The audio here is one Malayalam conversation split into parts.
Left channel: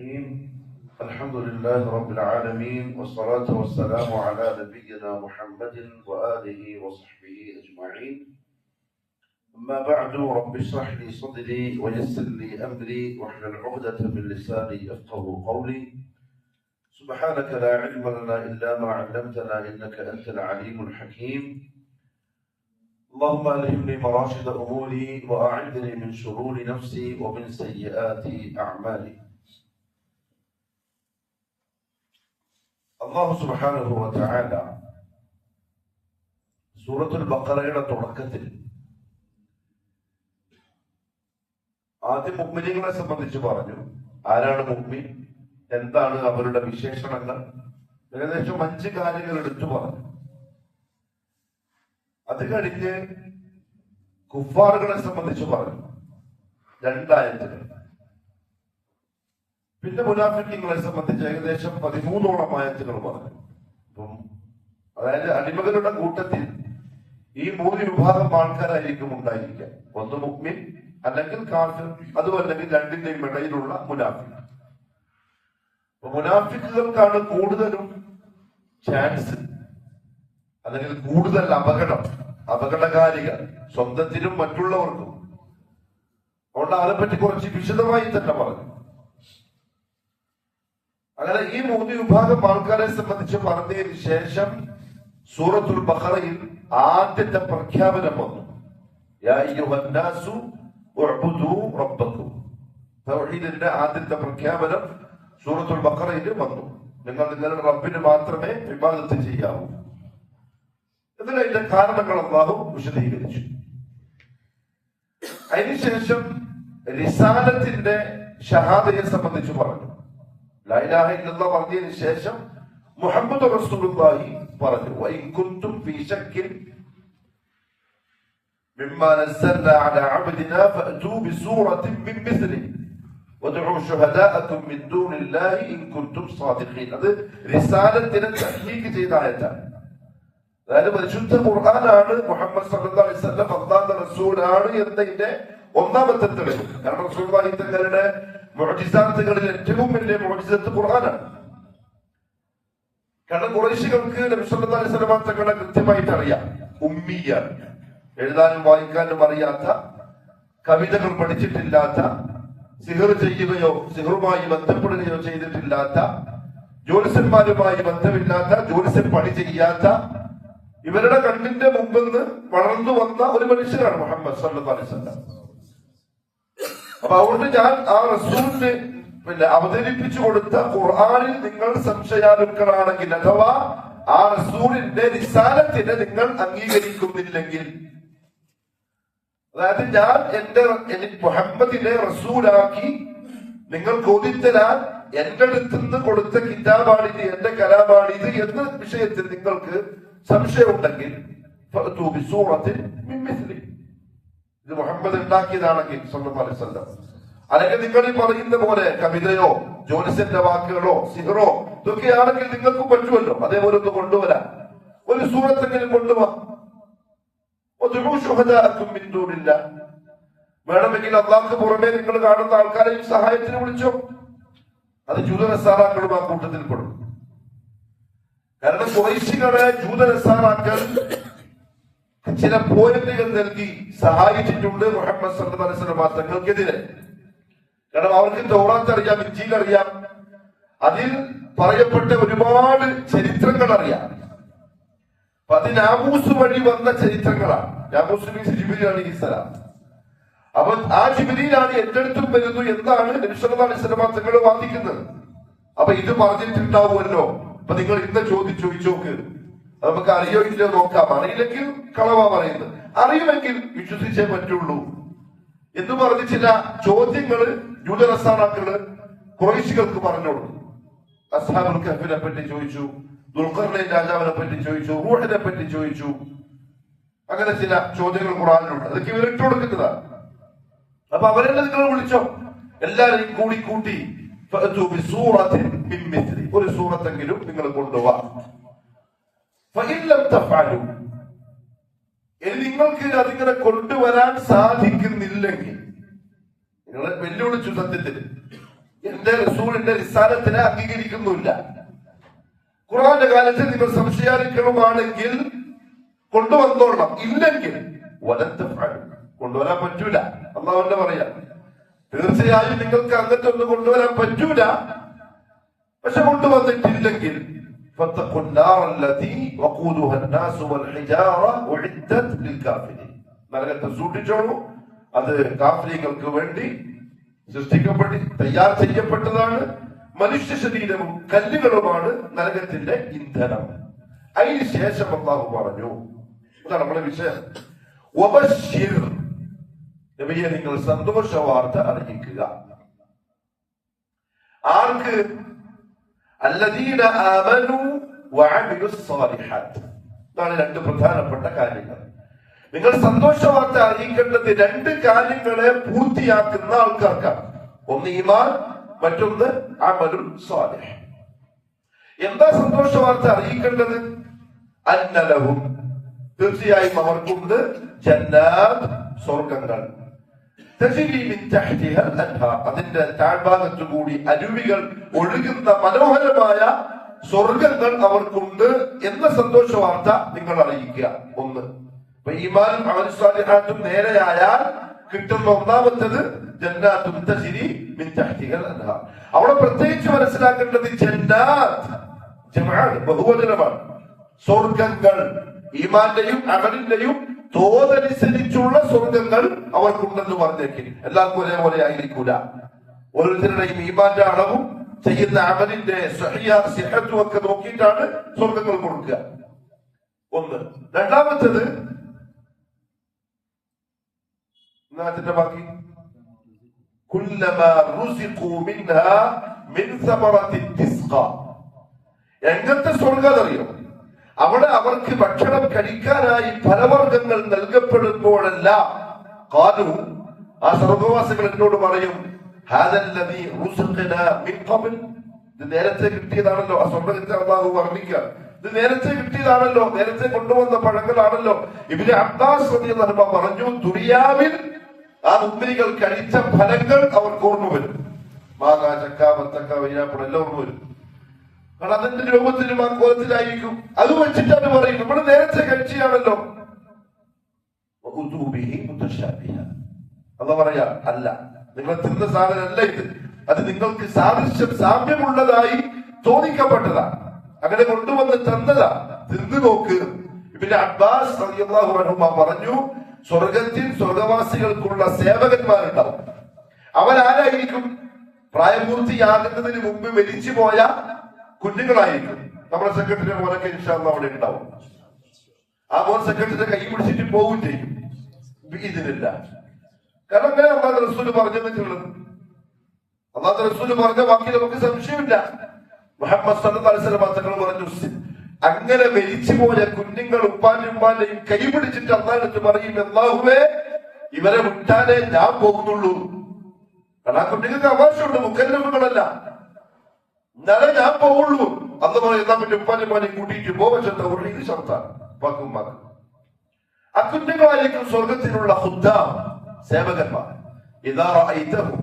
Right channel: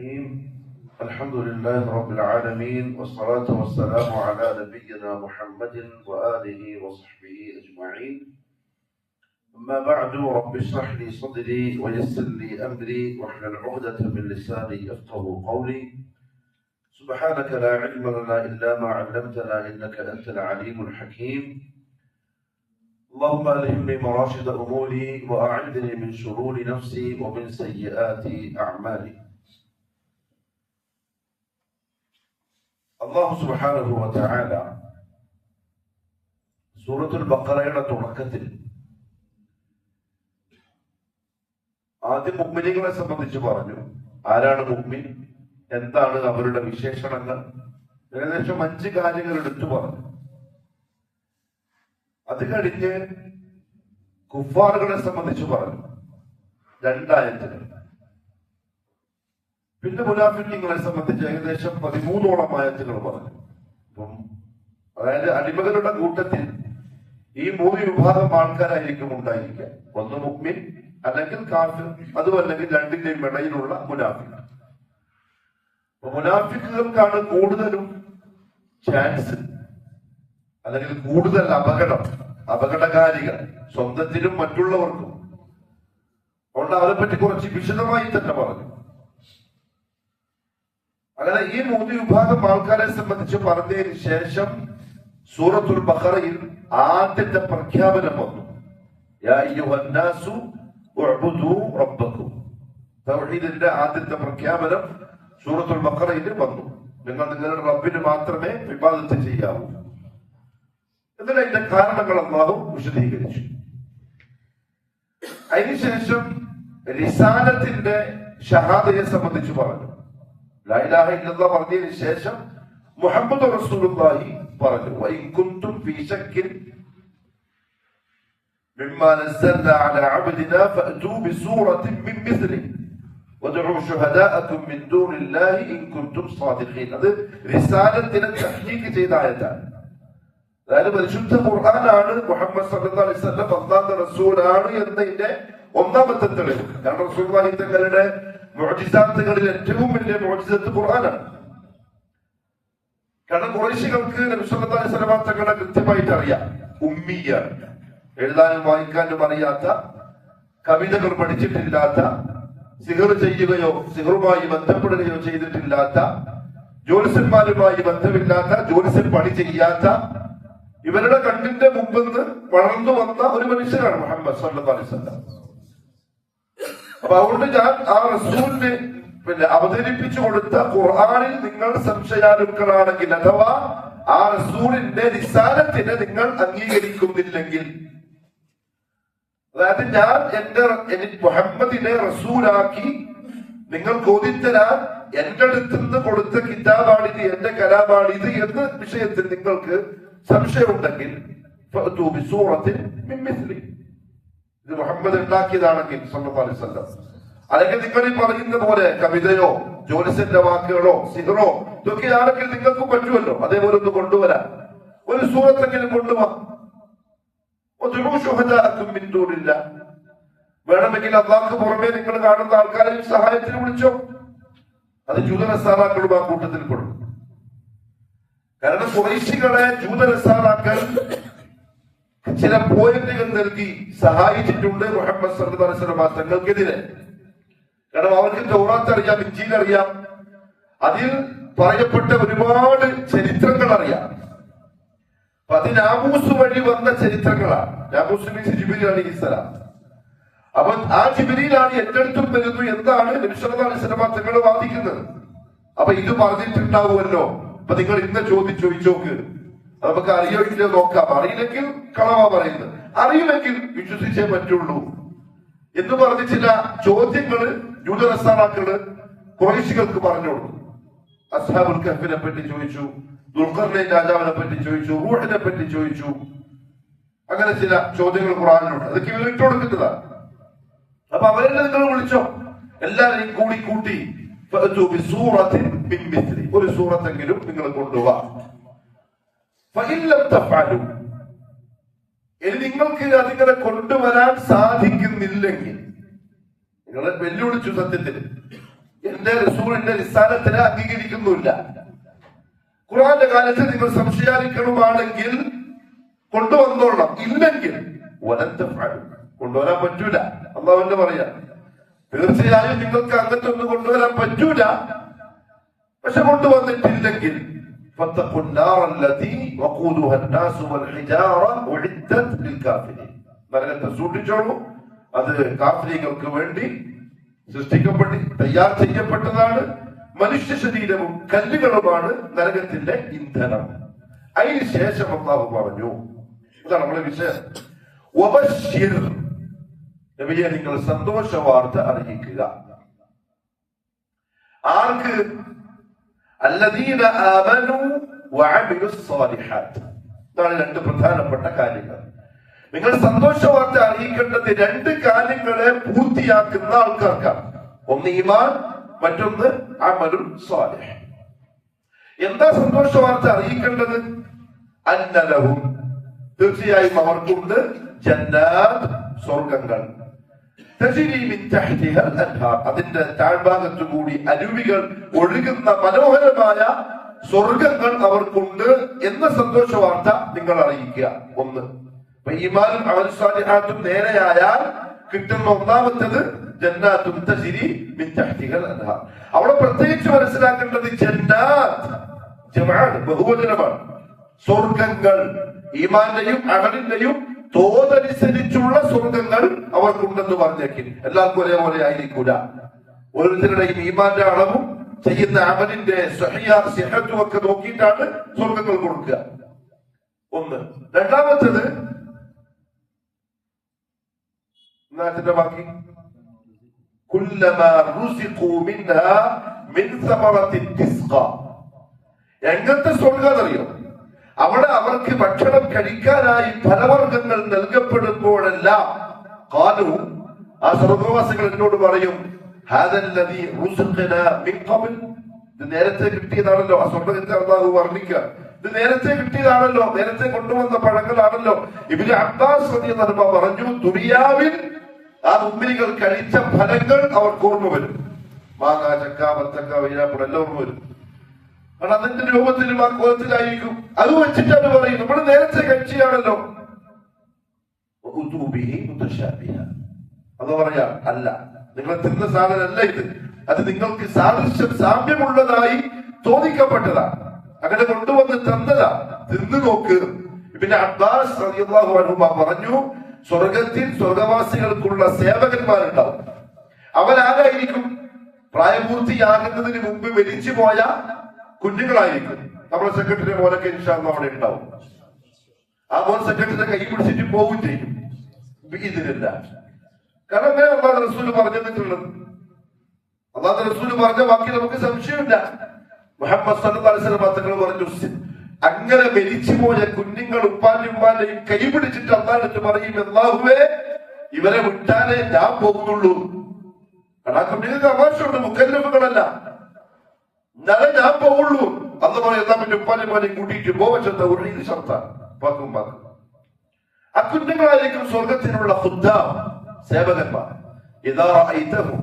الحمد لله رب العالمين والصلاة والسلام على نبينا محمد وآله وصحبه أجمعين. أما بعد، رب اشرح لي صدري ويسر لي أمري واحلل عقدة من لساني يفقهوا قولي. سبحانك لا علم لنا إلا ما علمتنا إنك أنت العليم الحكيم. اللهم ألهمني مراشد أموري وأعذني من شرور نفسي ومن سيئات أعمالي. അല്ലാഹു സുബ്ഹാനഹു വ തആല സൂറത്തുൽ ബഖറയുടെ തുടക്കത്തിൽ ആദ്യം മുഅ്മിനീങ്ങളെ സംബന്ധിച്ച് പറഞ്ഞു. ആരാണ് മുഅ്മിൻ, എന്താണ് അവരുടെ വിശേഷണങ്ങൾ, ഏകദേശം 5 കാര്യങ്ങൾ എടുത്തു പറഞ്ഞു. അത് കഴിഞ്ഞ് കുഫാറുകളെ സംബന്ധിച്ച് പറഞ്ഞു 2 ആയത്തുകൾ. പിന്നെ മുനാഫിഖീങ്ങളെ സംബന്ധിച്ച് ഏകദേശം 13ഓളം ആയത്തുകൾ പറഞ്ഞു. അപ്പം അതായത് അടിമകളുടെ കൂട്ടത്തിൽ ഈ 3 വിഭാഗം ആൾക്കാരായിരിക്കും ഉണ്ടായിരിക്കുക. ഒന്ന് മുഅ്മിൻ, അല്ലെങ്കിൽ കാഫിർ, അതുമല്ലെങ്കിൽ രണ്ടിന്റെയും ഇടയിലുള്ള മുനാഫിഖ്. അപ്പൊ മുനാഫിക്കുകൾക്കാണ് കൂടുതലും ചാൻസ്, അല്ലെങ്കിൽ കൂടുതൽ അപകടകാരികൾ സ്വന്തത്തിനും മറ്റുള്ളവർക്കും. അതുകൊണ്ട് അതിനെപ്പറ്റി കുറച്ച് വിശദമായി തന്നെ പറഞ്ഞു. അങ്ങനെ ഈ 3 വിഭാഗം ആൾക്കാരെ സംബന്ധിച്ച് പറഞ്ഞതിന് ശേഷം സൂറത്തുൽ ബഖറയിൽ ആദ്യത്തെ പ്രഖ്യാപനം വന്നു. യാ അയ്യുഹന്നാസു ഉഅ്ബുദൂ റബ്ബക്കും. തൗഹീദിന്റെ ആദ്യത്തെ പ്രഖ്യാപനം സൂറത്തുൽ ബഖറയിൽ വന്നു. നിങ്ങൾ നിങ്ങളുടെ റബ്ബിന് മാത്രമേ ഇബാദത്ത് ചെയ്യാവൂ. എന്നിട്ട് അതിന്റെ കാരണങ്ങൾ അല്ലാഹു വിശദീകരിച്ചു. അതിനുശേഷം റിസാലത്തിന്റെ ഷഹാദയെ സംബന്ധിച്ച് പറഞ്ഞു. ലാ ഇലാഹ ഇല്ലല്ലാഹ് പറഞ്ഞതിന് ശേഷം മുഹമ്മദ് റസൂലുള്ളാഹി പറഞ്ഞു. വഇൻ കുൻതും ഫീ ശക്കിൻ മിമ്മാ നസ്സൽനാ അലാ അബ്ദിനാ ഫഅതൂ ബിസൂറത്തിൻ മിൻ മിസ്ലിഹി വദ്ഉ ശുഹദാഅകും മിൻ ദൂനില്ലാഹി ഇൻ കുൻതും സാദിഖീൻ. അത് റിസാലത്തിനെ തഹ്ഖീഖ് ചെയ്ത ആയത്താണ്. അതായത് പരിശുദ്ധ ഖുർആനാണ് മുഹമ്മദ് സല്ലല്ലാഹു അലൈഹി വസല്ലം അല്ലാഹുവിന്റെ റസൂലാണ് എന്നതിന്റെ ഒന്നാമത്തെ തെളിവ്. കാരണം റസൂലുള്ളാഹി തങ്ങളുടെ മുഅ്ജിസാത്തുകളിൽ ഏറ്റവും വലിയ മുഅ്ജിസത്ത് ഖുർആനാണ്. കാരണം ഖുറൈശികൾക്ക് നബി സല്ലല്ലാഹു അലൈഹി വസല്ലം തങ്ങളെ കൃത്യമായിട്ട് അറിയാം. ഉമ്മിയാണ്, എഴുതാനും വായിക്കാനും അറിയാത്ത, കവിതകൾ പഠിച്ചിട്ടില്ലാത്ത, സിഹർ ചെയ്യുകയോ സിഹറുമായി ബന്ധപ്പെടുകയോ ചെയ്തിട്ടില്ലാത്ത, ജ്യോത്സ്യന്മാരുമായി ബന്ധമില്ലാത്ത, ജ്യോത്സ്യം പണി ചെയ്യാത്ത, ഇവരുടെ കണ്ണിന്റെ മുമ്പിൽ നിന്ന് വളർന്നു വന്ന ഒരു മനുഷ്യനാണ് മുഹമ്മദ് സല്ലല്ലാഹു അലൈഹി വസല്ലം. അപ്പൊ അതുകൊണ്ട് ഞാൻ ആ റസൂലിന് അവതരിപ്പിച്ചു കൊടുത്ത ഖുർആനിൽ നിങ്ങൾ സംശയാലുക്കളാണെങ്കിൽ, അഥവാ ആ റസൂലിന്റെ റിസാലത്തിനെ നിങ്ങൾ അംഗീകരിക്കുന്നില്ലെങ്കിൽ, അതായത് ഞാൻ എന്റെ മുഹമ്മദിനെ റസൂലാക്കി നിങ്ങൾ ചോദിത്തരാൻ എന്റെ അടുത്ത് നിന്ന് കൊടുത്ത കിതാബാണിത്, എന്റെ കലാമാണിത് എന്ന വിഷയത്തിൽ നിങ്ങൾക്ക് സംശയമുണ്ടെങ്കിൽ ഇത് മുഹമ്മദ് ഉണ്ടാക്കിയതാണെങ്കിൽ സല്ലല്ലാഹു അലൈഹി വസല്ലം, അല്ലെങ്കിൽ നിങ്ങൾ ഈ പറയുന്ന പോലെ കവിതയോ ജ്യോത്സ്യന്റെ വാക്കുകളോ സിഹറോ ഇതൊക്കെയാണെങ്കിൽ നിങ്ങൾക്ക് പറ്റുമല്ലോ, അതേപോലെ ഒന്ന് കൊണ്ടുവരാം. ഒരു സൂറത്തെങ്കിലും കൊണ്ടുപോകാം. വേണമെങ്കിൽ അള്ളാഹുക്ക് പുറമെ നിങ്ങൾ കാണുന്ന ആൾക്കാരെ സഹായത്തിന് വിളിച്ചോ. അത് ജൂതനസാറാക്കളും ആ കൂട്ടത്തിൽ പെടും. കാരണം ഖുറൈശികളെ ജൂതനസാറാക്കൾ ചില പോയിന്റുകൾ നൽകി സഹായിച്ചിട്ടുണ്ട് മുഹമ്മദ് സല്ലല്ലാഹു അലൈഹി വസല്ലം തങ്ങൾക്കെതിരെ. കാരണം അവർക്ക് തൗറാത്ത് അറിയാം, ഇഞ്ചീൽ അറിയാം, അതിൽ പറയപ്പെട്ട ഒരുപാട് ചരിത്രങ്ങൾ അറിയാം. അപ്പൊ അത് നാമൂസ് വഴി വന്ന ചരിത്രങ്ങളാണ്. നാമൂസ് ജിബ്രീൽ അലൈഹിസ്സലാം. അപ്പൊ ആ ജിബ്രീലാണ് എന്റെ അടുത്തും വരുന്നു എന്നാണ് നബി സല്ലല്ലാഹു അലൈഹി വസല്ലം തങ്ങൾ വാദിക്കുന്നത്. അപ്പൊ ഇത് പറഞ്ഞിട്ടുണ്ടാവുമല്ലോ. അപ്പൊ നിങ്ങൾ ഇന്ന് ചോദിച്ചോക്ക്, നമുക്ക് അറിയോ ഇല്ലയോ നോക്കാം. അറിയില്ലെങ്കിൽ കളവാ പറയുന്നത്, അറിയുമെങ്കിൽ വിശ്വസിച്ചേ പറ്റുള്ളൂ എന്ന് പറഞ്ഞ് ചില ചോദ്യങ്ങള് ജൂതനസാറാക്കള് ഖുറൈശികൾക്ക് പറഞ്ഞു കൊടുത്തു. അസ്ഹാബുൽ കഹ്ഫിനെ പറ്റി ചോദിച്ചു, ദുൽഖർനൈൻ രാജാവിനെ പറ്റി ചോദിച്ചു, റൂഹിനെ പറ്റി ചോദിച്ചു. അങ്ങനെ ചില ചോദ്യങ്ങൾ ഖുർആനിലുണ്ട്. അതൊക്കെ ഇവർ ഇട്ട് കൊടുക്കുന്നതാണ്. അപ്പൊ അവരെല്ലാം നിങ്ങൾ വിളിച്ചോ, എല്ലാവരെയും കൂട്ടി ഒരു സൂറത്തെങ്കിലും നിങ്ങൾ കൊണ്ടുപോവാ. ഇനി നിങ്ങൾക്ക് അതിങ്ങനെ കൊണ്ടുവരാൻ സാധിക്കുന്നില്ലെങ്കിൽ, നിങ്ങൾ വെല്ലുവിളിച്ചു സത്യത്തിന്, എന്റെ റസൂലിന്റെ റിസാലത്തിനെ അംഗീകരിക്കുന്നില്ല. ഖുർആന്റെ കാലത്ത് നിങ്ങൾ സംശയാനിക്കണമാണെങ്കിൽ കൊണ്ടുവന്നോളണം, ഇല്ലെങ്കിൽ കൊണ്ടുവരാൻ പറ്റൂല. അള്ളാഹുവിന്റെ പറയാ, തീർച്ചയായും നിങ്ങൾക്ക് അങ്ങനത്തെ ഒന്നും കൊണ്ടുവരാൻ പറ്റൂല. പക്ഷെ കൊണ്ടുവന്നിട്ടില്ലെങ്കിൽ നരകത്തെ സൂക്ഷിച്ചോളൂ. അത് കാഫിറുകൾക്ക് വേണ്ടി തയ്യാർ ചെയ്യപ്പെട്ടതാണ്. മനുഷ്യ ശരീരവും കല്ലുകളുമാണ് നരകത്തിന്റെ ഇന്ധനം. അതിന് ശേഷം അല്ലാഹു പറഞ്ഞു, ഇതാണ് നമ്മുടെ വിഷയം, നബിയെ നിങ്ങൾ സന്തോഷ വാർത്ത അറിയിക്കുക. ആർക്ക്? അല്ലദീന ആമനു വഅമിലുസ് സ്വാലിഹാത്ത്. ഇതാണ് രണ്ട് പ്രധാനപ്പെട്ട കാര്യങ്ങൾ. നിങ്ങൾ സന്തോഷ വാർത്ത അറിയിക്കേണ്ടത് രണ്ട് കാര്യങ്ങളെ പൂർത്തിയാക്കുന്ന ആൾക്കാർക്കാണ്. ഒന്ന് ഈമാൻ, മറ്റൊന്ന് അമലുൻ സ്വാലിഹ്. എന്താ സന്തോഷ വാർത്ത അറിയിക്കേണ്ടത്? അന്നലഹും, തീർച്ചയായും അവർക്കുണ്ട് ജന്നാത്ത്, സ്വർഗങ്ങൾ, അതിന്റെ താഴ്ഭാഗത്തു കൂടി അരുവികൾ ഒഴുകുന്ന മനോഹരമായ സ്വർഗങ്ങൾ അവർക്കുണ്ട് എന്ന സന്തോഷ വാർത്ത നിങ്ങൾ അറിയിക്കുക. ഒന്ന്, ഈമാനും അമലുൻ സ്വാലിഹാത്തും നേരെയായാൽ കിട്ടുന്ന ഒന്നാമത്തത് ജന്നാത്തുൻ തജ്രി മിൻ തഹ്തിഹൽ അൻഹാർ. അവിടെ പ്രത്യേകിച്ച് മനസ്സിലാക്കേണ്ടത് ജന്നാത്ത് ജമാഅത്ത് ബഹുവചനമാണ്. സ്വർഗങ്ങൾ ഈമാന്റെയും അമലിന്റെയും തോതനുസരിച്ചുള്ള സ്വർഗങ്ങൾ അവർക്കുണ്ടെന്ന് പറഞ്ഞേക്കും. എല്ലാവർക്കും ഒരേപോലെ ആയിരിക്കൂല. ഓരോരുത്തരുടെയും ഈമാന്റെ അളവും ചെയ്യുന്ന അമലിന്റെ സിഹത്തും ഒക്കെ നോക്കിയിട്ടാണ് സ്വർഗങ്ങൾ കൊടുക്കുക. ഒന്ന്. രണ്ടാമത്തത് അതിന്റെ ബാക്കി എങ്ങനത്തെ സ്വർഗം അറിയാം? അവിടെ അവർക്ക് ഭക്ഷണം കഴിക്കാനായി ഫലവർഗങ്ങൾ നൽകപ്പെടുമ്പോഴെല്ലാം ഖാലു, ആ സ്വർഗവാസികൾ എന്നോട് പറയും, ഹാദല്ലദീ റുസിഖനാ മിൻ ഖബ്ൽ, ഇത് നേരത്തെ കിട്ടിയതാണല്ലോ. ആ സ്വർഗത്തെ അല്ലാഹു വർണ്ണിക്കുക, ഇത് നേരത്തെ കിട്ടിയതാണല്ലോ, നേരത്തെ കൊണ്ടുവന്ന പഴങ്ങളാണല്ലോ. ഇബ്നു അബ്ബാസ് റളിയല്ലാഹു അൻഹു പറഞ്ഞു, ദുനിയാവിൽ ആ മുഅ്മിനുകൾ കഴിച്ച ഫലങ്ങൾ അവർക്ക് ഓർമ്മ വരും. മാങ്ങ, ചക്ക, വത്തക്ക, വൈനാപ്പിൾ എല്ലാം ഓർമ്മ വരും. കാരണം അതിന്റെ രൂപത്തിലും ആ കോലത്തിലായിരിക്കും. അത് വെച്ചിട്ടാണ് പറയും, നമ്മൾ നേരത്തെ കഴിച്ചാണല്ലോ. അത് പറയാ, അല്ല, നിങ്ങൾ തിന്ന സാധനമല്ല ഇത്, അത് നിങ്ങൾക്ക് സാമ്യമുള്ളതായി തോന്നിക്കപ്പെട്ടതാണ്, അങ്ങനെ കൊണ്ടുവന്ന് തന്നതാ, തിന്നു നോക്ക്. പിന്നെ അബ്ബാസ് റളിയല്ലാഹു അൻഹു പറഞ്ഞു, സ്വർഗത്തിൽ സ്വർഗവാസികൾക്കുള്ള സേവകന്മാരുണ്ടാവും. അവരാരായിരിക്കും? പ്രായപൂർത്തിയാകുന്നതിന് മുമ്പ് മരിച്ചു പോയ കുഞ്ഞുങ്ങളായിരിക്കും. നമ്മുടെ സെക്രട്ടറി മോനൊക്കെ ഇൻഷാ അല്ലാഹ് അവിടെ ഉണ്ടാവും. ആ മോൻ സെക്രട്ടറിയുടെ കൈ പിടിച്ചിട്ട് പോവും ചെയ്യും ഇതിനില്ല. കാരണം അങ്ങനെ അല്ലാഹു റസൂല് പറഞ്ഞിട്ടുള്ളത്. അല്ലാഹു റസൂല് പറഞ്ഞ വാക്കിൽ നമുക്ക് സംശയമില്ല. മുഹമ്മദ് സല്ലല്ലാഹു അലൈഹി വസല്ലം തങ്ങൾ പറഞ്ഞു, അങ്ങനെ മരിച്ചുപോയ കുഞ്ഞുങ്ങൾ ഉപ്പാന്റെയും കൈ പിടിച്ചിട്ട് അല്ലാഹുവിനടുത്ത് പറയും, അല്ലാഹുവേ, ഇവരെ വിട്ടാലേ ഞാൻ പോകുന്നുള്ളൂ. കാരണം ആ കുഞ്ഞുങ്ങൾക്ക് അവകാശമുണ്ട്, മുക്കല്ലഫുകളല്ല, എന്നാലേ ഞാൻ പോവുള്ളൂ. അന്ന് പറയും, എന്നാ പറ്റി ഉപ്പാന്റെയും കൂട്ടിയിട്ട് പോവച്ചത് ഉറീത് ശർത്താൻ പാക്കും പാക്കും. ആ കുഞ്ഞുങ്ങളായിരിക്കും സ്വർഗത്തിനുള്ള ഖുദ്ദാം, സേവകന്മാർ. ഇദാ റഅയ്തഹു,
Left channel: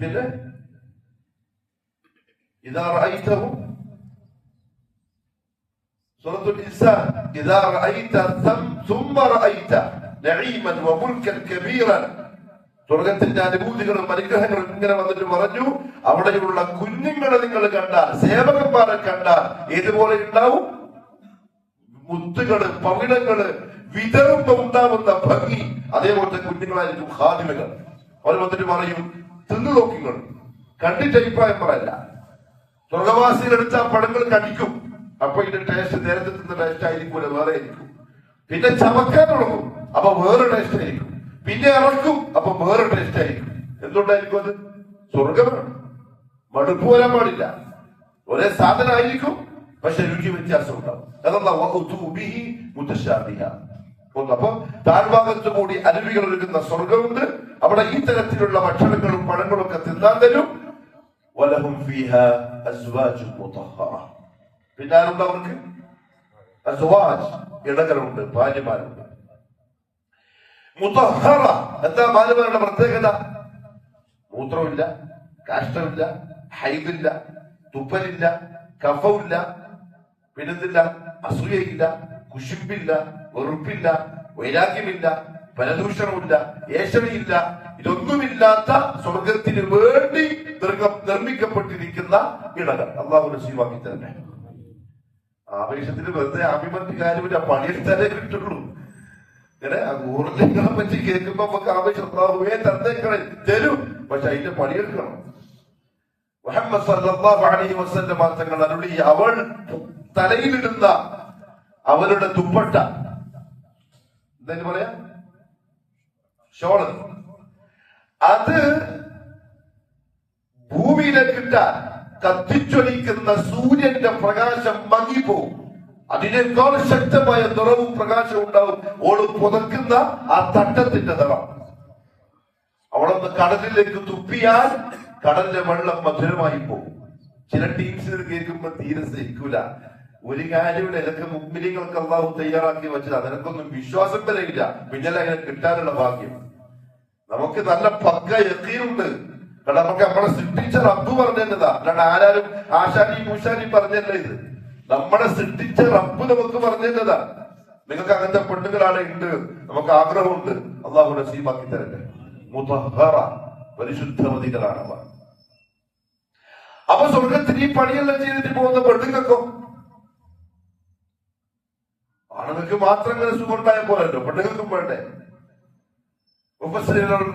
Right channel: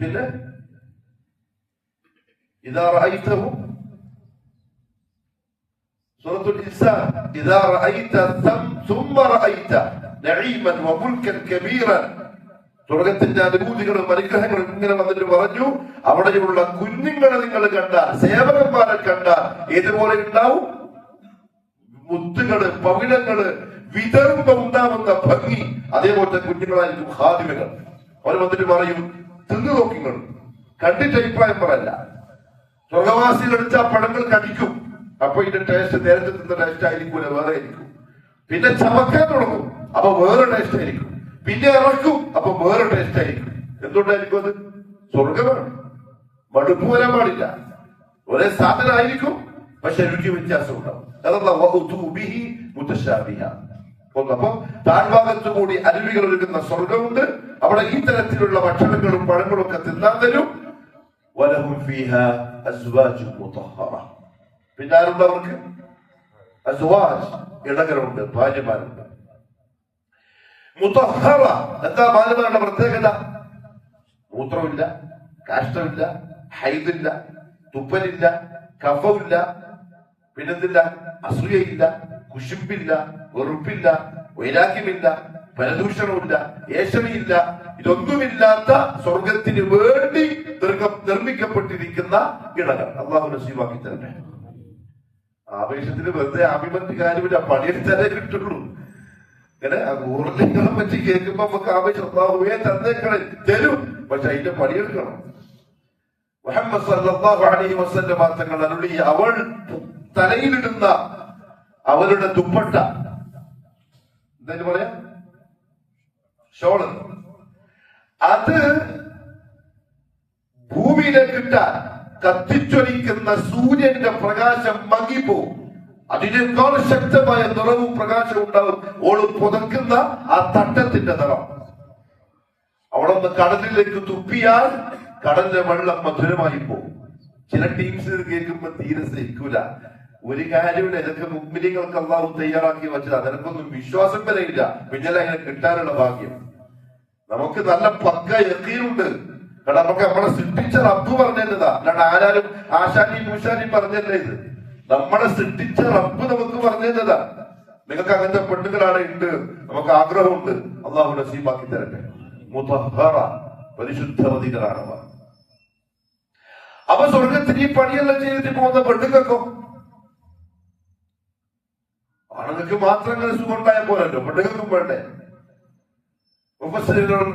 പിന്നെ ഇദാ റഅയ്തഹു സൂറത്തുൽ ഇൻസാൻ, ഇദാ റഅയ്ത ثم റഅയ്ത നഈമൻ വമുൽകൻ കബീറൻ. സ്വർഗത്തിന്റെ അനുഭൂതികളും അനുഗ്രഹങ്ങളും ഇങ്ങനെ വന്നിട്ട് പറഞ്ഞു, അവിടെയുള്ള കുഞ്ഞുങ്ങളെ നിങ്ങൾ കണ്ടാൽ, സേവകന്മാരെ കണ്ടാൽ ഏതുപോലെ ഉണ്ടാവും? മുത്തുകള്, പവിഴങ്ങള് വിതറുമ്പോ ഉണ്ടാവുന്ന ഭംഗി, അതേപോലത്തെ കുഞ്ഞുങ്ങളായിരിക്കും ഖാദിമുകൾ. അവർ വന്നിട്ട് പറയും, തിന്നു നോക്കിങ്ങൾ, കണ്ടിട്ട് അഭിപ്രായം പറയല്ല. സ്വർഗവാസികൾ എടുത്ത പഴങ്ങൾ കടിക്കും, അപ്പൊ ഇതിന്റെ ടേസ്റ്റ് നേരത്തെ തിന്ന ടേസ്റ്റ് ആയിരിക്കും, വേറെ ആയിരിക്കും. പിന്നെ ചമക്കാൻ തുടങ്ങും, അപ്പൊ വേറെ ടേസ്റ്റ് ആയിരിക്കും. പിന്നെ ഇറക്കും, അപ്പൊ വേറെ ടേസ്റ്റ് ആയിരിക്കും. എന്തുകൊണ്ടായിരിക്കും അത്? സ്വർഗമാണ്, മടുപ്പ് വരാൻ പാടില്ല. ഒരേ സാധനമായിരിക്കും, പക്ഷെ രുചി വ്യത്യാസം ഉണ്ടാവും. അപ്പൊ താഴ്ഭാഗത്തു കൂടി അരുവികൾ ഒഴുകുന്ന സ്വർഗമുണ്ട്. അവിടെ ഈ തരത്തിലുള്ള ഭക്ഷണങ്ങളും പഴങ്ങളും ഒക്കെ തിന്നാൻ തരും. പിന്നെ ആരുണ്ട് അവർക്ക്? അസ്വാജ്, ഇണകളുണ്ട്, ഭാര്യമാരുണ്ട്. മുതഹറ, എന്താ ഭാര്യമാരുടെ പ്രത്യേകത? മൂത്രമില്ല, കാഷ്ടമില്ല, ഹൈദില്ല, തുപ്പലില്ല, കഫമില്ല, പിന്നെന്തില്ല, അസൂയയില്ല, കുശുമ്പില്ല, വെറുപ്പില്ല, വൈരാഗ്യമില്ല, പരദൂഷണമില്ല, ഏഷണയില്ല. ഇതൊന്നുമില്ലാത്ത സ്വർഗത്തിന് വേണ്ടി നിർമ്മിക്കപ്പെട്ടിരിക്കുന്ന ഇടങ്ങൾ അള്ളാഹു നസീബാക്കി തന്നെ. ആവേശത്തിന് വെറുതെ ആഭിമന്യ കാര്യമില്ല, പണിയെടുത്താലേ കിട്ടുള്ളൂ. ഇങ്ങനെ ഊർജ്ജങ്ങളെ പറ്റി കേൾക്കുമ്പോ നമുക്ക് ആവേശം അള്ളാഹുവേ തന്നേക്കളെ തരും, പക്ഷെ അതിന്റെ പണിയെടുക്കണം. മുഹമ്മദ് സല്ലല്ലാഹു അലൈഹി വസല്ലം തങ്ങൾ അരുളി, അവൾ തലയിലിടുന്ന അവളുടെ ദുപ്പട്ട, എന്തായാലും പറയാ, ഷോള്, അത് ഭൂമിയിലേക്കിട്ടാൽ കത്തിച്ചൊലിക്കുന്ന സൂര്യന്റെ പ്രകാശം മങ്ങിപ്പോവും. അതിനേക്കാൾ ശക്തമായ നിറവും പ്രകാശവും ഉണ്ടാവും ഓള് പുതക്കുന്ന ആ തട്ടത്തിന്റെ നിറം. അവളൊന്ന് കടലിലേക്ക് തുപ്പിയാൽ കടലിലെ വെള്ളം മധുരമായി പോകും. ചില ടീംസ് കേൾക്കുമ്പോ തീരെ സഹിക്കൂല. ഒരു കാര്യമില്ല, ഇതൊക്കെ മുമ്പിലിങ്ങൾക്ക് അള്ളാഹു തയ്യാറാക്കി വെച്ചത്, അതിനൊക്കൊന്നും വിശ്വാസം വരെയില്ല. പിന്നെ അങ്ങനെ കിട്ടാനുള്ള ഭാഗ്യം നമുക്ക് നല്ല പക്ക യഖീനുണ്ട്. കാരണം നമുക്ക് നമ്മളെ സൃഷ്ടിച്ച റബ്ബ് പറഞ്ഞതാ, അല്ലാണ്ട് ആരാരും ആശാനിയും മൂശാനിയും പറഞ്ഞല്ലേ. ഇത് നമ്മളെ സൃഷ്ടിച്ച റബ്ബ് നമുക്ക് പറഞ്ഞതാ. നിങ്ങൾക്ക് അങ്ങനത്തെ പെണ്ണുങ്ങളാണ് ഉണ്ട്, നമുക്ക് ആഗ്രഹമുണ്ട്, അള്ളാഹു നസീബാക്കി തരട്ടെ. മുതഹ്ഹറ, പരിശുദ്ധവതികളാണ് അവർ. അപ്പൊ സ്വർഗത്തിന് ഈ പണിയെല്ലാം ചെയ്തിട്ട് പോകുന്ന പെണ്ണുങ്ങൾക്കോ, ആണുങ്ങൾക്ക് മാത്രം ഇങ്ങനെ സുഖമുണ്ടായ പോലല്ലോ, പെണ്ണുങ്ങൾക്കും വേണ്ടേ?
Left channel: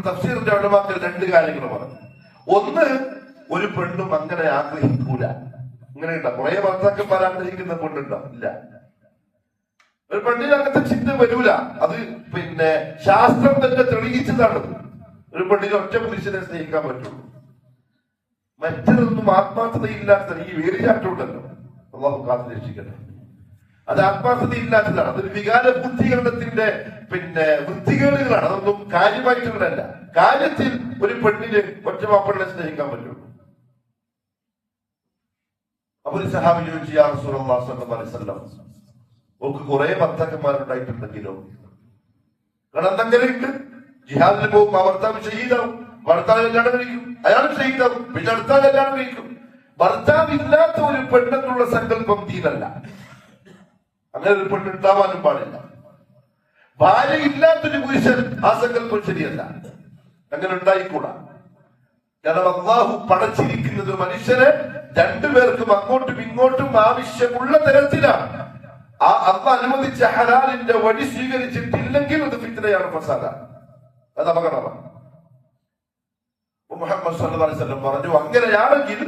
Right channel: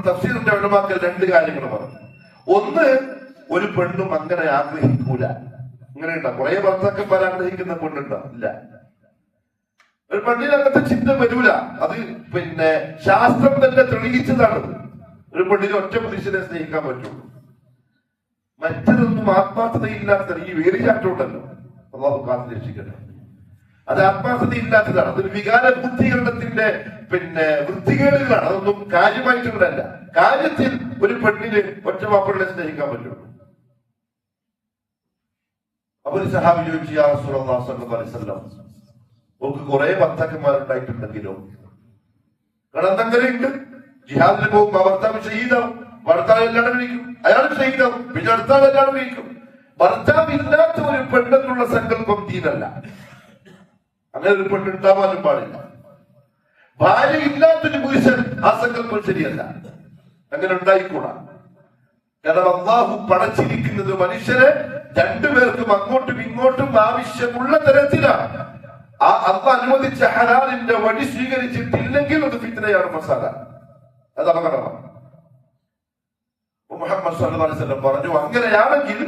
തഫ്സീറിന്റെ ഉലമാക്കൾ രണ്ട് കാര്യങ്ങൾ പറഞ്ഞു. ഒന്ന്, ഒരു പെണ്ണും അങ്ങനെ ആഗ്രഹിക്കൂല. അങ്ങനെയുണ്ടോ? കുറെ ഭർത്താക്കന്മാർ ആഗ്രഹിക്കുന്ന പെണ്ണുണ്ടോ? ഇല്ല. ഒരു പെണ്ണിന് അങ്ങനത്തെ ചിന്ത വരൂല. അത് പിന്നെ ശാസ്ത്രം തന്നെ തെളിയിച്ചതാണ്. ഒരു പെണ്ണിന് ഒറ്റ പുരുഷനെ സ്നേഹിക്കാൻ പറ്റുള്ളൂ. മറ്റൊന്നും ആത്മാർത്ഥതയില്ലാത്ത ഈ വേലിചാട്ടുണ്ടല്ലോ, അള്ളാഹു കാത്തു രക്ഷിക്കട്ടെ. അത് ആത്മാർത്ഥതയില്ലാത്തതാണ്. അതൊരു വികാര ബുദ്ധീകരണത്തിന്റെ പിന്നെ വൃത്തികേടുകളാണ്. അതൊന്നും കാര്യമായിട്ടുള്ളതല്ല. കാര്യത്തിൽ ഒരു പെണ്ണിന് ഒറ്റ മാപ്പിളെ സ്നേഹിക്കാൻ പറ്റുള്ളൂ. അപ്പൊ ഒരു സഹാബി ചോദിച്ചു, യാ റസൂലല്ലാഹി സ്വല്ലല്ലാഹു അലൈഹി വസല്ലം, ഓക്ക് കുറെ ഭർത്താക്കന്മാരുണ്ടായിട്ടുണ്ടെങ്കിലോ? കാരണം എന്തെങ്കിലുണ്ട്, ജിഹാദിന് പോകും, ആ ഭർത്താവ് ഷഹീദാവും, ഭർത്താവ് കല്യാണം കഴിക്കും, അയാൾ ഷഹീദാവും, പിന്നെ അടുത്ത കല്യാണം കഴിക്കും. ഭർത്താവ് ഇല്ലാത്ത ഒരു പെണ്ണെന്നുള്ള സങ്കല്പം ദീനല്ല. അങ്ങനെ ഒരു പെണ്ണുണ്ടാവാനും പാടില്ല. ഭാര്യ ഇല്ലാത്തൊരു പുരുഷൻ, ആ സങ്കല്പം ശരിയല്ല. അങ്ങനെ ഉണ്ടായിക്കൂടാ. കാരണം അള്ളാഹു പടച്ചിരിക്കുന്നത് മനുഷ്യനെ രണ്ടുപേർക്കും അങ്ങോട്ടും ഇങ്ങോട്ടും ആവശ്യമുള്ള തരത്തിലാണ്. ആ അള്ളാഹ് അനുവദിച്ച ഹലാലിന്റെ വഴി സ്വീകരിച്ചിട്ടില്ലെങ്കിൽ അത് ഫിത്നയാണ്, ഫസാദ, അത് അപകടമാണ്. മുഹമ്മദ് സല്ലല്ലാഹു അലൈഹി വസല്ലം പറഞ്ഞു, അങ്ങനെയാണെങ്കിൽ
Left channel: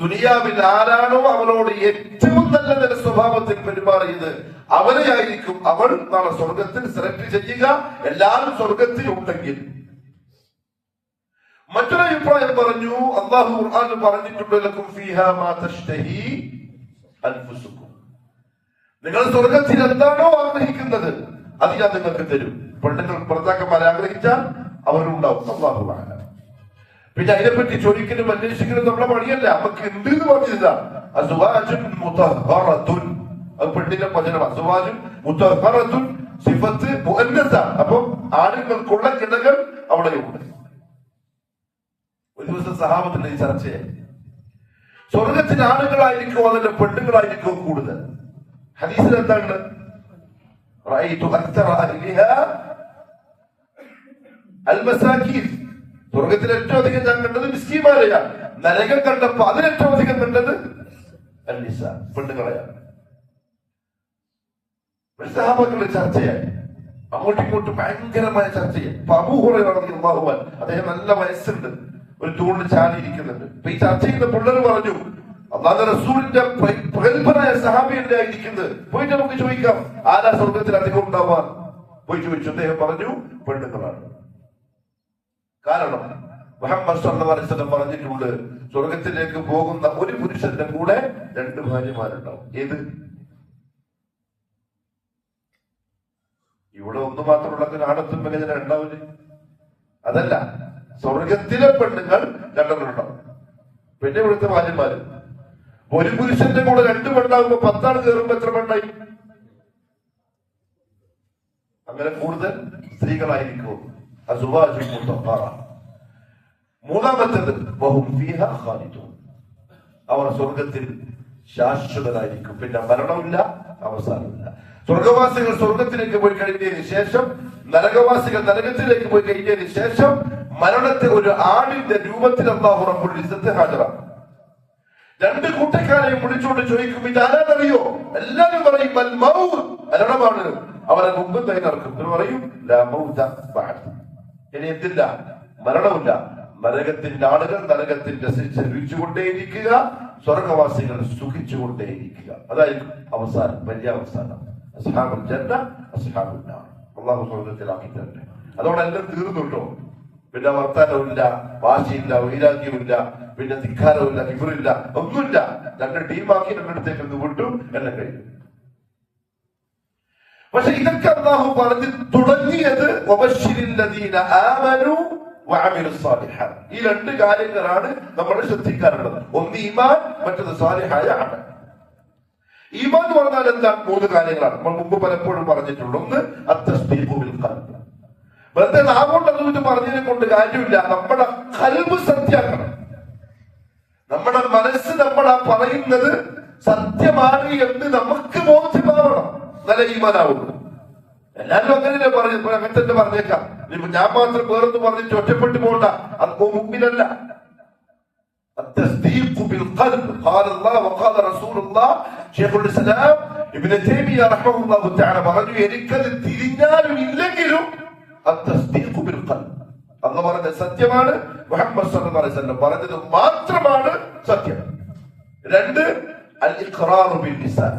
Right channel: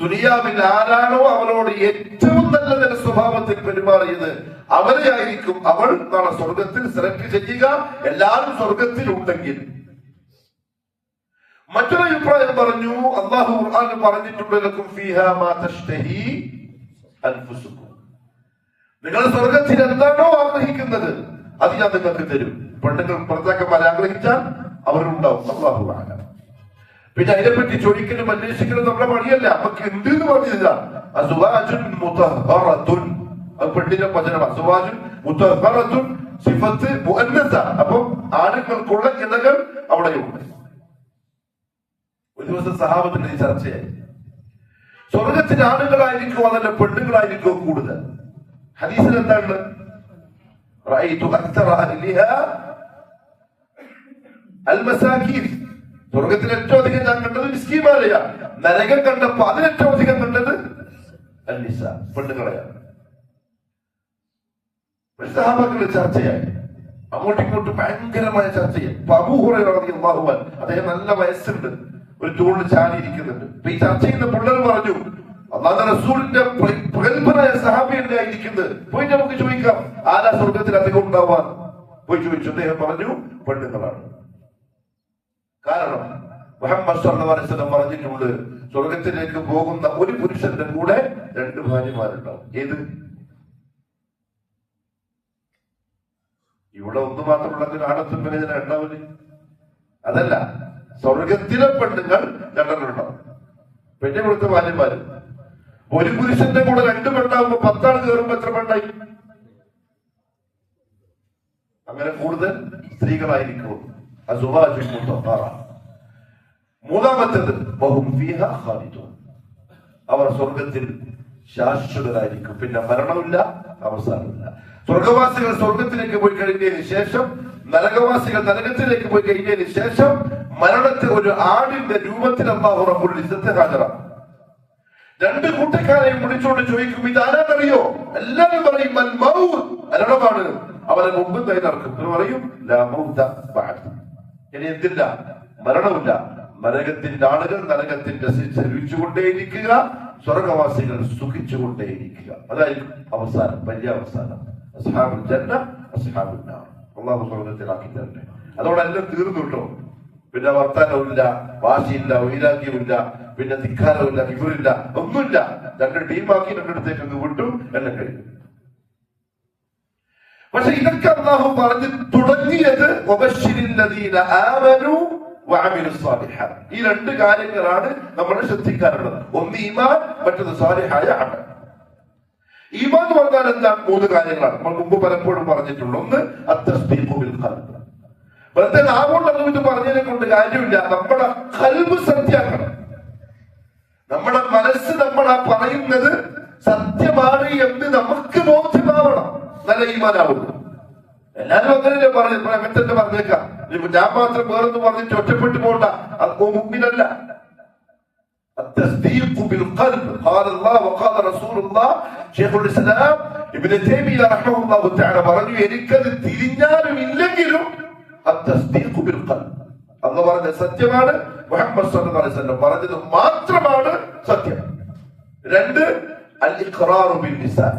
ദുനിയാവിൽ ആരാണോ അവനോട് ഏറ്റവും നല്ല സ്വഭാവത്തിൽ പെരുമാറിയത് അവരെ ആയിരിക്കും അവൾ നാളെ സ്വർഗത്തിൽ സെലക്ട് ചെയ്യുക, എല്ലാവരും സ്വർഗത്തിൽ ഉണ്ടെങ്കിൽ. മറ്റൊരു അഭിപ്രായം പറഞ്ഞു, അല്ലാഹു ഖുർആനിൽ പറഞ്ഞിട്ടുണ്ട്, ലക്കും ഫീഹാ മാ തശ്തഹി അൻഫുസുക്കും, നിങ്ങൾ സ്വർഗത്തിൽ എന്താണോ ആഗ്രഹിക്കുന്നത് അത് ഞാൻ നിങ്ങൾക്ക് തരും. പെണ്ണുങ്ങൾ ഭർത്താക്കന്മാരെ ആഗ്രഹിച്ചാൽ അവരുണ്ടാവും. അല്ലാഹു അഅലം. പിന്നെ അതിനെപ്പറ്റി ചോദിക്കലും അന്വേഷിക്കലും നമ്മുടെ പണിയല്ല, നമുക്ക് ഉണ്ട് എന്ന് പറഞ്ഞില്ല. അസ്വാജുൻ മുതഹ്ഹറത്തുൻ, അത് പെണ്ണിന്റെ വചനമാണ്. അസ്വാജുൻ മുതഹ്ഹറത്തുൻ സിഫത്ത് മുഅന്നസ. അപ്പൊ ആണുങ്ങൾക്കുള്ള ഇണകൾ അവിടെയുണ്ട്. ഒരു ദിവസം സഹാബത്തിൽ ഈ ചർച്ചയായി, സ്വർഗത്തിൽ ആണുങ്ങളായിരിക്കും അതല്ല പെണ്ണുങ്ങളായിരിക്കും കൂടുതൽ? ഹദീസിൽ എന്താണ്? റഅയ്തു അക്തറ അഹ്ലിഹാ അൽ മസാകീൻ, സ്വർഗത്തിൽ ഏറ്റവും അധികം ഞാൻ കണ്ടത് മിസ്കീന്മാരെയാണ്. നരകം കണ്ടപ്പോ അതിലേറ്റവും അധികം കണ്ടത് അന്നിസ, പെണ്ണുങ്ങളെയാണ്. സഹാബാക്കളുടെ ചർച്ചയായി, അങ്ങോട്ടും ഇങ്ങോട്ടും ഭയങ്കരമായ ചർച്ചയായി. അബൂ ഹുറൈറ റളിയല്ലാഹു അൻഹു, അദ്ദേഹം നല്ല വയസ്സുണ്ട്, ഒരു തൂണിൽ ചാടിയിരിക്കുന്നുണ്ട്. അപ്പൊ ഈ ചർച്ച ചെയ്യുന്ന പിള്ളേർ പറഞ്ഞു, അല്ലാഹുവിന്റെ റസൂലിന്റെ പ്രഗത്ഭനായ സഹാബിയല്ലേ ഇരിക്കുന്നത്, പോയിട്ട് നമുക്ക് ചോദിക്കാം ആരാ സ്വർഗത്തിൽ അധികം ഉണ്ടാവാൻ. പോയി ചോദിച്ചു. അദ്ദേഹം പറഞ്ഞു, പെണ്ണുങ്ങളാണ്. കാരണം മുഹമ്മദ് സല്ലല്ലാഹു അലൈഹി വസല്ലം പറഞ്ഞിട്ടുണ്ട്, സ്വർഗത്തിലേക്ക് പോകുന്ന ഒരു പുരുഷന്റെ കൂടെ രണ്ട് ഭാര്യമാരുണ്ടാവും. ഏത്? ഇവിടെ ഒന്ന് മാത്രമുള്ളതിന് ആണത്തും വിനയന ഉണ്ടാവില്ല. അതല്ല, സ്വർഗത്തിലെ പെണ്ണുങ്ങൾ രണ്ടെണ്ണുണ്ടാവും. പിന്നെ ഇവിടുത്തെ ഭാര്യമാര്. ഒരു പുരുഷന്റെ കൂടെ രണ്ട് പെണ്ണാകുമ്പോ 10 ആൾ കയറുമ്പോ എത്ര പെണ്ണായി? അങ്ങനെ കൂടുതൽ സ്ത്രീകളായിരിക്കും. മൂന്നാമത്തേത് വഹും ഫീഹാ ഖാലിദൂൻ, അവർ സ്വർഗത്തിൽ ശാശ്വതരായിരിക്കും. പിന്നെ മരണമില്ല, അവസാനമില്ല. സ്വർഗവാസികൾ സ്വർഗത്തിലേക്ക് പോയി കഴിഞ്ഞതിന് ശേഷം, നരകവാസികൾ നരകത്തിലേക്ക് പോയി കഴിഞ്ഞതിന് ശേഷം മരണത്തെ ഒരു ആടിന്റെ രൂപത്തിൽ അല്ലാഹു റബ്ബുൽ ഇസ്സത്ത് ഹാജരാക്കും. രണ്ട് കൂട്ടക്കാരെയും വിളിച്ചുകൊണ്ട് ചോദിക്കും, ഇതാരാണെന്നറിയോ? എല്ലാവരും പറയും അൽ മൗത്ത്, മരണമാണ്. അവരെ മുമ്പ് നടക്കും. പറയും ലാ മൗത ബഅദ്, ഇനി എന്തില്ല? മരണമില്ല. നരകത്തിന്റെ ആളുകൾ നരകത്തിന്റെ രുചിച്ചുകൊണ്ടേയിരിക്കുക, സ്വർഗവാസികൾ സുഖിച്ചുകൊണ്ടേയിരിക്കുക. അതായിരിക്കും അവസാനം, പര്യാവസാനം. അസ്ഹാബുൽ ജന്ന അസ്ഹാബുൻ നാർ. അല്ലാഹു സ്വർഗത്തിലാക്കി തരട്ടെ. അതോടെല്ലാം തീർന്നുട്ടോ. പിന്നെ വർത്താനമില്ല, വാശിയില്ല, വൈരാഗ്യമില്ല, പിന്നെ ധിക്കാരമില്ല, വിവരില്ല, ഒന്നുമില്ല. രണ്ട് ടീമാക്കി രണ്ടിടത്തേക്ക് ഒന്ന് വിട്ടു, എല്ലാം കഴിഞ്ഞു. പക്ഷെ ഇതൊക്കെ അല്ലാഹു പറഞ്ഞ് തുടങ്ങിയത് വബശ്ശിരില്ലദീന ആമനൂ വഅമിലുസ് സാലിഹാത്ത്. ഈ രണ്ട് കാര്യങ്ങളാണ് നമ്മൾ ശ്രദ്ധിക്കാറുള്ളത്. ഒന്ന് ഈമാൻ, മറ്റത് സാലിഹായ അമൽ. ഈമാൻ എന്ന് പറഞ്ഞാൽ എന്താണ്? മൂന്ന് കാര്യങ്ങളാണ് നമ്മൾ മുമ്പ് പലപ്പോഴും പറഞ്ഞിട്ടുള്ളത്. ഒന്ന് അത്തസ്ദീഖു ബിൽ ഖൽബ്, വെറുതെ നാമോണ്ടൊന്നും ഇത് പറഞ്ഞതിനെ കൊണ്ട് കാര്യമില്ല. നമ്മുടെ ഖൽബ് സത്യാക്കണം. നമ്മുടെ മനസ്സ് നമ്മളാ പറയുന്നത് സത്യമാണ് എന്ന് നമുക്ക് ബോധ്യമാവണം. നല്ല ഈമാനാവുള്ളൂ. എല്ലാവരും അങ്ങനെ അങ്ങനത്തെ പറഞ്ഞേക്കാം. ഞാൻ മാത്രം വേറൊന്നും പറഞ്ഞിട്ട് ഒറ്റപ്പെട്ടു പോകണ്ട, അത് മുഅ്മിനല്ല. التصديق بالقلب قال الله وقال رسول الله. شيخ الاسلام ابن تيمية رحمه الله تعالى പറഞ്ഞു, എനിക്കത് തിരിഞ്ഞാലും ഇല്ലെങ്കിലും التصديق بالقلب, അല്ലാഹു പറഞ്ഞ സത്യമാണ്, മുഹമ്മദ് സല്ലല്ലാഹു അലൈഹി വസല്ലം പറഞ്ഞത് മാത്രമാണ് സത്യം. രണ്ട് അൽ ഇഖ്റാറു ബിൽ ലിസാൻ,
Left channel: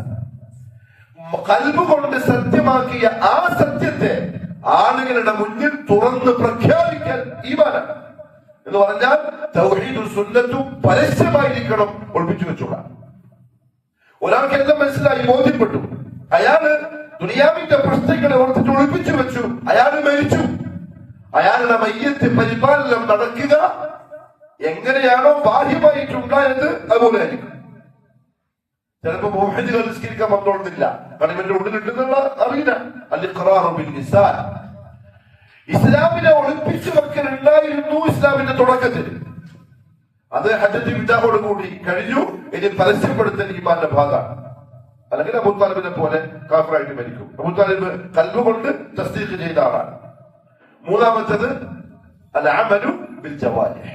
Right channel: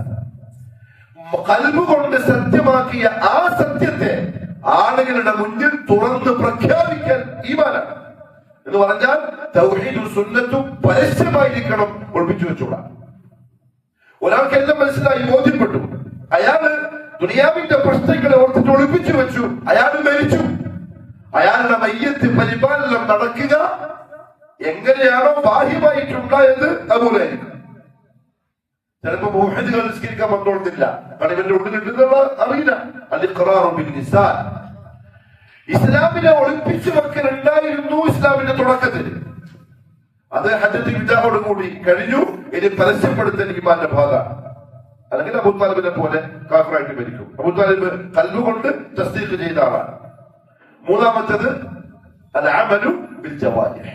ഖൽബ് കൊണ്ട് സത്യമാക്കിയ ആ സത്യത്തെ ആളുകളുടെ മുന്നിൽ തുറന്ന് പ്രഖ്യാപിക്കൽ ഈമാനാണ്. എന്ന് പറഞ്ഞാൽ തൗഹീദും സുന്നത്തും പരസ്യമായിരിക്കണം, ഒളിപ്പിച്ചു വെച്ചോളാം. ഒരാൾക്കെല്ലാം മനസ്സിലായി, ബോധ്യപ്പെട്ടു. അയാള് ദുനിയാവിന്റെ പ്രശ്നങ്ങളെ ഓർത്തിട്ട് ഒളിപ്പിച്ചു വെച്ചു. അയാൾ മരിച്ചു. അയാളുടെ മയ്യത്ത് പരിപാലനം നടക്കുക എങ്ങനെയാണോ ബാഹ്യമായിട്ടുണ്ടായത് അതുപോലെ ആയിരിക്കും. ചിലപ്പോ മുഹദ്ദിസുകൾ നിസ്കരിക്കാൻ വന്നോളുന്നില്ല, പണികളുടെ ഉള്ളിലിട്ടുന്നുള്ള അറിയില്ല. അൽ ഇഖ്റാറു ബിൽ ലിസാൻ, ഇസ്ലാമിനെ ഒളിപ്പിച്ചു വെക്കലുണ്ടായിരുന്നു ഇസ്ലാമിന്റെ തുടക്കത്തിൽ. അത് ഹജ്ജത്ത് വിജാഹോട് കൂടി കഴിഞ്ഞു. ഇനി പരസ്യപ്പെടുത്തൽ ഈമാന്റെ ഭാഗമാണ്. അല്ലെങ്കിൽ അബൂ താലിബിനെ പോലെ കാഫിറായിട്ട് മരിക്കും. അബൂ താലിബ് ഖൽബ് കൊണ്ട് തസ്ദീഖ് ചെയ്ത ആളാണ്. മൂന്നാമത്തേത് അൽ അമലു ബിൽ ജവാരിഹ്,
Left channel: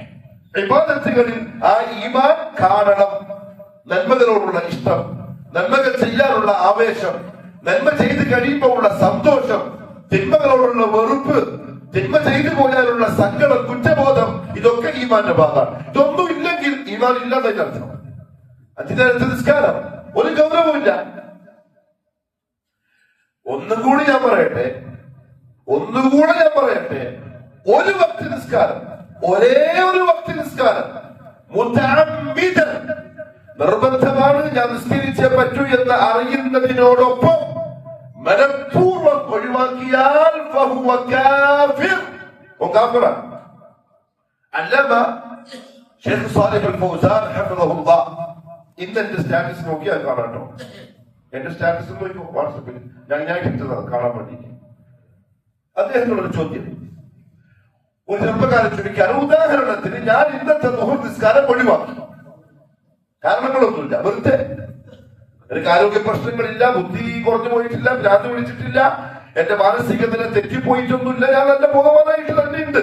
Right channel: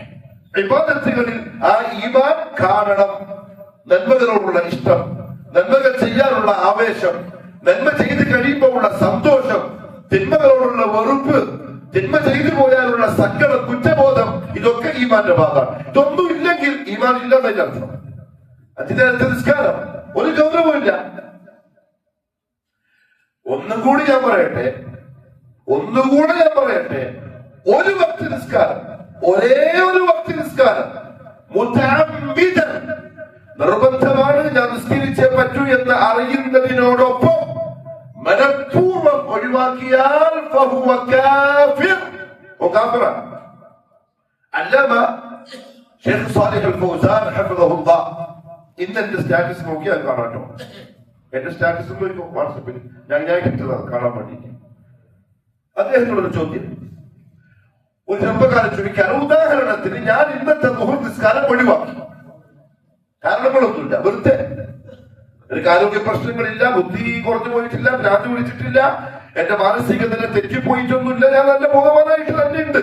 ഇബാദത്തുകളിൽ ആ ഈമാൻ കാണണം. നന്മകളോടുള്ള ഇഷ്ടം, നന്മകൾ ചെയ്യാനുള്ള ആവേശം, നന്മ ചെയ്ത് കഴിയുമ്പോൾ ഉള്ള സന്തോഷം, തിന്മകളോടുള്ള വെറുപ്പ്, തിന്മ ചെയ്തു പോയാലുള്ള സങ്കടം, കുറ്റബോധം, ഇതൊക്കെ ഈമാന്റെ ഭാഗമാണ്. ഇതൊന്നും ഇല്ലെങ്കിൽ ഈമാൻ ഇല്ലാന്നതിന്റെ അർത്ഥം. അതിനകത്ത് നിസ്കാരം ഒരു ഗൗരവമില്ല. ഒന്നുകൂടി ഞാൻ പറയട്ടെ, ഒരു വക്ത് നിസ്കാരം, ഒരേ ഒരു വക്ത് നിസ്കാരം മുതഅമ്മിദൻ, നിർബന്ധമാണ്, ഞാൻ നിസ്കരിച്ചേ പറ്റൂ എന്ന് അറിയുന്നതിനോടൊപ്പം മനഃപൂർവ്വം ഒഴിവാക്കിയാൽ ഫഹുവ കാഫിർ, കാഫിറാണ്. അല്ലമ ഷെയ്ഖ് സാലിഹ് അൽ ഫൗസാൻ ഹഫിളഹുല്ലാഹ്, ഇന്ന് എന്റെ സ്റ്റാറ്റസ് നോക്കിയാൽ കാണാട്ടോ. എന്റെ സ്റ്റാറ്റസ് നോക്കിയോ വാട്സപ്പിൽ ഞാൻ ഇട്ടതാണ് കാണാൻ വേണ്ടി. അദ്ദേഹത്തിനോട് ചോദ്യം, ഒരു ചെറുപ്പക്കാരൻ ചോദിക്കാറ്, ഉദാഹരണത്തിന് ഞാൻ ഇന്നത്തെ ദുഹൂർ നിസ്കാരം ഒഴിവാക്കി, കാരണങ്ങളൊന്നുമില്ല, വെറുതെ. എനിക്ക് ആരോഗ്യ പ്രശ്നങ്ങളില്ല, ബുദ്ധി കുറഞ്ഞു പോയിട്ടില്ല, ഭ്രാന്ത് പിടിച്ചിട്ടില്ല, എന്റെ മാനസിക നില തെറ്റിപ്പോയിട്ടൊന്നുമില്ല, ഞാൻ നല്ല ബോധവാനായിട്ട് തന്നെ ഉണ്ട്,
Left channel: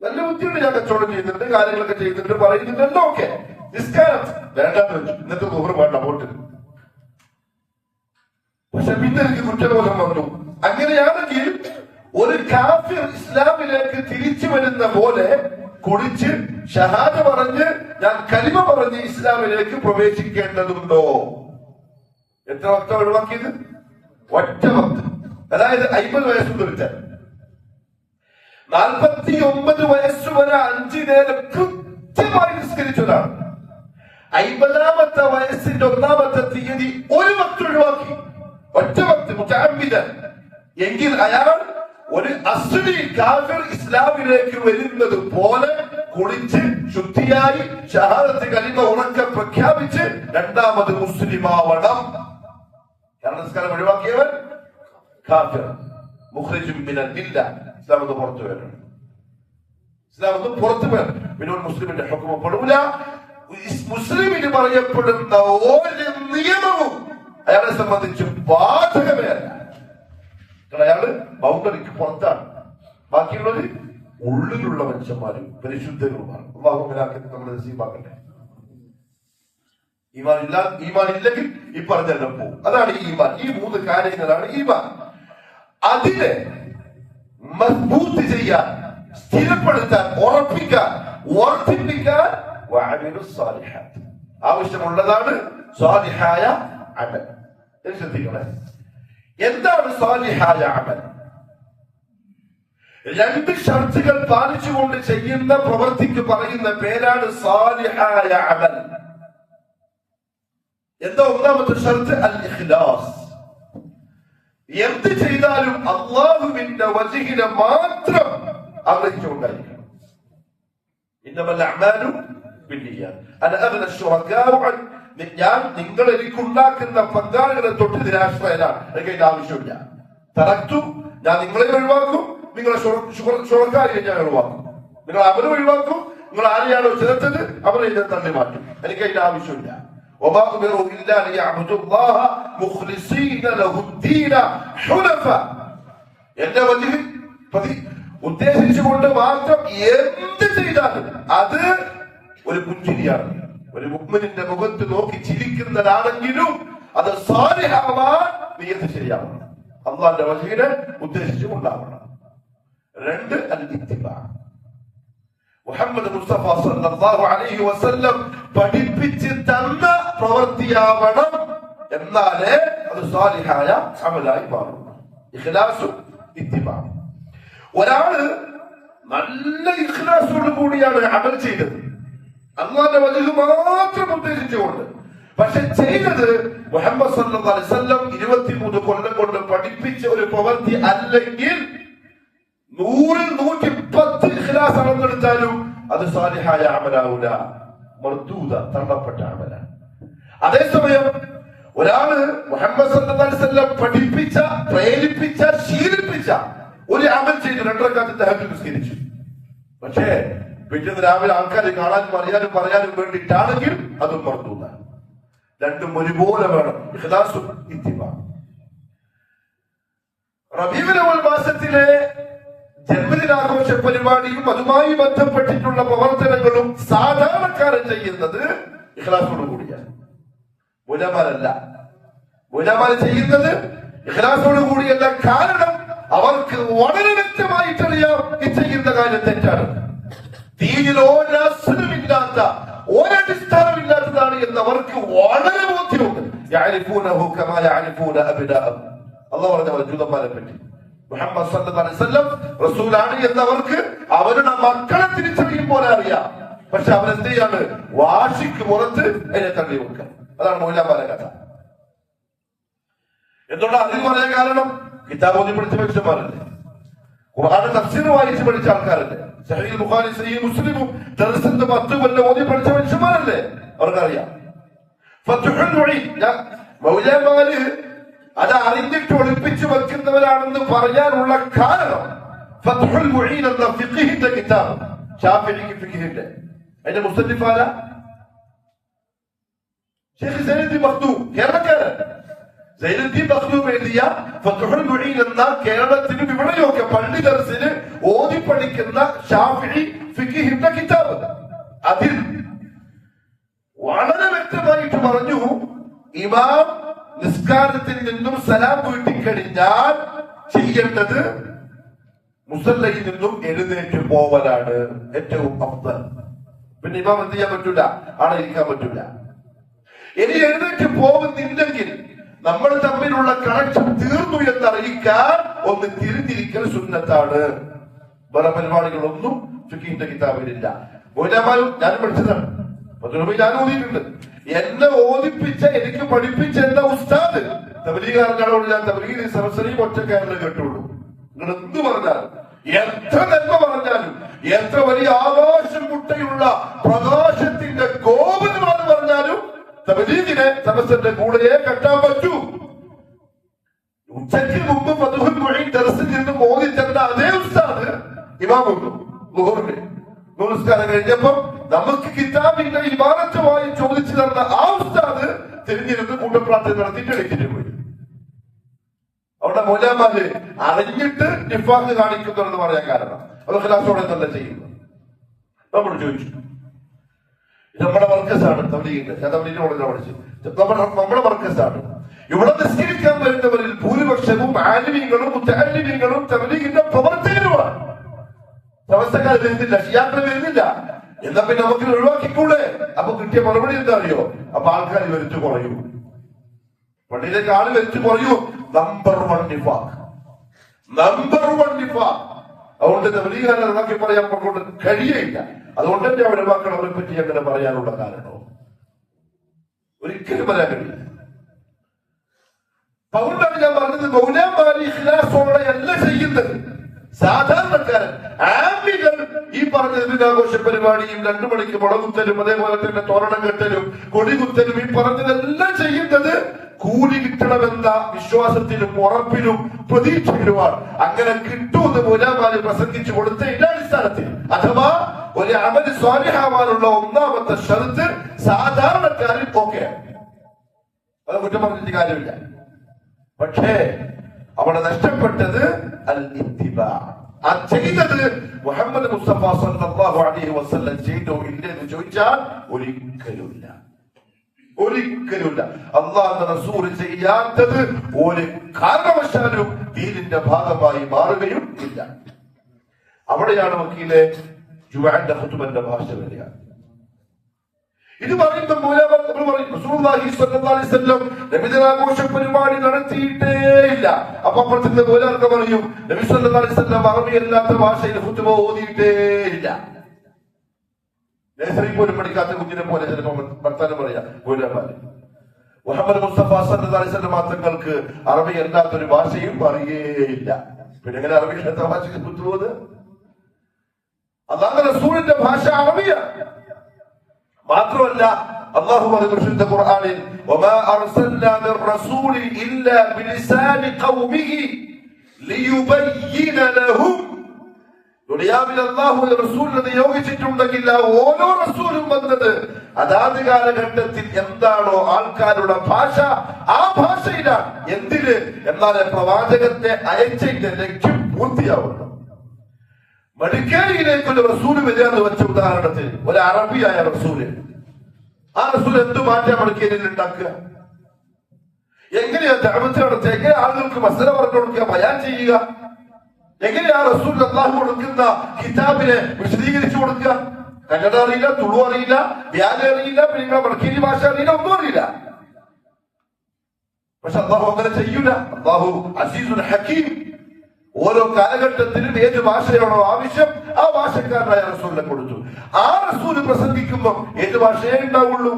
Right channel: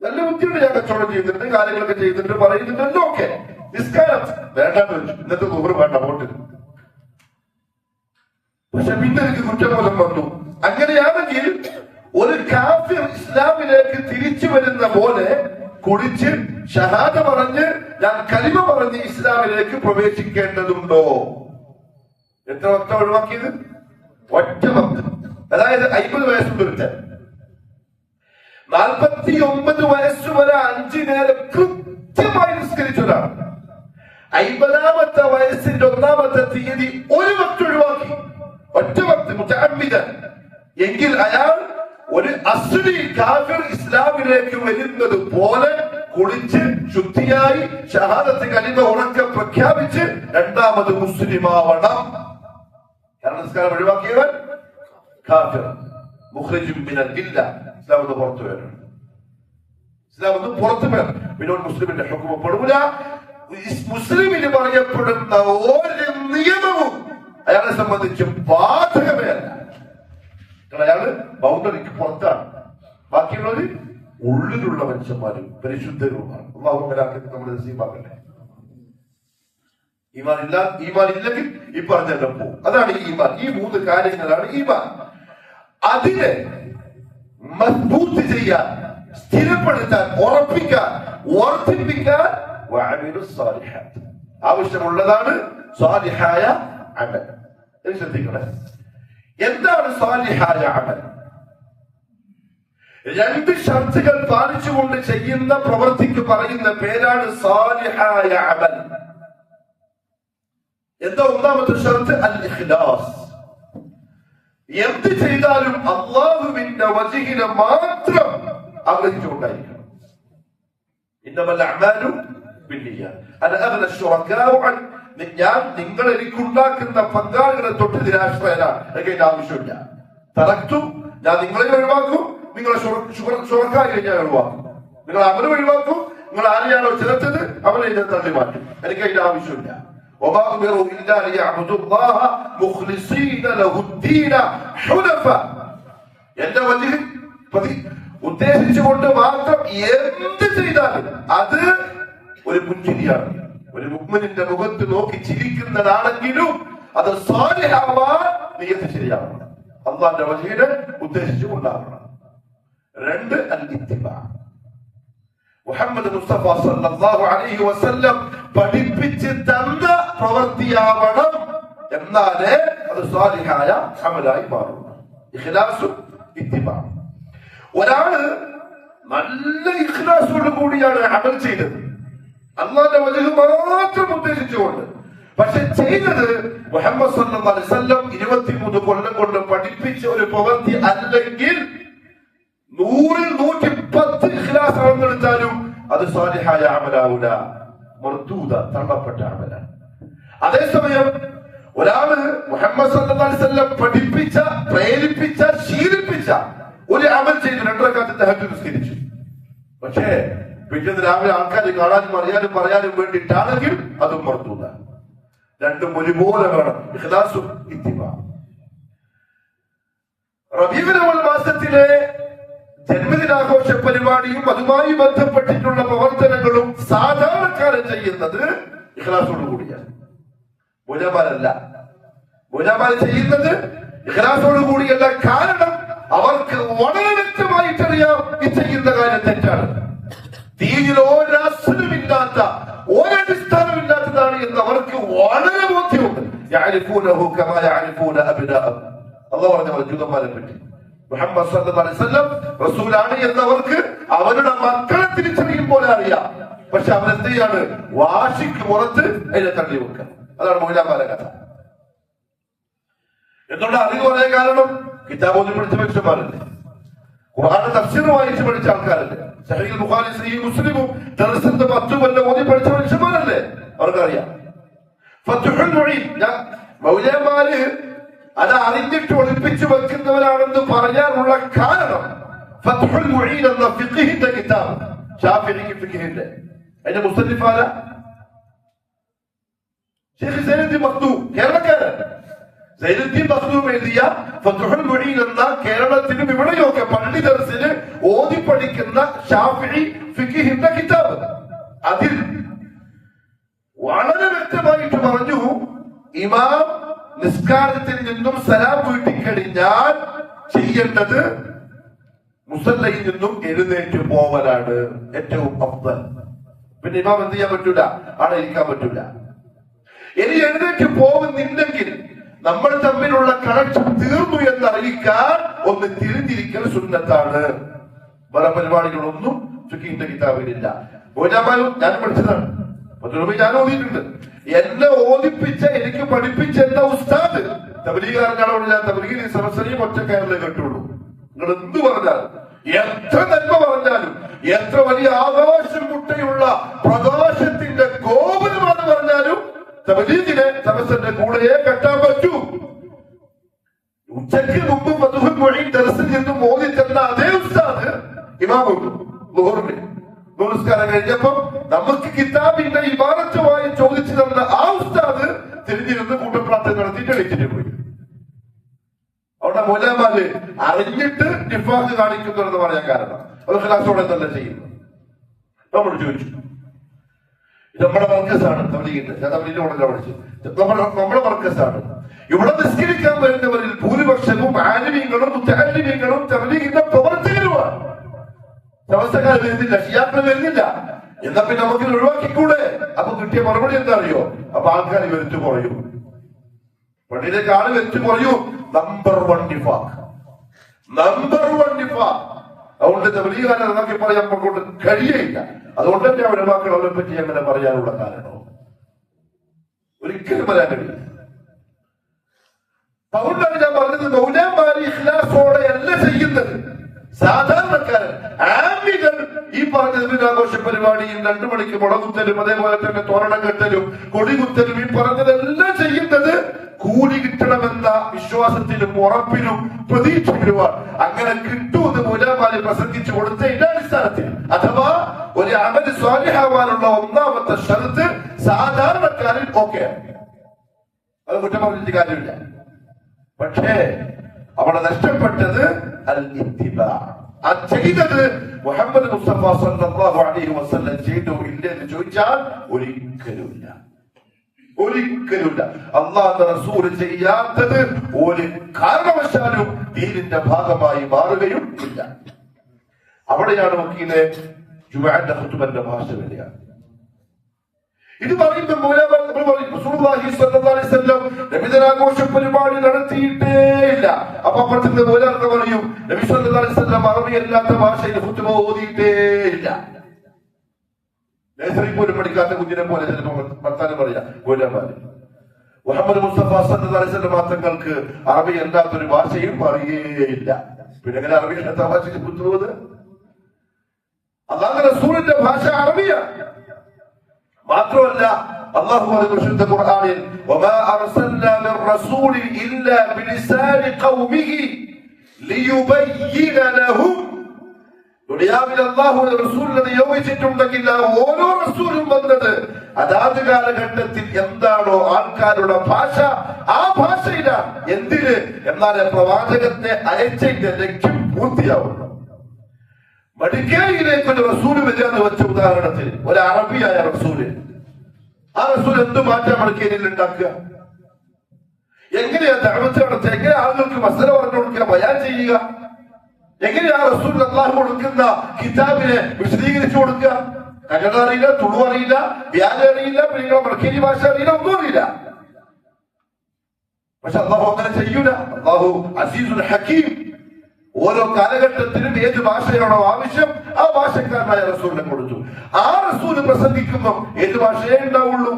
നല്ല ബുദ്ധിയുണ്ട്, ഞാൻ കച്ചവടം ചെയ്തിട്ടുണ്ട്, കാര്യങ്ങളൊക്കെ ചെയ്തിട്ടുണ്ട്, പറയുന്നുണ്ട്, എല്ലാം ഓക്കെ. നിസ്കാരം വേണ്ടാന്ന് വെച്ചു, ഇന്നത്തെ ദുഹൂർ വേണ്ട, പോട്ട്. പക്ഷെ പിന്നെ എനിക്ക് കുറ്റബോധം വന്നു. അങ്ങനെയാണെങ്കിൽ ഒരു കാഫിർ ഇസ്ലാമിലേക്ക് തിരിച്ചു വരുന്ന പോലെ കുടിച്ച് ഷഹാദ പറഞ്ഞ് ഞാൻ കലിമ പറഞ്ഞ് ഇസ്ലാമിലേക്ക് പ്രവേശിക്കേണ്ടതുണ്ടോ? എത്ര വക്ത ഒഴിവാക്കിയത്? ഒറ്റ വക്ത്. അതായത് 50 വയസ്സുണ്ട് ഒരുത്തൻ, 49 വയസ്സ് വരെ 5 നേരം കൃത്യമായി നിസ്കരിച്ചതാണ്. 50ാമത്തെ വയസ്സിന്റെ 1ാമത്തെ തീയതി ഒരു വക്ത് ഒഴിവാക്കി, ഒറ്റ വക്ത് മുതഅമ്മിദൻ. എങ്കിൽ അയാൾ ഒരു അസ്ലി കാഫിർ ഇസ്ലാമിലേക്ക് വരുന്നത് പോലെ കുളിച്ച് ശുദ്ധിയായി ഷഹാദത്ത് കലിമ ഉറക്കെ പ്രഖ്യാപിച്ച് രണ്ടാമത് മുസ്ലിമാവണം. കാരണം നിസ്കാരം ഒഴിവാക്കിയവൻ കാഫിർ, മുഖ്രിജും മിനൽ മില്ല, ഇസ്ലാം പുറത്തു വരണം. ഇസ്ലാം ഒന്നും പുറത്തു വരും. പിന്നെ മുസ്ലിമിന്റെ ഹുക്മ പെടൂല. മുസ്ലിമിന് പറയപ്പെടുന്ന ഒരു നിയമവും അയാളെ സംബന്ധിച്ച് ബാധകമേ അല്ല. അയാള് ബൗണ്ടറിക്ക് പുറത്താണ്. ബാക്കിയുള്ളത് ഉള്ളിലുള്ള മനുഷ്യന്മാരും പരിശുദ്ധരുമാണ്. അള്ളാഹു നമ്മുടെ നസീബാക്കട്ടെ. ഈമാൻ ഇല്ലെങ്കിൽ ഈ പറഞ്ഞെല്ലാം പോകും. അതാണ് ഈമാൻ. ഈ 3 കാര്യങ്ങളാണ് ഈമാൻ. അതിനെ മസ്ബൂത്ത് ചെയ്യാൻ, സ്ഥിരപ്പെടുത്താൻ, ഉറപ്പിക്കാൻ, വർദ്ധിപ്പിക്കാൻ ആവശ്യമുള്ളതാണ് സ്വാലിഹായ അമൽ. ശ്രദ്ധിക്കണേ, എന്താണ് സ്വാലിഹായ അമൽ? 2 ഷർത്തുകൾ പാലിച്ചുകൊണ്ട് ചെയ്യുന്ന പ്രവൃത്തിക്ക് പറയുന്ന പേരാണ് സ്വാലിഹായ അമൽ. എന്താ ഒന്നാമത്തെ ഷർത്ത്? അൽ ഇഖ്ലാസ്. എന്ത് ചെയ്താലും അല്ലാഹുവിന്റെ വജ്ഹിനെ മാത്രം ആഗ്രഹിച്ചുകൊണ്ടായിരിക്കണം. ഇന്നമൽ അഅ്മാലു ബിന്നിയ്യാത്ത്. അന അഗ്ന ശുറകാഉ അൻ, ഞാൻ നിങ്ങൾ എനിക്കുണ്ടാക്കുന്ന പങ്കാളികളെ തൊട്ട് നിരാശ്രയനാണ്. എനിക്ക് അതിന്റെ ആവശ്യമില്ല. തറക്തു, ഞാൻ നിങ്ങളെ ഒഴിവാക്കും, നിങ്ങളെ ശുറക്കാരെ ഞാൻ ഒഴിവാക്കും. നിങ്ങൾ അവരെ ഒഴിവാക്കും, നിങ്ങൾ ആരെയാണോ ചേർത്തത് അവരെ ഞാൻ തള്ളി മാറ്റും. എനിക്ക് അതിന്റെ ആവശ്യമില്ല. وما أمروا إلا ليعبدوا الله مخلصين له الدين حنفاء. എന്റെ വലിയ ഉദ്ദേശിച്ചുകൊണ്ട് മാത്രം എന്ത് ചെയ്താലും അത് ഒരു പുഞ്ചിരിയാണ്. ഒരു മുഅ്മിനിന്റെ മുഖത്ത് നോക്കി ചിരിക്കുന്നതാണെങ്കിലും അത് സാലിഹാവാൻ നിയത്ത് ശരിയാവണം. അല്ലാഹുവിന്റെ വജ്ഹിനെ ഉദ്ദേശിച്ചുകൊണ്ടാവണം. 2 അൽ ഇത്തിബാ. മുഹമ്മദ് മുസ്തഫ സല്ലല്ലാഹു അലൈഹി വസല്ലം പഠിപ്പിച്ച് തന്ന പ്രവൃത്തിയാവണം. എന്നാലേ അത് സാലിഹായ അമലായി മാറുന്നു. ഇഖ്ലാസും ഇത്തിബാഉം. ഒരാള് നല്ല ഇഖ്ലാസോട് കൂടിയാണ് അമൽ ചെയ്തത്, അല്ലാഹുവിന്റെ വജ്ഹ് മാത്രം ഉദ്ദേശിച്ചുകൊണ്ട്. പക്ഷെ ചെയ്തത് മുഹമ്മദ് സല്ലല്ലാഹു അലൈഹി വസല്ലം 23 കൊല്ലം കൊണ്ട് പഠിപ്പിച്ച ഒരു പ്രവൃത്തി അല്ലെങ്കിൽ 100-ൽ 110 ഇഖ്ലാസ് അളന്നെടുത്താലും അത് സാലിഹായ അമലാവൂല, മർദൂദ, തള്ളപ്പെട്ട അമലാണ്. അതേസമയം ഒരാള് മുഹമ്മദ് സല്ലല്ലാഹു അലൈഹി വസല്ലം പഠിപ്പിച്ച, പ്രേരിപ്പിച്ച, ശീലിപ്പിച്ച ഒരു അമൽ ചെയ്ത് 2 റക്അത്ത് തഹജ്ജുദ് നിസ്കരിച്ചു. പക്ഷേ പിറ്റേന്ന് രാവിലെ ആൾക്കാർ കാണാനും അറിയാനും പറയാനും വേണ്ടിയിട്ടാണെങ്കിൽ അതും മർദൂദ. രണ്ടും ഒരുപോലെ വേണം, ഇഖ്ലാസും ഇത്തിബാഉം. റബീഉൽ അവ്വൽ മാസത്തിലെ ജന്മദിനാഘോഷ പരിപാടിയും അതുമായി ബന്ധപ്പെട്ടിട്ടുള്ള പ്രവർത്തനങ്ങളും സാധാരണക്കാരൻ ചെയ്യുന്നത് ഇഖ്ലാസോട് കൂടിയാണ്. മുലമാരല്ല. മുലമാർ ചെയ്യുന്നത് ഇഖ്ലാസോട് കൂടിയല്ല. കാരണം അവർക്ക് വളരെ വ്യക്തമായിട്ടറിയാം ഈ ചെയ്യുന്ന കാര്യം തെറ്റാണ്. ദീനിൽ ഒരസ്ലുമില്ലാത്ത, ഒരടിസ്ഥാനമില്ലാത്തതാണ് എന്ന് അവർക്ക് വളരെ ബോധ്യമുണ്ട്. യഅരിഫൂനഹു കമാ യഅരിഫൂന അബ്നാഅഹും. അല്ലാഹു പറഞ്ഞ ജൂതന്മാരെ പറ്റി മുഹമ്മദ് സല്ലല്ലാഹു അലൈഹി വസല്ലം റസൂലാണ് എന്നവർക്ക് അവരുടെ മക്കളെ തിരിച്ചറിയും പോലെ അറിയാം. പക്ഷെ അവരെന്ത് ചെയ്യാണ്? വാശിക്ക് പുറത്ത് അതിനെ തള്ളി വെക്കുക. അതാണ് മൗലവിമാരുടെ കഥ. എന്നുള്ള അറിവ് പറയാൻ കാരണം കിതാബ് ഓതി പഠിച്ച മനുഷ്യന്മാരല്ലേ, ഖുർആൻ തഫ്സീർ വായിച്ച് പഠിച്ച ആൾക്കാരല്ലേ, സഹീഹ് ബുഖാരി സഹീഹ് മുസ്ലിമും ദർസിന്റെ 10 കൊല്ലം ഓതി പഠിച്ച മനുഷ്യന്മാരല്ലേ, അവർക്കറിയാം. ഫത്ഹുൽ മുഈൻ, മൗലവിമാര് അത് അറിഞ്ഞിട്ട് ഒളിപ്പിച്ചു വെക്കുന്നവരാണെന്ന് പറയാനുള്ള കാരണം ഫത്ഹുൽ മുഈൻ എന്ന ഫിഖ്ഹിന്റെ കിതാബ്, ശാഫിഈ ഫിഖ്ഹിന്റെ, അതിന്റെ മുസന്നിഫാല ശൈഖ് സൈനുദ്ദീൻ മഖ്ദൂം, കേരളക്കാരൻ. സൈനുദ്ദീൻ മഖ്ദൂം എഴുതിയ ഫത്ഹുൽ മുഈൻ എന്ന കേരളത്തിലും ഇവിടെയൊക്കെ പള്ളി ദർസിൽ ഓതി പഠിക്കുന്ന ശാഫിഈ ഫിഖ്ഹിന്റെ കിതാബ്, അതിൽ വളരെ വ്യക്തമായിട്ട് പറഞ്ഞു, ഇമാം നിസ്കാരത്തിൽ നിന്നും സലാം വീട്ടിക്കഴിഞ്ഞാൽ ചെയ്യേണ്ടത് മുസല്ലയിൽ നിന്നും എഴുന്നേറ്റ് പോവലാണ് ഏറ്റവും അഫ്ദൽ. പിന്നെ ഇമാം എന്ത് ചെയ്യാൻ പറ്റൂല? അവിടെ ഇരിക്കാൻ പറ്റൂല. ഇനി എഴുന്നേറ്റ് പോകുന്നില്ലെങ്കിൽ നമ്മൾ തമ്മിലുള്ള കണക്ഷൻ തീർന്നു എന്നറിയിക്കാൻ ഒന്ന് തിരിഞ്ഞിരിക്കൽ സുന്നത്താണ്. വേറെ പരിപാടികളൊന്നും ഫിഖ്ഹിന്റെ കിതാബിലില്ല. ഞാൻ പഠിച്ചതാണ്, ഞാൻ ഓതിയിട്ടുണ്ട്. എന്നെ ഓദിപ്പിച്ച, എനിക്ക് പഠിപ്പിച്ച എന്റെ ഉസ്താദ് തബ്ലീഗുകാരനാണോ? ഞാൻ തബ്ലീഗിന്റെ സദസ്സിനെയും ഒറ്റക്കാരനെ കേട്ടുള്ളൂ. നിങ്ങൾ എന്ത് പറഞ്ഞാലും, എത്ര നന്മ പറഞ്ഞാലും, എത്ര വലിയ ആകാശം മുട്ടയുള്ള പ്രകാശത്തിന്റെ ഗോപുരമാണ് പറഞ്ഞാലും തബ്ലീഗിനെ സദസ്സിന്റെ കൂടെയേ കെട്ടാൻ പറ്റൂ. ഉച്ചയ്ക്ക് മുമ്പ് ഫത്ഹുൽ മുഈൻ ദർസിൽ നിന്ന് ഓതി തന്ന അതേ ഉസ്താദ് ഇമാമുണ്ട്, ളുഹറിന് കഴിഞ്ഞപ്പോ നമുക്ക് കിതാബിന്റെ ഇബാറത്തുമായി ചോദിച്ചു തന്ന ആ ഉസ്താദ് തിരിഞ്ഞിരുന്ന് കൂട്ടപ്രാർത്ഥന നടത്തിയിട്ട് എണീറ്റിട്ട് പോയി. അവിടെ മൗലമാര് അറിഞ്ഞിട്ട് നിഫാഖ് കാണിക്കുന്നുണ്ടെന്ന് പറയാൻ കാരണം അത് ഖിലാസോടെ തന്നെ ചെയ്യുന്നു. നമ്മൾ ചോദിച്ചു, നമ്മുടെ മർക്കസാണ് തബ്ലീഗിന്റെ, ഞാൻ തബ്ലീഗിന്റെ ഉടനെ പഠിച്ചു, നമ്മുടെ മർക്കസാണ്. ഇവിടെ നിസ്കരിക്കാൻ വരുന്നവരിൽ ഭൂരിപക്ഷവും ആലിമീങ്ങളും മുത്തഅല്ലിമീങ്ങളും തബ്ലീഗിന്റെ പ്രവർത്തകരുമാണ്. സമസ്തക്കാർ വരുന്നില്ല, ഷിയാക്കൾ വരുന്നില്ല. എന്നാ പിന്നെ നമുക്ക് ഒഴിവാക്കിക്കൂടെ? അപ്പൊ കിട്ടിയ മറുപടി എന്താ അറിയോ? അപ്പൊ ആൾക്കാർ വരിച്ചു കുറയും, പള്ളിയിലേക്ക് ആള് വരിച്ചു കുറയും. നമ്പർ 1 നിഫാഖ്, നമ്പർ 1 നിഫാഖ്. അതുകൊണ്ട് തബ്ലീഗുകാരെ എന്നൊക്കെ പറയാൻ കൊണ്ട് കഴിയില്ല. അതുകൊണ്ട് തന്നെ അവരുടെ മക്കൾ അവരെ പറ്റി അങ്ങനെ പറയാനുള്ള കാരണം ഒരിക്കലും പറയാൻ കഴിയില്ല. അതുകൊണ്ടാണ് ഞാൻ പറഞ്ഞത്, മൗലമാരി ഇഖ്ലാസോടെ അല്ല ചെയ്യുന്നത്. സാധാരണക്കാരൻ ആമികൾ ഈ പറഞ്ഞ ദിനാഘോഷ പരിപാടിയും 2 മണിക്ക് മുളകുത്തലും അതേപോലെ തന്നെ തോരണം കെട്ടലും കൊടികുത്തലും ഈ പറഞ്ഞതെല്ലാം ചെയ്യുന്നത് കൂലി കിട്ടണമെന്ന വിശ്വാസത്തിലും ഉറപ്പിലും പ്രതീക്ഷയിലുമാണ്. അങ്ങനെ കിട്ടുമെന്ന് മൗലമാരി പ്രസംഗിച്ചു കൊടുത്തതിന്റെ അടിസ്ഥാനത്തിൽ, അഥവാ ഒരു അമൽ സ്വാലിഹാവാനുള്ള ഒന്നാമത്തെ ഷർത്ത് സാധാരണക്കാരിൽ ഓക്കെ, അത് കുറ്റം പറഞ്ഞിട്ട് കാര്യമില്ല. പക്ഷേ അവിടെ നഷ്ടപ്പെട്ടത് അൽ ഇത്തിബാ. ആ ചെയ്തത് മുഹമ്മദ് മുസ്തഫ സല്ലല്ലാഹു അലൈഹി വസല്ലം ചെയ്തോ ഇല്ലെന്ന് ചോദിച്ചാൽ ഒരിക്കലുമില്ല, ഒരിക്കലുമില്ല. അല്ലാഹുവിന്റെ റസൂൽ ചെയ്യാത്തത് ഒരു കാരണവശാലും ദീനിന്റെ ഭാഗമായി മാറുകയും ഇല്ല. അവിടെയാണ് വക്കീലെ ജുമാഅന്റെ ഖുതുബന്റെ ഭാഷ വരിക. ഇത് പറയുമ്പോൾ നബിദിനാഘോഷ പരിപാടി നടത്തിയിട്ടേയില്ല. അപ്പൊ അപ്പുറത്തിന്റെ മൂലർക്ക് പറയും നബി സല്ലല്ലാഹു അലൈഹി വസല്ലം അറബി അല്ലാത്ത ഭാഷയിൽ ഖുതുബ ഓതിയിട്ടേയില്ല. നേഴ്സറി പോലും പഠിക്കാത്ത കുഞ്ഞിനെ പോലെ ചിലപ്പോൾ വർത്താനം പറയാം മൂലമാര്. മുഹമ്മദ് മുസ്തഫ സല്ലല്ലാഹു അലൈഹി വസല്ലം തങ്ങൾക്ക് അറബി അല്ലാത്തൊരു ഭാഷയും പറയുകയില്ല. പിന്നെ എങ്ങനെ അറബി അല്ലാത്ത ഭാഷയ്ക്ക് ഖുതുബ? അല്ലാഹുവിന്റെ റസൂലിന്റെ ഭാഷ അറബിയാണ്. മാത്രമല്ല അല്ലാഹു പറയുന്ന ഖുർആനിൽ വമാ അർസൽനാ മിർ റസൂലിൻ ഇല്ലാ ബിലിസാനി ഖൗമിഹി ലിയുബയ്യിന ലഹും. ദുനിയാവിൽ അല്ലാഹുവിന്റെ റസൂലിനെ നിയോഗിച്ചിട്ടുണ്ടെങ്കിൽ ഓരോ റസൂലും വന്നത് അതാത് കാലഘട്ടത്തിൽ എന്താണോ ആൾക്കാരുടെ ഭാഷ ആ ഭാഷയിലാണ്. എന്തിന്? എന്നാലേ പ്രവാചകത്തെ അയച്ചതിന്റെ ലക്ഷ്യം പൂർത്തിയാവുന്നു. മടിക്കേരിയിലേക്കുള്ള റസൂല് വരികയെന്ന് വെച്ച ഉദാഹരണത്തിന് ഒരു അറബിയായ റസൂല്, ആ റസൂൽ എന്ത് മാറ്റം മടിക്കേരിയിൽ ഉണ്ടാക്കുക? എങ്ങനെയാ ദഅവത്ത് നടത്തുക? എങ്ങനെ ആളുകൾക്ക് മസല പറഞ്ഞു കൊടുക്കുക, ബയാൻ ചെയ്യുക? എങ്ങനെയാ റസൂൽ അല്ലാഹു കൊടുക്കുന്ന കിതാബിനെ വിശദീകരിച്ചു കൊടുക്കുക? കന്നഡ അറിയില്ല, തുളു അറിയില്ല, വ്യാജ അറിയില്ല, പിന്നെ മടിക്കേരി ഭാഷ അറിയില്ല, ഒന്നും അറിയില്ല. പക്ഷെ അല്ലാഹു അങ്ങനെ ചെയ്യൂല. അല്ലാഹു അസീസുൽ ഹക്കീം. ഓരോ കാലഘട്ടത്തിലും ഏത് ഭാഷയാണോ ആവശ്യം ആ ഭാഷക്കാരനായ റസൂലിനെ കൊടുത്തു. ആ റസൂല് പ്രസംഗിക്കുമ്പോൾ ഏത് ഭാഷയേ ഉണ്ടാവുള്ളൂ?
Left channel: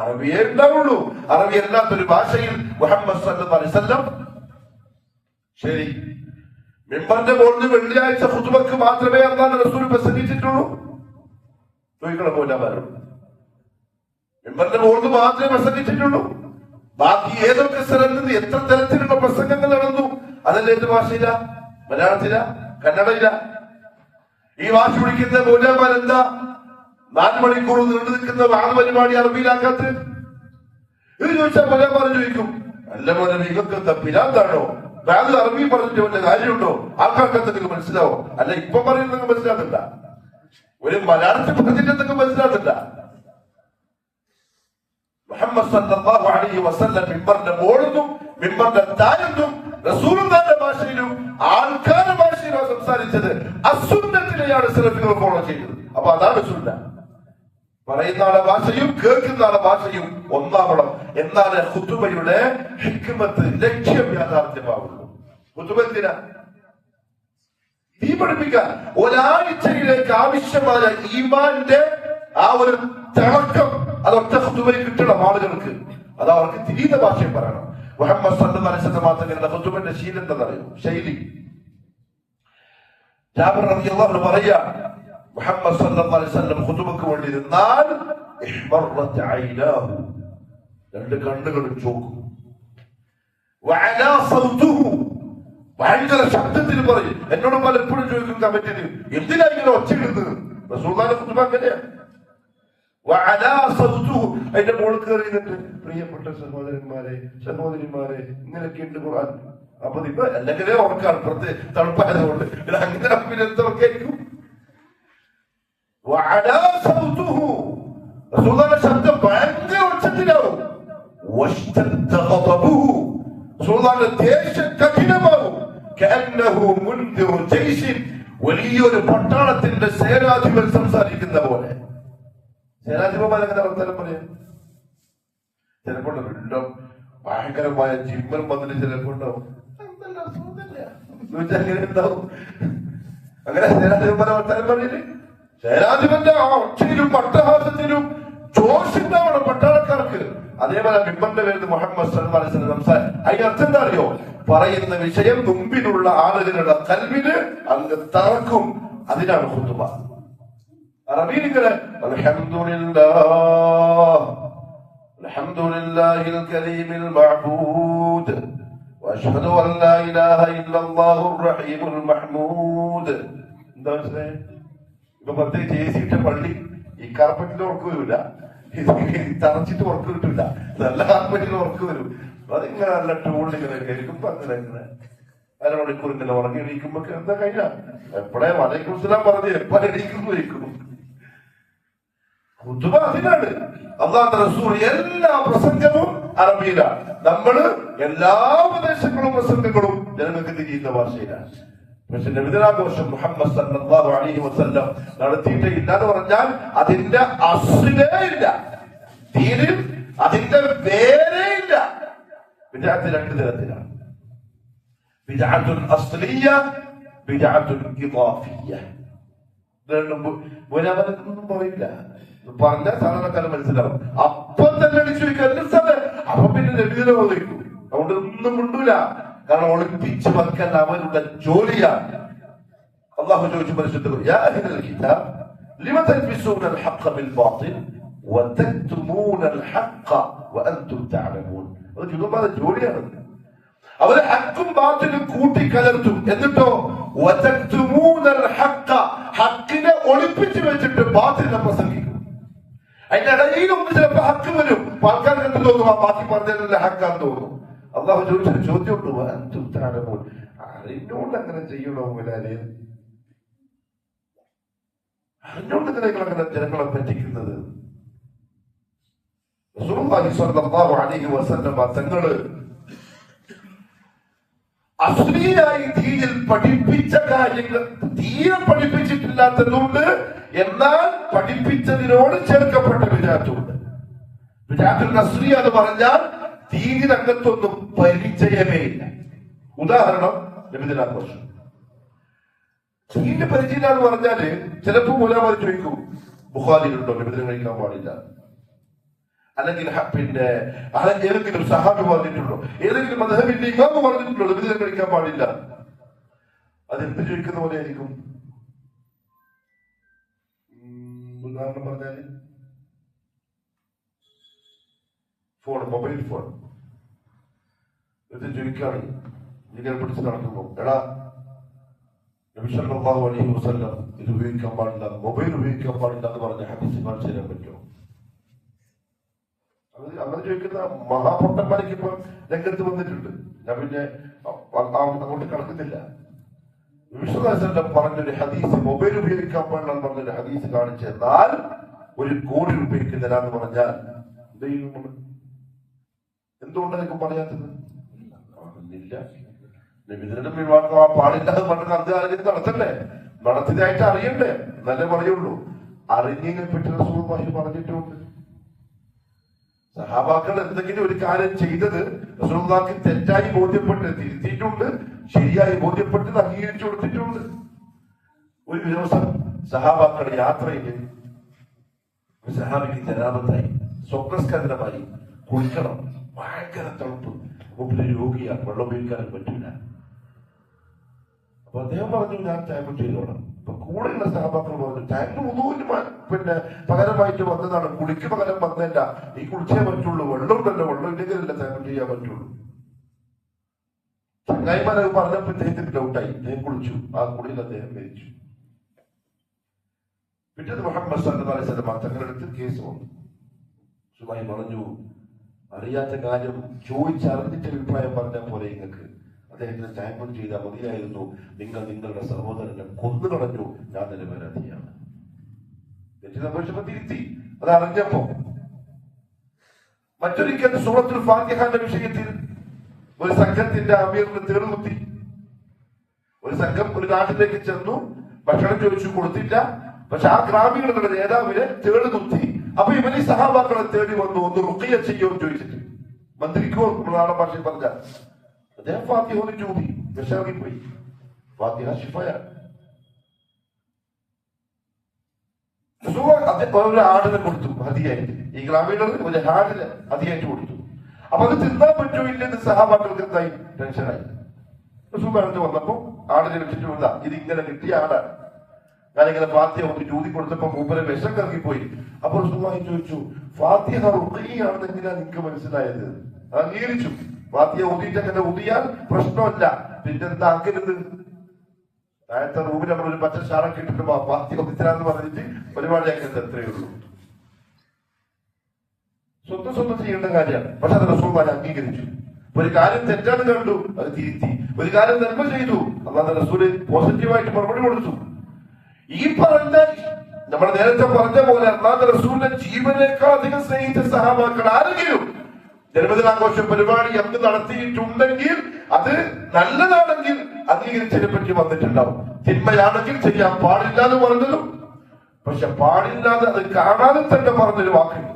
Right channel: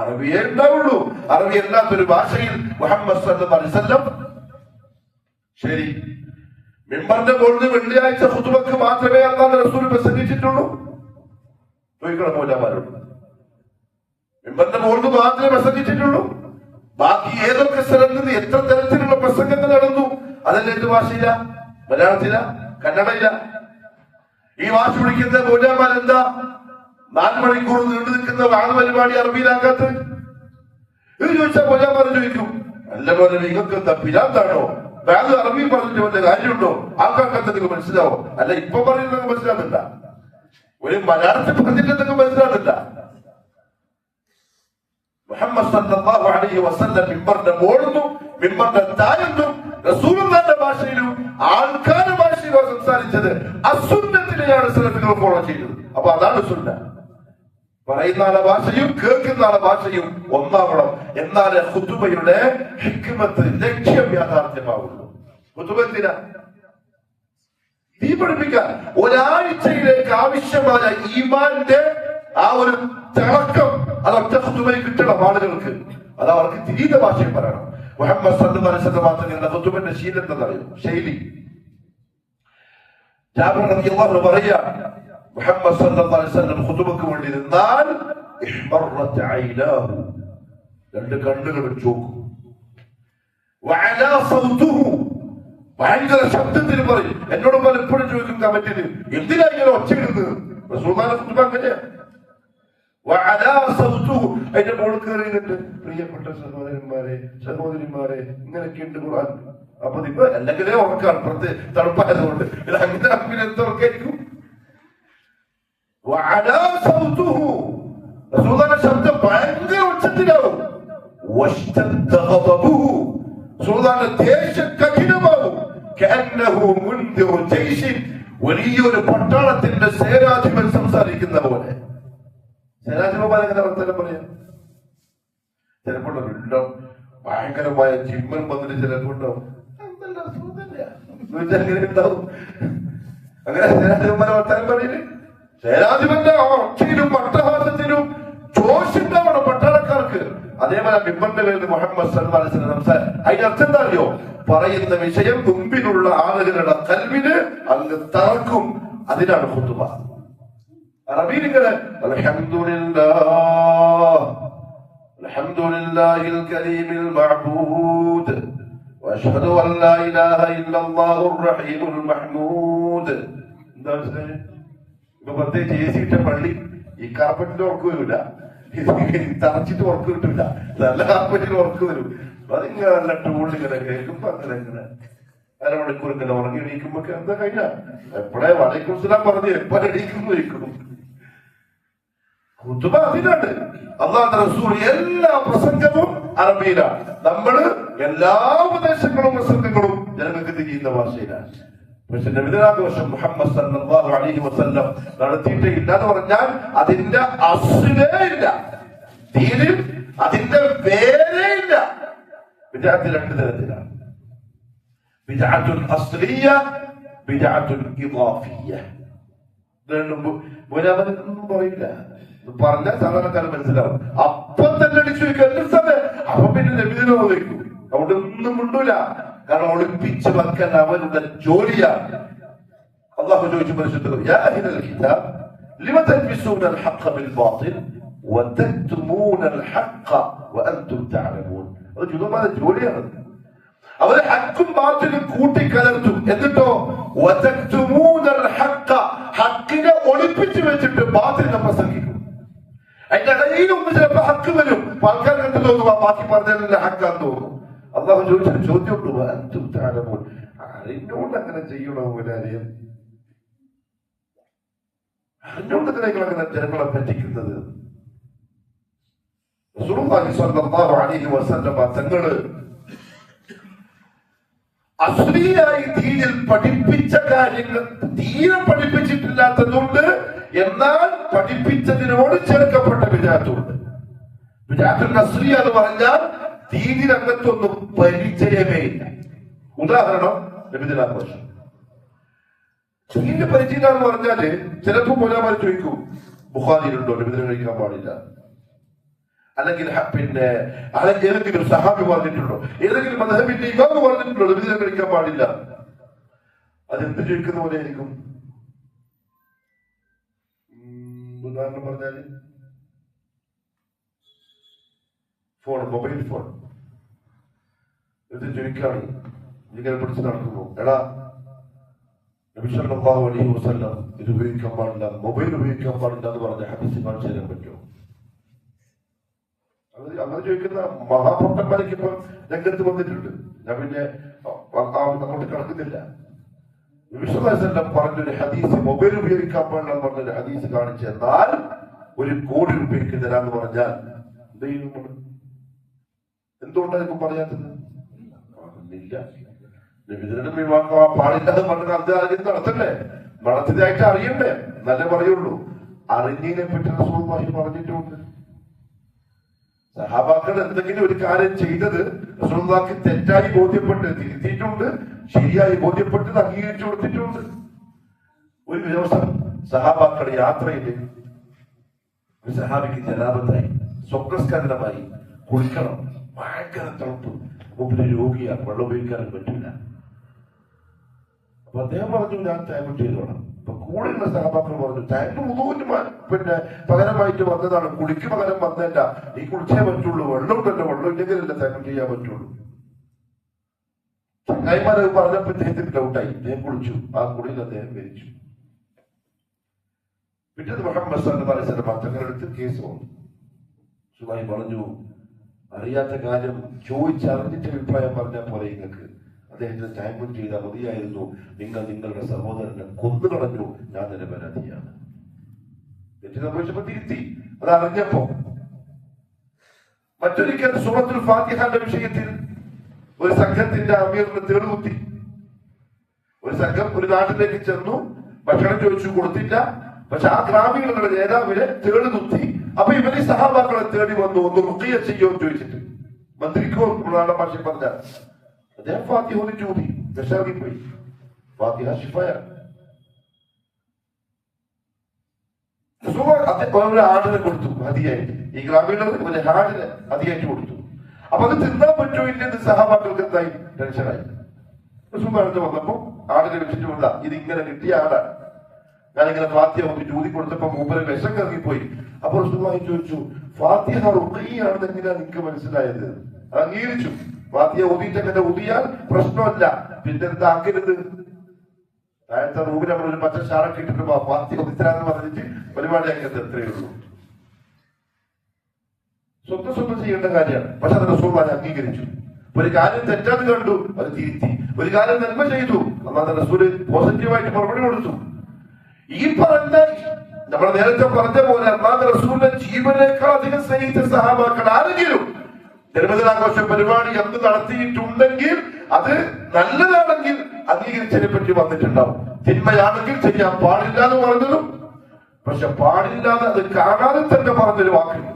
അറബിയേ ഉണ്ടാവുള്ളൂ. അറബി അല്ലാത്തൊരു ഭാഷയിൽ മുഹമ്മദ് സല്ലല്ലാഹു അലൈഹി വസല്ലം ശരി മിമ്പറിന്റെ മുകളിൽ വെള്ളിയാഴ്ച ഖുതുബക്ക് മാത്രമേ അല്ലാഹു റസൂൽ പ്രസംഗിച്ചിട്ടുള്ളൂ? ചോദിക്കണം മൗലമാരോട്. മിമ്പറിന്റെ മുകളിൽ മാത്രമേ പ്രസംഗിച്ചിട്ടുള്ളൂ? ബാക്കി ഏതൊക്കെ സ്ഥലത്ത് നിന്ന് എത്ര തരത്തിലുള്ള പ്രസംഗങ്ങൾ നടന്നു? അതല്ല ഏത് ഭാഷയില? മലയാളത്തില? കന്നഡയില? ഈ ഭാഷ വിളിക്കുന്ന മൗലമാർ എന്താ 4 മണിക്കൂർ നീണ്ടു നിൽക്കുന്ന വാദ പരിപാടി അറബിയിലാക്കാത്ത? ഇത് ചോദിച്ചാൽ മൗലമാർ ചോദിക്കും, അല്ല പോലെ നിങ്ങൾക്ക് എന്താ പിരാന്താണോ? വേറെ അറബി പറഞ്ഞിട്ട് വല്ല കാര്യമുണ്ടോ? ആൾക്കാർക്ക് എന്തെങ്കിലും മനസ്സിലാവോ? അല്ല ഇപ്പൊ പറയുന്നത് മനസ്സിലാകുന്നില്ല, ഒരു മലയാളത്തിൽ പറഞ്ഞിട്ട് എന്തെങ്കിലും മനസ്സിലാകുന്നില്ല. മുഹമ്മദ് സല്ലല്ലാഹു അലൈഹി വസല്ലം മിമ്പറിന്റെ മുകളിലും മിമ്പറിന്റെ താഴത്തും റസൂലുള്ളാഹിന്റെ ഭാഷയിലും ആൾക്കാരുടെ ഭാഷയിലും സംസാരിച്ചത്. അസുന്നത്തിനെയാണ് സലഫുകൾ ഫോളോ ചെയ്തത്. അപ്പൊ അതാണ് സുന്ന. പറയുന്ന ആളെ ഭാഷയും കേൾക്കുന്ന ആളെ ഭാഷയും ഒന്നാവണം. എന്നാലേ ഖുതുബയുടെ ഹിക്മത്ത്, ലക്ഷ്യം യാഥാർത്ഥ്യമാവുള്ളൂ. ഖുതുബത്തിന തീ പഠിപ്പിക്കാൻ ഒരാഴ്ചയിലേക്ക് ആവശ്യമായ ഈമാന്റെ ആ ഒരു തിളക്കം അതൊക്കെ ഖുതുബയിൽ കിട്ടണം ആളുകൾക്ക്. അത് അവർക്ക് തിരിയുന്ന ഭാഷയിൽ പറയണം. മുഹമ്മദ് സല്ലല്ലാഹു അലൈഹി വസല്ലം മാത്രമല്ല ഖുതുബിന്റെ ശീലം എന്താണെന്നറിയോ? ശൈലി. ജാബിർ റളിയല്ലാഹു അൻഹു പറയാ, മുഹമ്മദ് സല്ലല്ലാഹു അലൈഹി വസല്ലം ഖുതുബക്ക് വേണ്ടി നിന്നാൽ ഇഹ്മറത് ഐനാഹു, 2 കണ്ണുകൾ ചോക്കും. വഅലാ സൗതുഹു, ഭയങ്കര ശബ്ദത്തിൽ പറയും. എന്നോട് പലപ്പോഴും ചോദിക്കും കമന്റിന്, എന്തിനാ ഇങ്ങനെ ഒച്ചയിടുന്നത്? റസൂലുള്ളാഹിന്റെ ഖുതുബ അങ്ങനെയാണ്. അതിന്റെ മോൾ കയറിയിട്ട് പ്രിയപ്പെട്ട സഹോദരന്മാരെ സഹോദരിമാരെ ഇങ്ങനെയൊക്കെയുണ്ട് ഖുർആൻ. അപ്പൊ ഇപ്പൊ അല്ലെങ്കിലേ ഉറക്കാണ്, തണുപ്പായതുകൊണ്ട് അങ്ങനെ പിന്നെ എന്തൊക്കെയായിരിക്കും. റസൂലുള്ളാഹിന്റെ ശബ്ദം ഭയങ്കര ഉച്ചത്തിലാവും. ദേഷ്യം കഠിനമാവും. വലിയൊരു പട്ടാളത്തിന്റെ സേനാധിപൻ സംസാരിക്കുന്ന പോലെ. സേനാധിപന്മാരെങ്ങനെ വർത്തമാനം പറയാം? ചിലപ്പോൾ വീണ്ടും ഭയങ്കരമായ ജിമ്മൻ വന്നിട്ട് ചിലപ്പോൾ അങ്ങനെ ഉണ്ടാവും. അങ്ങനെ സേനാധിപന്മാരെ വർത്തമാനം പറയില്ലേ? സേനാധിപന്റെ ഒച്ചയിലും അട്ടഹാസത്തിലും ജോഷിണ്ടാവണം പട്ടാളക്കാർക്ക്. അതേപോലെ ബിംബന്റെ പേരിൽ മുഹമ്മദ് സല്ലല്ലാഹു അലൈഹി വസല്ലം സംസാരം. അതിനർത്ഥം എന്താ അറിയോ? പറയുന്ന വിഷയം മുമ്പിലുള്ള ആളുകളുടെ കൽവിന് അങ്ങ് തറക്കും. അതിനാണ് ഖുതുബ. അറബിയിൽ ഇങ്ങനെ അൽഹംദുലില്ലാഹിൽ കരീമിൽ മഅബൂദ് വഅശ്ഹദു അൻ ലാ ഇലാഹ ഇല്ലല്ലാഹുർ റഹീമുൽ മഹ്മൂദ്. എന്താ മനസ്സിലായത്? ഇപ്പൊ പ്രത്യേകിച്ച് ഏസിയിട്ട പള്ളി ഈ കാർപ്പറ്റിന്റെ ഉറക്ക് വരില്ല, തറച്ചിട്ട് ഉറക്ക് കിട്ടില്ല, നല്ല കാർപ്പറ്റിന് ഉറക്ക് വരും. അതിങ്ങനെ നല്ല ടൂളിങ്ങനെ കേൾക്കുമ്പോ അങ്ങനെ അരമണിക്കൂർ ഇങ്ങനെ ഉറങ്ങി എണീക്കുമ്പോ എന്താ കഴിഞ്ഞ എപ്പോഴേ വലൈക്കുസ്സലാം പറഞ്ഞ് എപ്പോഴും എണീക്കുന്നു. ഖുതുബ അതിനാണ്. അല്ലാഹുവിന്റെ റസൂൽ എല്ലാ പ്രസംഗവും അറബിയിലാണ്. നമ്മള് എല്ലാ ഉപദേശങ്ങളും പ്രസംഗങ്ങളും ജനങ്ങൾക്ക് തിരിയുന്ന ഭാഷയിലാണ്. പക്ഷെ നബിദിനാഘോഷം മുഹമ്മദ് സല്ലല്ലാഹു അലൈഹി വസല്ലം നടത്തിയിട്ടേ ഇല്ല എന്ന് പറഞ്ഞാൽ അതിന്റെ അസ്ലേ ഇല്ല, ദീനിൽ അതിന്റെ വേരേ ഇല്ല. ബിദ്അത്ത് രണ്ട് തരത്തിലാണ്. ബിദ്അത്തുൽ അസ്ലിയ, ബിദ്അത്തുൽ ഇദാഫിയ. ഒന്നും പറയില്ല, പറഞ്ഞാൽ സാധാരണക്കാരൻ മനസ്സിലാവും. അപ്പം തന്നെ അടിച്ചു വയ്ക്കാൻ അപ്പൊ പിന്നെ നബിദിനം ഒതുക്കും. അതുകൊണ്ട് ഒന്നും മിണ്ടൂല. കാരണം ഒളിപ്പിച്ച് വെക്കാൻ അവരുടെ ജോലിയാണ്. അല്ലാഹു ചോദിച്ചു പരിശുദ്ധ യാ അഹ്ലൽ കിതാബ് ലിമ തൽബിസൂന അൽ ഹഖ് ബിൽ ബാതിൽ വതക്തുമൂന അൽ ഹഖ് വഅൻതും തഅലമൂൻ. അത് ജുദുമാരുടെ ജോലിയാണ്. അവര് ഹക്കും ബാത്തിലും കൂട്ടിക്കലർത്തും. എന്നിട്ടോ വതക്തുമൂന അൽ ഹഖ്, ഹക്കിനെ ഒളിപ്പിച്ച് വെച്ചിട്ട് ബാത്തിനെ പ്രസംഗിക്കും. അതിന്റെ ഇടയിലൊന്ന് ചിലപ്പോ ഹക്ക് വരും. ആൾക്കാർ കണ്ടു തോന്നുന്നു ബാക്കി പറഞ്ഞാൽ ഹക്കാന്ന് തോന്നുന്നു. അള്ളാഹു ചോദിച്ചൊരു ചോദ്യമുണ്ട്, അറിഞ്ഞോണ്ട് അങ്ങനെ ചെയ്യണോ? അറിഞ്ഞോണ്ട് നിങ്ങൾ അങ്ങനെ ജനങ്ങളെ പറ്റിക്കുന്നത്? റസൂലുള്ളാഹി സ്വല്ലല്ലാഹു അലൈഹി വസല്ലം തങ്ങള് അസ്ലീയായി ദീനിൽ പഠിപ്പിച്ച കാര്യങ്ങൾ തീരെ പഠിപ്പിച്ചിട്ടില്ലാത്തതുണ്ട്. എന്നാൽ പഠിപ്പിച്ചതിനോട് ചേർക്കപ്പെട്ട ബിദ്അത്തുണ്ട്. ബിദ്അത്തുൽ അസ്ലിയ എന്ന് പറഞ്ഞാൽ ദീനിനകത്തൊന്നും പരിചയമേ ഇല്ല. ഉദാഹരണം നബിദിനാഘോഷം. ദീനിന്റെ പരിചയം എന്ന് പറഞ്ഞാല് ചിലപ്പോ മുലാമാർ ചോദിക്കും, ബുഖാരിയിലുണ്ടോ നബിദിനം കഴിക്കാൻ പാടില്ല? അല്ലെങ്കിൽ പിന്നെ ഏതെങ്കിലും സഹാബി പറഞ്ഞിട്ടുണ്ടോ? ഏതെങ്കിലും മദ്ഹബിന്റെ ഇമാമ് പറഞ്ഞിട്ടുണ്ടോ നബിദിനം കഴിക്കാൻ പാടില്ല? അതെന്ത് ചോദിക്കുന്ന പോലെ ആയിരിക്കും. ഉദാഹരണം പറഞ്ഞാല് ഫോൺ, മൊബൈൽ ഫോൺ ഇത് ചോദിക്കാണ്, ഇങ്ങനെ പിടിച്ച് നടക്കുന്നു. എടാ നബി സല്ലല്ലാഹു അലൈഹി വസല്ലം ഇത് ഉപയോഗിക്കാൻ പാടില്ല, മൊബൈൽ ഉപയോഗിക്കാൻ പാടില്ല എന്ന് പറഞ്ഞ ഹദീസ് കാണിച്ചു തരാൻ പറ്റുമോ? അങ്ങനെ ചോദിക്കുന്ന മഹാപൊട്ടന്മാർക്ക് ഇപ്പൊ രംഗത്ത് വന്നിട്ടുണ്ട്. ഞാൻ പിന്നെ അങ്ങോട്ട് കടക്കുന്നില്ല. നബി സല്ലല്ലാഹു അലൈഹി വസല്ലം പറഞ്ഞൊരു ഹദീസ് മൊബൈൽ ഉപയോഗിക്കാൻ പാടില്ല എന്ന് പറഞ്ഞൊരു ഹദീസ് കാണിച്ചു തന്നാൽ 1 കോടി രൂപയ്ക്ക് തരാമെന്ന് പറഞ്ഞാൽ എന്ത് ചെയ്യുന്നു? എന്തുകൊണ്ടായിരിക്കും പറയാത്തത്? ഇല്ല, നബിദിനം ഒഴിവാക്കാൻ പാടില്ല എന്ന് പറഞ്ഞ അർത്ഥം നടത്തണ്ടേ? നടത്തിയതായിട്ട് അറിയണ്ടേ? നല്ല പറയുള്ളൂ. അറിഞ്ഞതിനെ പറ്റി റസൂലുള്ളാഹി പറഞ്ഞിട്ടുണ്ട്. സഹാബാക്കൾ എന്തെങ്കിലും ഒരു കാര്യം ചെയ്തത് റസൂലുള്ളാഹിക്ക് തെറ്റായി ബോധ്യപ്പെട്ട് തിരുത്തിയിട്ടുണ്ട്, ശരിയായി ബോധ്യപ്പെട്ടത് അംഗീകരിച്ചു കൊടുത്തിട്ടുണ്ട്. ഒരു ദിവസം സഹാബാക്കൾ യാത്രയിൽ സഹാബിക്ക് ജനാബത്തായി, സ്വപ്നസ്കന്ധനമായി, കുളിക്കണം, ഭയങ്കര തണുപ്പ്, മുമ്പിൽ രോഗിയാണ്, വെള്ളം ഉപയോഗിക്കാനും പറ്റില്ല. അപ്പൊ അദ്ദേഹം പറഞ്ഞു ഞാൻ ടൈം ചെയ്തോളാം. അപ്പൊ കൂടെയുള്ള സഹപാത്രം പറഞ്ഞു ടൈം പിന്നെ പകരമായിട്ട് വന്നതാണ്, കുളിക്ക് പകരം വന്നല്ല, ഈ കുളിച്ചേ പറ്റുള്ളൂ, വെള്ളം ഉണ്ടല്ലോ, വെള്ളം ഇല്ലെങ്കിലല്ല ടൈം ചെയ്യാൻ പറ്റുള്ളൂ. ചങ്ങായിമാരെ പറഞ്ഞപ്പോ അദ്ദേഹത്തിന് ഡൗട്ടായി. അദ്ദേഹം കുളിച്ചു, ആ കുളിയിൽ അദ്ദേഹം മരിച്ചു. പിറ്റേന്ന് മുഹമ്മദ് സല്ലല്ലാഹു അലൈഹി വസല്ലം തങ്ങളെടുത്ത് കേസ് വന്നു. സുബൈ പറഞ്ഞു, അറിയാത്ത കാര്യം ചോദിച്ചറിഞ്ഞിട്ട് അഭിപ്രായം പറഞ്ഞാൽ പോലെ നിങ്ങൾക്ക് അദ്ദേഹത്തിന് ടാമ്പർ ചെയ്താൽ മതിയായിരുന്നു. നിങ്ങൾ നിങ്ങളുടെ സഹോദരനെ കൊന്നു കളഞ്ഞു, ഞാൻ തന്നെ പരാതിയാണ്. തെറ്റ് സംഭവിച്ചപ്പോ തിരുത്തി. അത് അറിഞ്ഞപ്പോ മറ്റൊരിക്കൽ സൂറത്തുൽ ഫാത്തിഹയുടെ വിഷയത്തിൽ ഒരു സംഘത്തിന്റെ അമീറിന് തേടുകുത്തി. ഒരു സംഘം ഒരു നാട്ടിലേക്ക് ചെന്നു, ഭക്ഷണം ചോദിച്ചു, കൊടുത്തില്ല. പക്ഷെ ആ ഗ്രാമീണരുടെ നേതാവിനെ തേടുകുത്തി. അപ്പൊ ഇവര് സഹാബാക്കളെ തേടി വന്നു, ഒന്ന് റുഖിയ ചെയ്യുമെന്ന് ചോദിച്ചിട്ട്. മന്ത്രിക്കോ നാടൻ ഭാഷയിൽ പറഞ്ഞ അദ്ദേഹം ഫാത്തിഹ ഓതി ഊതി വിഷമിപ്പോയി. ഫാത്തിഹ ശിഫയാണ്. ഒരു ആടിനെ കൊടുത്തു ഹദിയായിട്ട്. ഈ ഗ്രാമീണർ ഒരു ആടിനെ ഹദിയായിട്ട് കൊടുത്തു. അപ്പൊ അത് തിന്നാൻ പറ്റുമോ ഇല്ലെന്ന് സഹാബാക്കൾക്ക് എന്തായി ടെൻഷനായി. വന്നപ്പോ ആടിനെ വെച്ചിട്ട് വന്ന ഇതിങ്ങനെ കിട്ടിയ ആടാണ്. ഞാനിങ്ങനെ ഫാത്തിഹ ഓതി ഊതി കൊടുത്തപ്പോ മൂപ്പരെ വിഷം കറങ്ങിപ്പോയി. അപ്പൊ റസൂലുള്ളാഹി ചോദിച്ചു, ഫാത്തിഹ റുഖിയാണെന്ന് എങ്ങനെയാ നിങ്ങൾക്ക് മനസ്സിലായത്? അംഗീകരിച്ചു. ഫാത്തിഹ ഊതിയിട്ട് അങ്ങനെ ഊതിയാൽ പ്രശ്നമല്ല, പിന്നെന്താ ആക്കരുത്? താഴത്തെ റൂമിൽ നമ്മൾ ഒരു പച്ച ഷാളൊക്കെ ഇട്ടിട്ട് ഫാത്തിഹ ഊതിത്തരാന്ന് പറഞ്ഞിട്ട് പരിപാടിയാക്കരുത്, അത്രയേ ഉള്ളൂ. സ്വന്തം ചെയ്യേണ്ട കാര്യമാണ്. പക്ഷെ അത് റസൂലുള്ളാഹി അംഗീകരിച്ചു. ഒരു കാര്യം തെറ്റാണ് കണ്ടു, അത് തിരുത്തി. ഒരു കാര്യം നന്മ ചെയ്തു, അല്ലാതെ റസൂല് പോസിറ്റീവായിട്ട് മറുപടി കൊടുത്തു. ഈ പറഞ്ഞ നമ്മൾ നേരത്തെ പറഞ്ഞ പോലെ അല്ലാതെ റസൂലിന്റെ ജീവനേക്കാൾ അധികം സ്നേഹിച്ച സഹാബാക്കൾ ആരെങ്കിലും ജന്മദിനാഘോഷ പരിപാടി അന്ന് നടത്തിയിട്ടുണ്ടെങ്കിൽ അത് നല്ലതാണെങ്കിൽ അംഗീകരിച്ചതിനെ പറ്റി വന്നിട്ടുണ്ടാവും. തിന്മയാണെങ്കിൽ ചെയ്യാൻ പാടില്ല എന്ന് പറഞ്ഞതും, പക്ഷെ പാടില്ലാതെ അത് കാണാതെ തന്നെ പറഞ്ഞൊരു വാക്കുണ്ട്.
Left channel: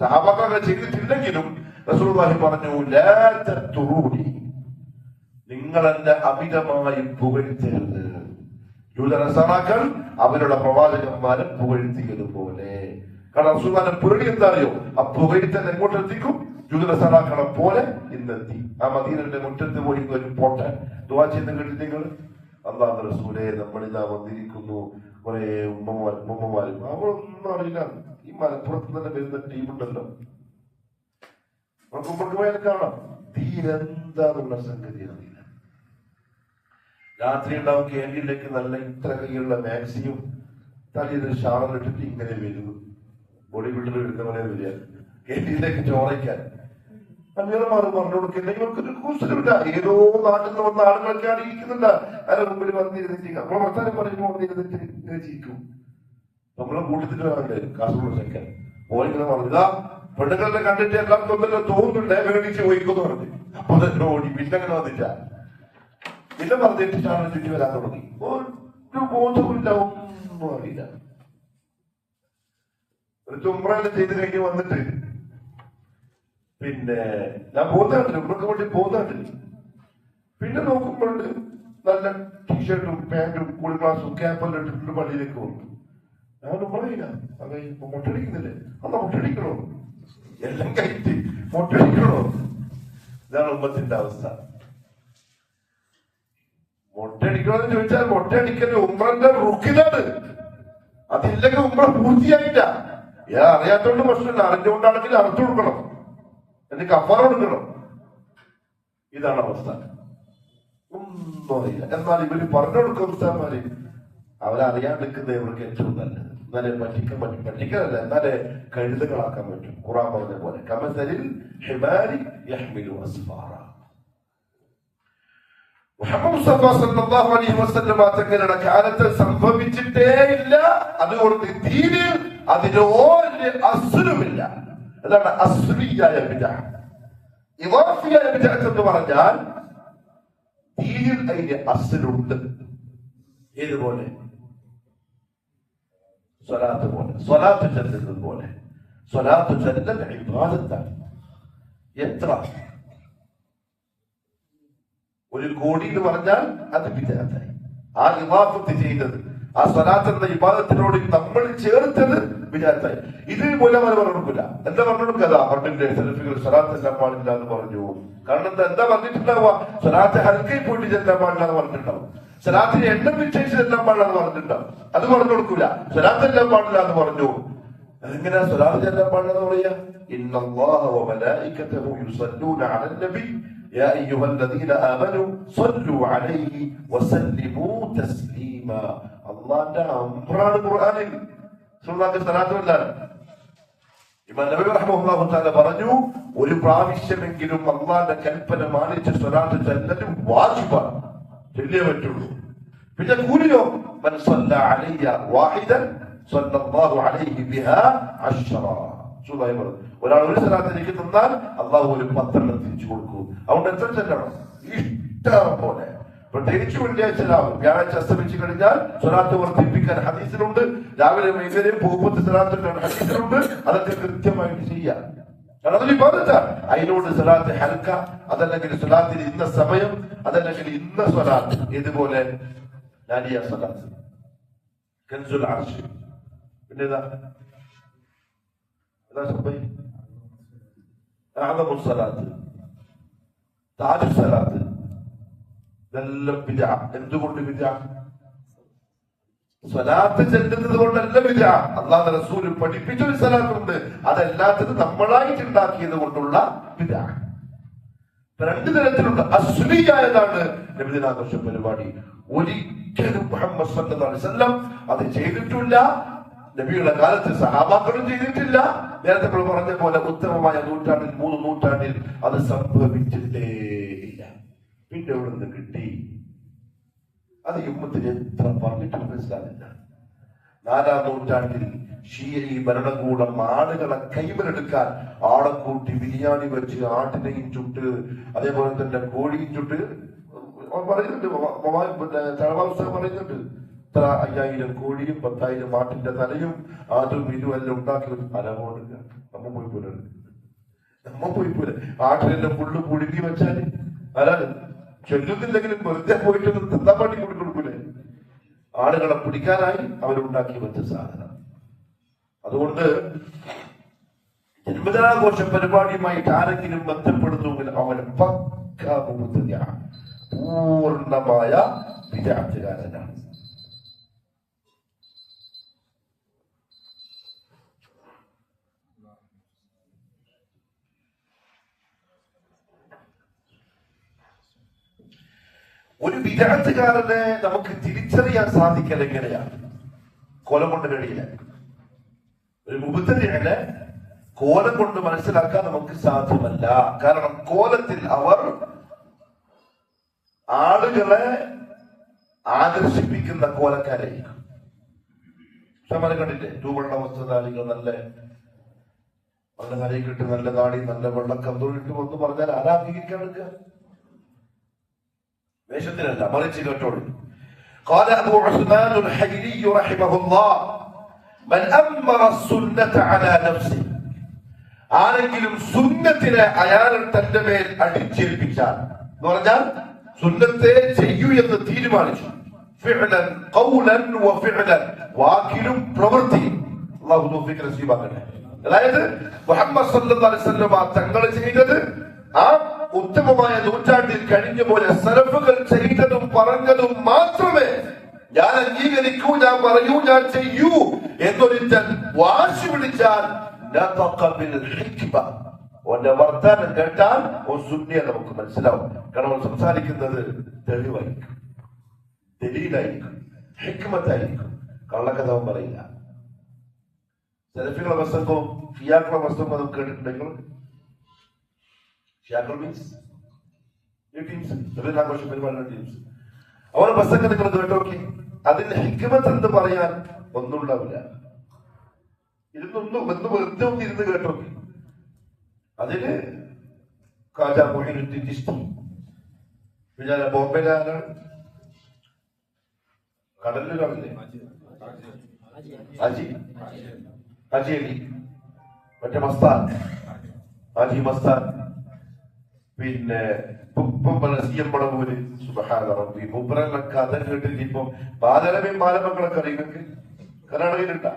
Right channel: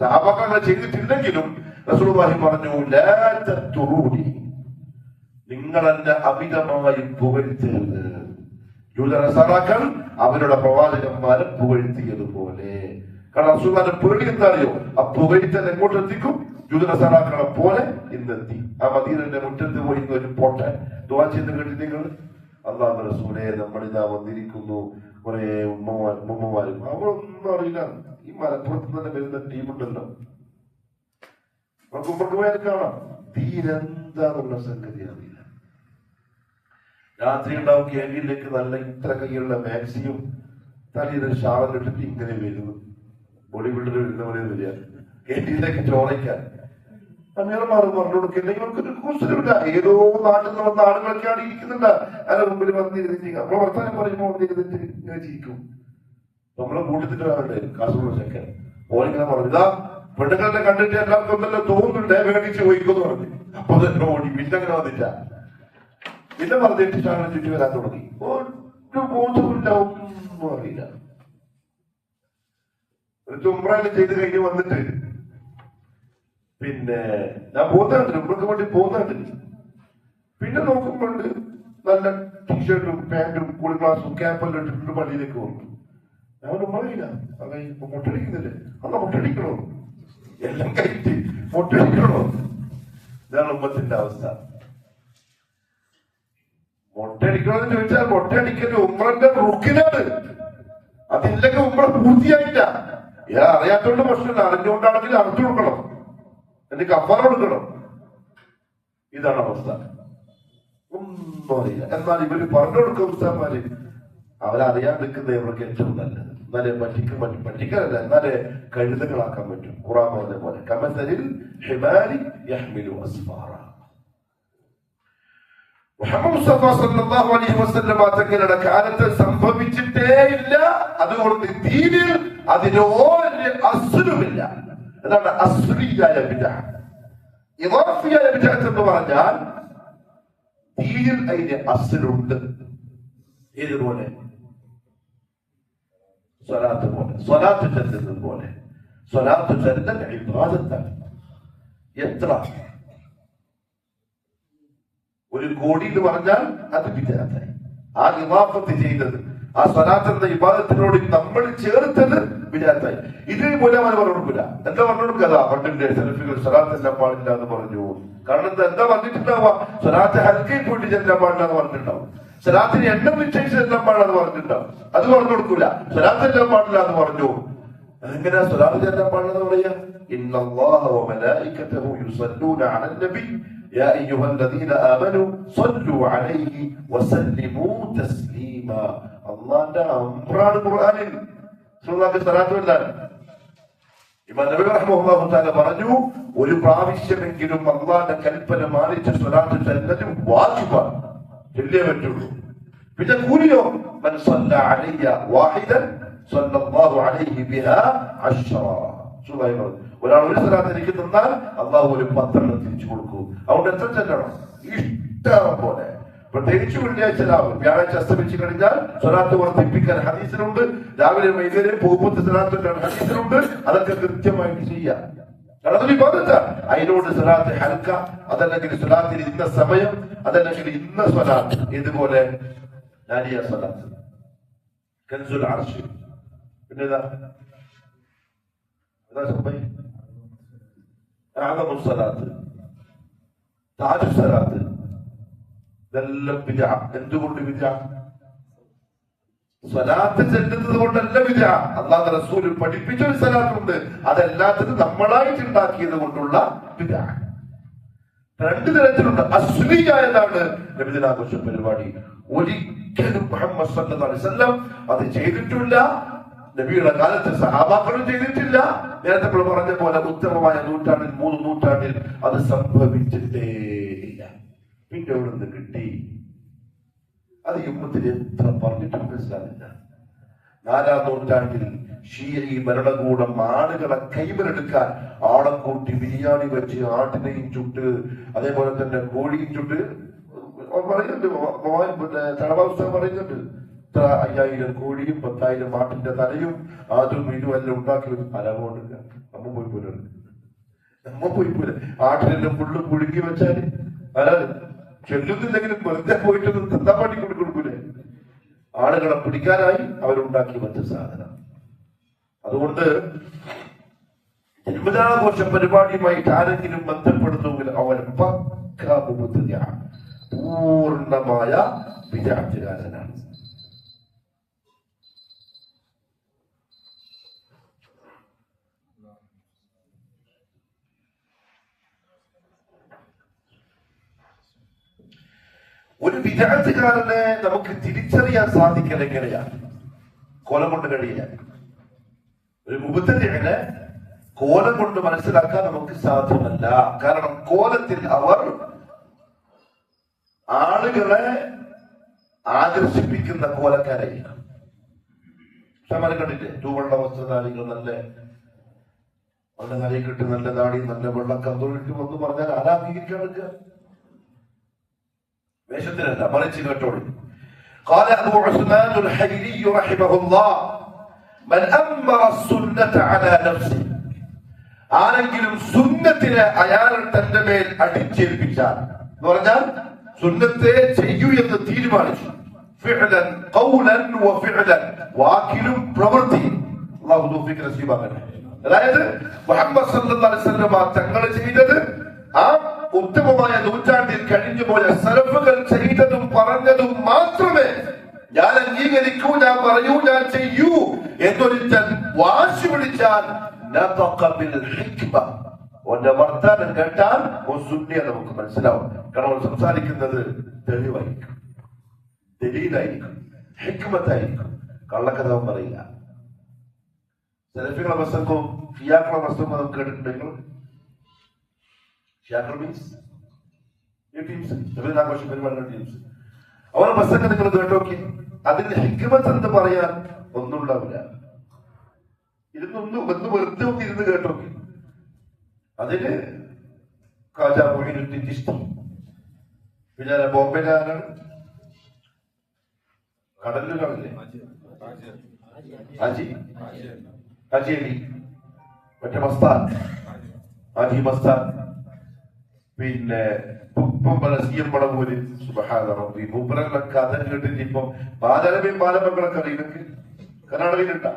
സഹാബാക്കൾ ചെയ്തിട്ടില്ലെങ്കിലും റസൂലുള്ളാഹി പറഞ്ഞു, ലാ തത്തുറൂനി, നിങ്ങൾ എന്നെ അമിതമായി പുകഴ്ത്തരുത്. ജൂതനസാറാക്കൾ അവരുടെ പ്രവാചകന്മാരെ പുകഴ്ത്തിയതുപോലെ. കാരണം റസൂലുള്ളാഹിന്റെ പേടി എന്താണെയോ, ആ പുകഴ്ത്തൽ എങ്ങോട്ട് എത്തിക്കും? ജൂതനസാറാക്കളെ പോലെ ഇന്നെത്തി. ആ മദീനയുടെ മുറ്റത്ത് പോയി ഒരു പോട്ടെ ദുആ ചെയ്ത് കേട്ടി നിങ്ങൾ, അല്ലാഹുവിന്റെ റസൂലേ, നമ്മളിതാ വന്നിരിക്കുന്നു കുറെ ഉമ്മമാരും അവളൊന്നും അറിയില്ല. ഈ മലപ്പുറത്ത് തന്നെ വരുന്ന ടീമുണ്ടല്ലോ, അവർക്ക് കൊണ്ടുപോയാൽ കാണാം തീരെന്താന്നുള്ള സംഗതി അറിയില്ല. രാത്രി ഉണ്ടാവും ക്യാൻറ്റീനിലേക്ക് നല്ല ഇത്ര കൈയുള്ള മാക്സിയും തലയിലൊരു ഷാളിട്ടിട്ട് ഇങ്ങനെ വരുന്നു. ബോഡി ബിൽഡർ വരുന്നവരെ വരിക ക്യാൻറ്റീനിലേക്ക് ചോറയ്ക്കാൻ. അമ്മമാർ പറഞ്ഞു കൊടുക്കില്ല, ഇവർക്കൊരു കൂസലുണ്ട. ഏതോ നാട്ടിൽ നിന്ന് വന്ന ആളുകളൊക്കെയാണ് ഇരിക്കുന്നുണ്ട് അതിന്റെ മുമ്പിൽ വന്നിരുന്നിട്ട്. അപ്പോൾ വർത്താനം പറയുമ്പോൾ വന്നിരുന്നിട്ട് ഇങ്ങനെ ചിരിക്കും. നമ്മളെ കൂട്ടത്തിട്ട് വേണ്ടേ കാസർഗോഡ് ചെക്കൻ ഓരിങ്ങനെ പറഞ്ഞു, ഇതാ പെണ്ണുങ്ങളെ കണ്ടിട്ട് എല്ലാവർക്കും എന്തെല്ലാം തോന്നുന്നുണ്ട്, വേണിച്ച് പോയിക്കൊന്ന് പറഞ്ഞു. അപ്പൊ തന്നെ ഓടി. പിന്നെ അങ്ങനെ വന്നില്ല. പിന്നെ പറഞ്ഞിട്ട് ഷാളെ ചുറ്റി വരാൻ തുടങ്ങി. ഒരു ബോധമില്ല, ഒന്നും അറിയില്ല. ഒരു ചുമ്പ്രെല്ലാം ചെയ്ത് കഴിഞ്ഞ് വന്നിട്ട് പിന്നെ ഞാൻ പോകുന്നുണ്ട്, ഇവർക്ക് വേണ്ടി പോകുന്നുണ്ട്. പിന്നെ നോക്കുമ്പോണ്ട് നല്ല ടീഷർട്ടും പാന്റും കൂളി ഗ്ലാസും ക്യാപ്പെല്ലാം ഇട്ടിട്ടുണ്ട് പള്ളിയിലേക്ക് പോകുന്നു. ഞാൻ പറയില്ല, അതെ ഇപ്പൊ മുട്ടടിക്കുന്നില്ലേ, അല്ല മുട്ടടിക്കണോ, എല്ലാം കഴിച്ച് മുട്ടടിക്കണോ? ഇതാണ് ഉമ്മത്തിന്റെ അവസ്ഥ. മുട്ടടിക്കണമെന്ന് ചോദിച്ചാൽ മുട്ടടിക്കല് ഉമ്രന്റെ റുക്കിനാണ്. അതില്ലെങ്കിൽ ഉമ്ര പൂർത്തിയായില്ല. അറിയാത്തോണ്ട് പ്രശ്നമില്ല, അറിഞ്ഞുകൊണ്ടാണെങ്കിൽ അർത്ഥം കൊടുക്കണം, എന്നിട്ട് കഫാറ കൊടുക്കണം. ഇതാണ് അവസ്ഥ. ഒന്നും അറിയില്ല. എന്നാൽ ഇവര് പറഞ്ഞു കൊടുക്കുന്ന ഉസ്താദ്മാര് അവരറിയാൻ നിൽക്കുന്നത് ഇവർക്ക് ഏറ്റവും നല്ലത്. എന്നാലേ പറ്റിക്കലല്ല, എന്നാലേ കഴുതുകളാക്കാൻ പറ്റും. ഖുർആൻ പറഞ്ഞ പോലെ കമസലിൽ ഹിമാരി യഹ്മിലു അസ്ഫാറ. മുഹമ്മദ് മുസ്തഫ സല്ലല്ലാഹു അലൈഹി വസല്ലം തങ്ങളുടെ കാലത്ത് സംഭവിച്ചിട്ടേ ഇല്ല. അതുകൊണ്ട് ദീനിൽ അതിന് ഒരു അസ്ലുമില്ല. അതാണ് അസ്ലിയായ ബിദ്അ. ഇളാഫിയായ ബിദ്അ എന്ന് പറഞ്ഞാൽ ദീനിൽ അതിന് അസ്ലുണ്ട്. ഇതുപോലെ സ്വലാത്ത് പോലെ, സ്വലാത്ത് ചൊല്ലുന്നത് പോലെ. സ്വലാത്ത് ചൊല്ലൽ ഇബാദത്താണ്. എത്ര ഒരു കോടി എന്ന് പറഞ്ഞാൽ അത് ബിദ്അത്തായി. ആ ഇളാഫത്ത് ചെയ്തത്, ആ സ്വലാത്ത് എന്ന ഇബാദത്തിനോട് നമ്മൾ ചേർത്തത് ബിദ്അത്തായി. ഇതേപോലെ അവർ പറഞ്ഞിട്ടില്ല. എന്താ പറഞ്ഞിട്ടും കഥ പണ്ടിന്റെ സെൽഫികൾ സ്വലാത്ത് എല്ലാം പാടില്ല എന്ന് പറഞ്ഞു. കാരണം എന്താ പറഞ്ഞിട്ടുണ്ടാവുക? സ്വലാത്ത് ഹൽക്കയിൽ പോയിട്ട് ചെല്ലാൻ പാടില്ല എന്ന് പറഞ്ഞിട്ടുണ്ടാവും. സ്വലാത്തിന് എണ്ണം നിശ്ചയിച്ച് ചെല്ലാൻ പാടില്ലെന്ന് പറഞ്ഞിട്ടുണ്ടാവും. അത് പറഞ്ഞു കൊടുക്കൂല. സ്വലാത്ത് എല്ലാം പാടില്ല എന്ന് പറഞ്ഞു. അതെങ്ങനെയാ സ്വലാത്ത് ചെല്ലാൻ പാടില്ലെന്ന് പറയാ? ഇന്നല്ലാഹ വ മലായികതഹു യുസല്ലൂന അലൻ നബി യാ അയ്യുഹല്ലദീന ആമനൂ സ്വല്ലൂ അലൈഹി വസല്ലിമൂ തസ്ലീമാ. അള്ളാന്റെ അമ്രാണ് ഖുർആനിൽ സ്വലാത്തുമില്ലാണ്. ഇമാം നബവി റഹ്മത്തുള്ളാഹി തആല പറഞ്ഞു, ഒരു പ്രാവശ്യമെങ്കിലും അള്ളാന്റെ കൽപ്പന മാനിച്ച് സ്വലാത്ത് ചൊല്ലൽ വാജിബാണ്, ചൊല്ലിയേ പറ്റുള്ളൂ. പിന്നെ കൂലിയോ, മൻ സല്ല അലയ്യ വാഹിദൻ സല്ലല്ലാഹു അലൈഹി ബിഹാ അശ്റ. ഒരാൾ ഒരു സ്വലാത്ത് എനിക്ക് തന്നാൽ അള്ളാഹു ഒരു 10 തിരിച്ചു കൊടുക്കും. അതുകൊണ്ട് എത്ര ചെല്ലണം? ഇഷ്ടം പോലെ. പ്രത്യേകിച്ച് വെള്ളിയാഴ്ച രാവിലെ, വ്യാഴാഴ്ച അസ്തമിച്ചു കഴിഞ്ഞാൽ സ്വലാത്ത് വർദ്ധിപ്പിക്കാൻ ഹദീസിലുണ്ട്. രാവിലെ വൈകുന്നേരം പോകുമ്പോൾ സ്വലാത്ത് ഹദീസിലുണ്ട്. അതൊക്കെ കൃത്യമായിട്ട് ചെയ്യാം. കാരണം അതൊരു ഇബാദത്താണ്. അതിനോട് സ്വലാത്ത് ഹൽക്ക, അതല്ലെങ്കിൽ സ്വലാത്തിന് ഇന്ന സമയം, അതല്ലെങ്കിൽ ഇന്ന സ്വലാത്ത്. ഇതുപോലെ നാരിയ സ്വലാത്ത്, കൻസുൽ അർശ്, പിന്നെ ഏതാ സമയം, അഅ്ളമു സ്വലാത്ത്, താജു സ്വലാത്ത്, ഇതെല്ലാം ബിദ്അ. എന്തുകൊണ്ട് ബിദ്അ? സ്വലാത്ത് ചെല്ലുന്നത് കൊണ്ടല്ല ബിദ്അ. അല്ലാഹു റസൂൽ പഠിപ്പിച്ച ഒരു സ്വലാത്തുണ്ട്, അതല്ലാത്തത് നമ്മളായിട്ട് ഉണ്ടാക്കിയത് കൊണ്ടുള്ള ബിദ്അ. 2 തരത്തിലുണ്ട്. അസ്ലിയായതാണ് നബിദിനാഘോഷ പരിപാടി. ഒരിക്കലും മുഹമ്മദ് സല്ലല്ലാഹു അലൈഹി വസല്ലം അത് ചെയ്തിട്ടില്ല. നബിയുടെ കാലത്ത് സഹാബാക്കളും ചെയ്തിട്ടില്ല. നേരത്തെ പറഞ്ഞ പോലെ ഉത്തമമായ നൂറ്റാണ്ടിൽ 3 നൂറ്റാണ്ടിൽ അത് സംഭവിച്ചിട്ടേ ഇല്ല. പിന്നെ ഇവിടെ നിന്ന് കിട്ടി. അത് യുദ്ധത്തിൽ എത്ര പറഞ്ഞിട്ട് മനസ്സിലാവില്ല. 4-ാം നൂറ്റാണ്ടിൽ ഷീഈ ഭരണകൂടം ആളുകളെ കൈവരെടുക്കാൻ ആളെ കൂട്ടി ബിരിയാണി വെച്ച് ആട്ടിനെയും ചുട്ട് അതേപോലെ തന്നെ കോഴിയും ചുട്ട് പറയുന്നുണ്ട്. തഴവാവസ്ഥ പറയുന്നുണ്ട്. ഇത്ര 5000 കോഴിയും 10,000 ആട്ടിന്റെ തലയും അതും ഇതും എല്ലാം ഉണ്ടാക്കി അലവോടുക. നമ്മ പോയി പോലെ ആട്ടിനെല്ലാം ഫുള്ള് പുഴുങ്ങി വെച്ചാല് അല്ലാതെ ചൊല്ലുന്നില്ലെങ്കിലും വെറുതെ പോയിട്ട് തിന്നാൻ വേണ്ടി കൊടുക്കൂലേ. ആളുകളെ പിടിക്കാനായി അവരുണ്ടാക്കി വെച്ച സാധനം. അതുകൊണ്ട് ജന്മദിനാഘോഷ പരിപാടിയുമായിട്ട് ആരെങ്കിലും ബന്ധപ്പെടുന്നെങ്കിൽ അവൻ പക്കാ മുബ്തദിഅ, പൂർണ്ണമായ വിദഅത്തുകാരനാണ്. ഒരു വിദഅത്തുകാരനെ നമുക്ക് തിരിച്ചറിയാൻ സാധിക്കൽ എങ്ങനെയാണ്? കോലം കൊണ്ട് കഴിയില്ല. ഒരു മുബ്തദിഅനെ കോലം കൊണ്ട് മനസ്സിലാക്കാൻ നമുക്ക് സാധ്യമല്ല. കാരണം കോലത്തിൽ അവർ ആളുകളെ ആകർഷിപ്പിക്കുന്ന കോലക്കാരായിരിക്കും. സമരം കണ്ടില്ലേ? തൂവെള്ള വസ്ത്രധാരികൾ, നല്ല കരയിൽ കിട്ടി നല്ല താടി, നല്ല വെള്ളക്കന്തോളിക്കും എന്ന് പറഞ്ഞാൽ ആരാധിക്കാൻ വേഷത്തിനല്ല, മറിച്ച് കേട്ടോളൂ. قال أبو عثمان الحجري رحمه الله من أمر السنة على نفسه. ആരെങ്കിലും സുന്നത്തിനെ അയാൾ തന്റെ മേൽ അടിച്ചേൽപ്പിച്ചാൽ എന്ന് പറഞ്ഞാൽ സുന്നത്തെ ചെയ്യൂ എന്ന് തീരുമാനിച്ചു. ഫിഅലൻ ഖൗലൻ വഫിഅലൻ, വാക്കിലും പ്രവൃത്തിയും. അല്ലാഹു തൗഫീഖ് നസീബാക്കട്ടെ. അതായത് മുഹമ്മദ് സല്ലല്ലാഹു അലൈഹി വസല്ലം തങ്ങൾ ചെയ്തത് ആ ഉത്തമമായ നൂറ്റാണ്ടിൽ കഴിഞ്ഞ പോലെ സലഫുകൾ ചെയ്തതും പറഞ്ഞതും മാത്രമേ ഞാൻ അംഗീകരിക്കൂ, ഞാൻ പറയൂ, ഞാൻ ചെയ്യൂ എന്നൊരുത്തൻ വാശി പിടിച്ചാൽ ഓന്റെ വർത്താനം കേട്ടാൽ സുന്നിയ നമുക്ക് മനസ്സിലാവും. കാരണം സംസാരിക്കുന്നത് തെളിവായിരിക്കും, ദലീലായിരിക്കും, ഹിക്മത്തായിരിക്കും, കള്ളക്കഥ പറയില്ല. സലഫികളുടെ വസ്തുക്കും ഷിയാക്കളുടെ വസ്തുക്കും നമുക്ക് കേട്ടിട്ടുണ്ടെങ്കിൽ ആഘോഷ പരിപാടിയുടെ ടീംസ് അവരുടെ ബസ്സൊക്കെ നിങ്ങൾ കേട്ടോക്കി. അതിന് ഹിക്മത്ത് എന്ന് പറയാൻ ഒന്നും ഉണ്ടാവില്ല. ഒന്ന് വെറുതെ ഒന്ന് ഇരുന്ന് കേട്ടോക്കി. അതിന് ഖാജാ മൊയ്നുദ്ദീൻ ചിശ്തി, പിന്നെ ബോംബെയിലെ ആരാണ്? കടലിൽ കാണില്ലേ ഹാജി അലി, മറ്റേ മസ്താൻ, ഹാജി മസ്താൻ, പിന്നെ മൂപ്പറൊക്കെ കഥ കേട്ടിട്ട് ഇപ്പം ബാലരവിയും ബാലമക്കളൊക്കെ അറിയുന്നത് കർണാടകയിലുണ്ടാ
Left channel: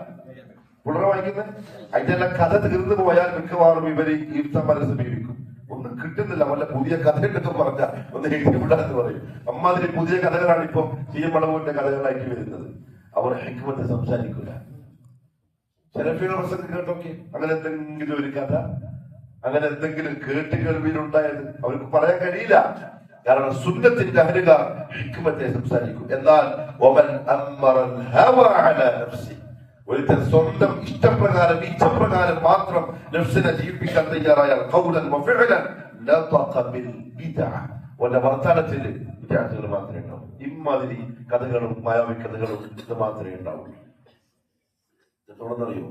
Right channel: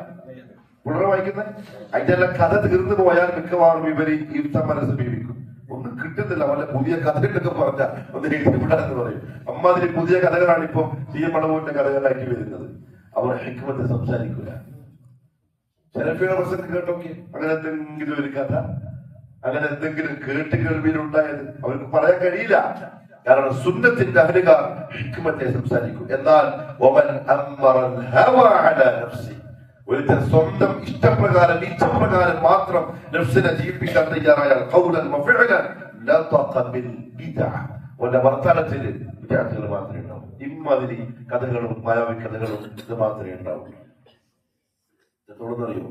പുള്ളറ വായിക്കുന്നത്. അതിന്റെ കഥ തീർന്നു പോയാൽ മിക്കവാറും ഇവര് ഈ സമരം സമീപിക്കും. ഒന്നും കിട്ടുന്നില്ല. വല്ല പുതിയ കഥയുണ്ടൊക്കെ പറഞ്ഞാൽ ഒന്ന് എഴുതിക്കൂടാന്ന് പറയും. അമ്മാതിരി പുതിയ കഥകളാണ് ഇപ്പൊ CM മളവൂരിന്റെ കഥകളായിട്ട് വരുന്നത്. അവർ ഹിക്മത്ത് സംസാരിക്കില്ല. ശരഫിയുടെ പ്രസംഗം കേട്ടോക്കെ അങ്ങനെ എന്തെങ്കിലും ഒരു കഥ, അങ്ങനെ എന്തെങ്കിലും കേട്ട് കേൾവിയിലുണ്ടായത് അവർക്ക് പറയാൻ കഴിയില്ല. കാരണം സുന്നത്തിന്റെ അഹലുകാർ ഹിക്മത്തെ സംസാരിക്കും. എന്നാൽ ഒരുത്തൻ സ്വന്തം ഇഷ്ടപ്രകാരം ഇച്ഛപ്രകാരം മാത്രം നഫ്സിനെ ജീവിപ്പിക്കാൻ തയ്യാറായാൽ ഓന്റെ വർത്തമാനത്തിന് വിദ്യാർത്ഥികൾ മാത്രമേ ഉണ്ടാവൂ. ഇമാതിരി കഥകളും മായാവി കഥകളും ഇത് മാത്രമേ ഉണ്ടാവൂ. തുടർന്നറിയോ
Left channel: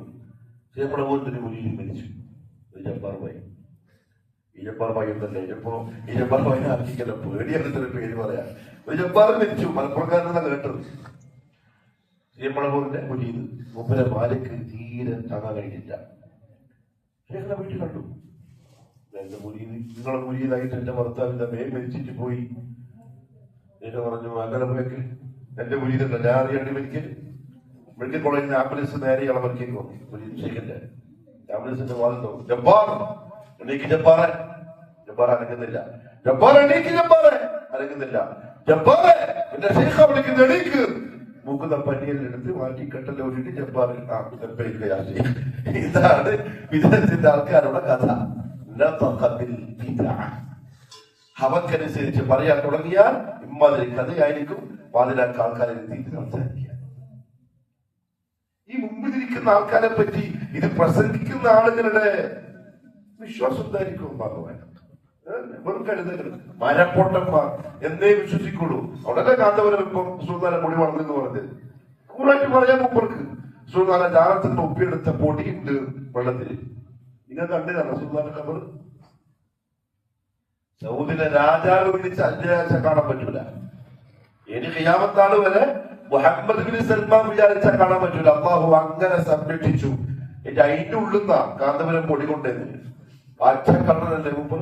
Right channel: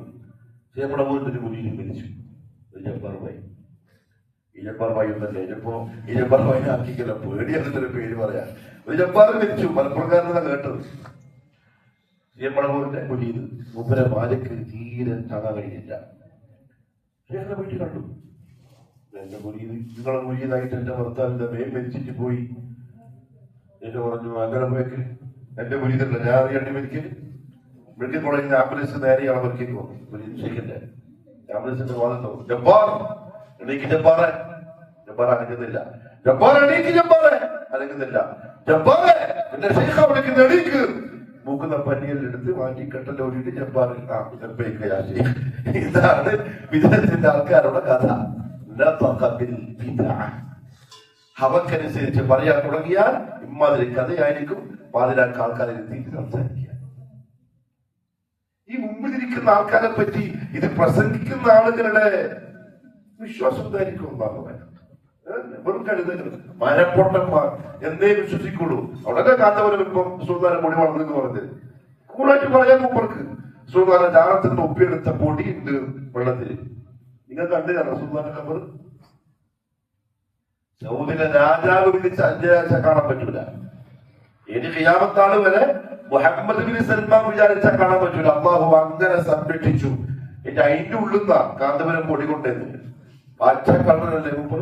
ജയപ്രഭുവിന്റെ മുന്നിൽ മരിച്ചു. ജബ്ബാർഭായി ഇജബ്ബാർഭായി ഒന്നല്ലേ ഇജബ്ബാർഭായി ആക്കിക്കല്ല പേടിയാക്കുന്നൊരു പേര് പറയാം. ജബ്ബാർ മരിച്ചു. മലപ്പുറക്കാരനാണ് കേട്ടത്. ജയപ്രഭുവിന്റെ മുന്നിൽ മുമ്പേ മാലക്ക് തീരെ കാണാൻ കഴിഞ്ഞില്ല. ഞങ്ങളുടെ വീട്ടിൽ കണ്ടു. എന്റെ മുരീത് നിങ്ങളെ മുരീതായിട്ട് എന്റെ ഭർത്താവിന്റെ മേൽ മരിച്ചിട്ട് പോയി. എന്നെ പറഞ്ഞു അങ്ങനെ പോയെങ്കിൽ എന്റെ മുരീതല്ല ഞാൻ അറിയാണ്ട് മെഡിക്കൽ കോളേജിൽ ആംബുലൻസ് നേരെ അളവർക്കേക്ക് പോകും. മുരീദിന്റെ ആംബുലൻസിന്റെ വാദം ജബ്ബാർ എണീക്ക് ജബ്ബാറെ. ജബ്ബാർ അനങ്ങുന്നില്ല. ജബ്ബാർ എണീക്ക് ജബ്ബാറെ. അനങ്ങുന്നില്ല. ജബ്ബാറെ എന്റെ ശൈഖ വിളിക്കുന്ന എണീക്ക്. മൂക്കുന്ന പന്നിയെടുത്ത് മാറ്റി കെട്ടലോടിയിട്ട് ജബ്ബാർ യാത്ര. ഇതാണ് വിദേഹത്തിന്റെ ആൾക്കാരുടെ കഥ. അവക്കനുസരിച്ച് പറയാൻ തുടങ്ങിയാൽ ഇമ്മാതിരി കഥയായിരിക്കും. പാതിരാക്ക് ആൾക്കാരെ എത്തിയിട്ട് സംസാരിക്കുക. ഈ മുമ്പിലിരിക്കുന്ന ആൾക്കാരെ പറ്റി ഇത് പ്രസംഗിക്കുന്ന ആളുകളുടെ വിശ്വാസം എന്തായിരിക്കും? വെറും കഴുതകൾ മരപ്പൊട്ടന്മാർ എന്നേ വിശ്വസിക്കുള്ളൂ. ഉടനെ കാന്തവരം ഇപ്പൊ സുൽത്താന പൊടി വളർന്നെന്ന് പറഞ്ഞത് കൂടായിട്ട് പറയാൻ മുമ്പർക്ക് സുൽത്താന ജാഗ്രത ഒപ്പിയെടുത്ത പൊടിയുണ്ട് വെള്ളത്തിൽ. നിങ്ങൾ കണ്ടതാണ് സുൽത്താന ഖബർ. സൗദിലെ രാജാവ് വിളിച്ച് അഞ്ചാഴ്ച കാണാൻ പറ്റൂല. ഇനി ഖിയാമത്താണ് വരെ മുഹമ്മദ് ബിൻ സൽമാൻ വിചാരിച്ചാൽ കാണാൻ പറ്റൂല. അള്ളാഹു അങ്ങനെ സംരക്ഷിച്ചു. എന്റെ അതിന്റെ ഉള്ളുന്ന കാന്തപുരം പൊടി കൊണ്ടേന്ന് പച്ച കളറല്ലേ മുമ്പ്.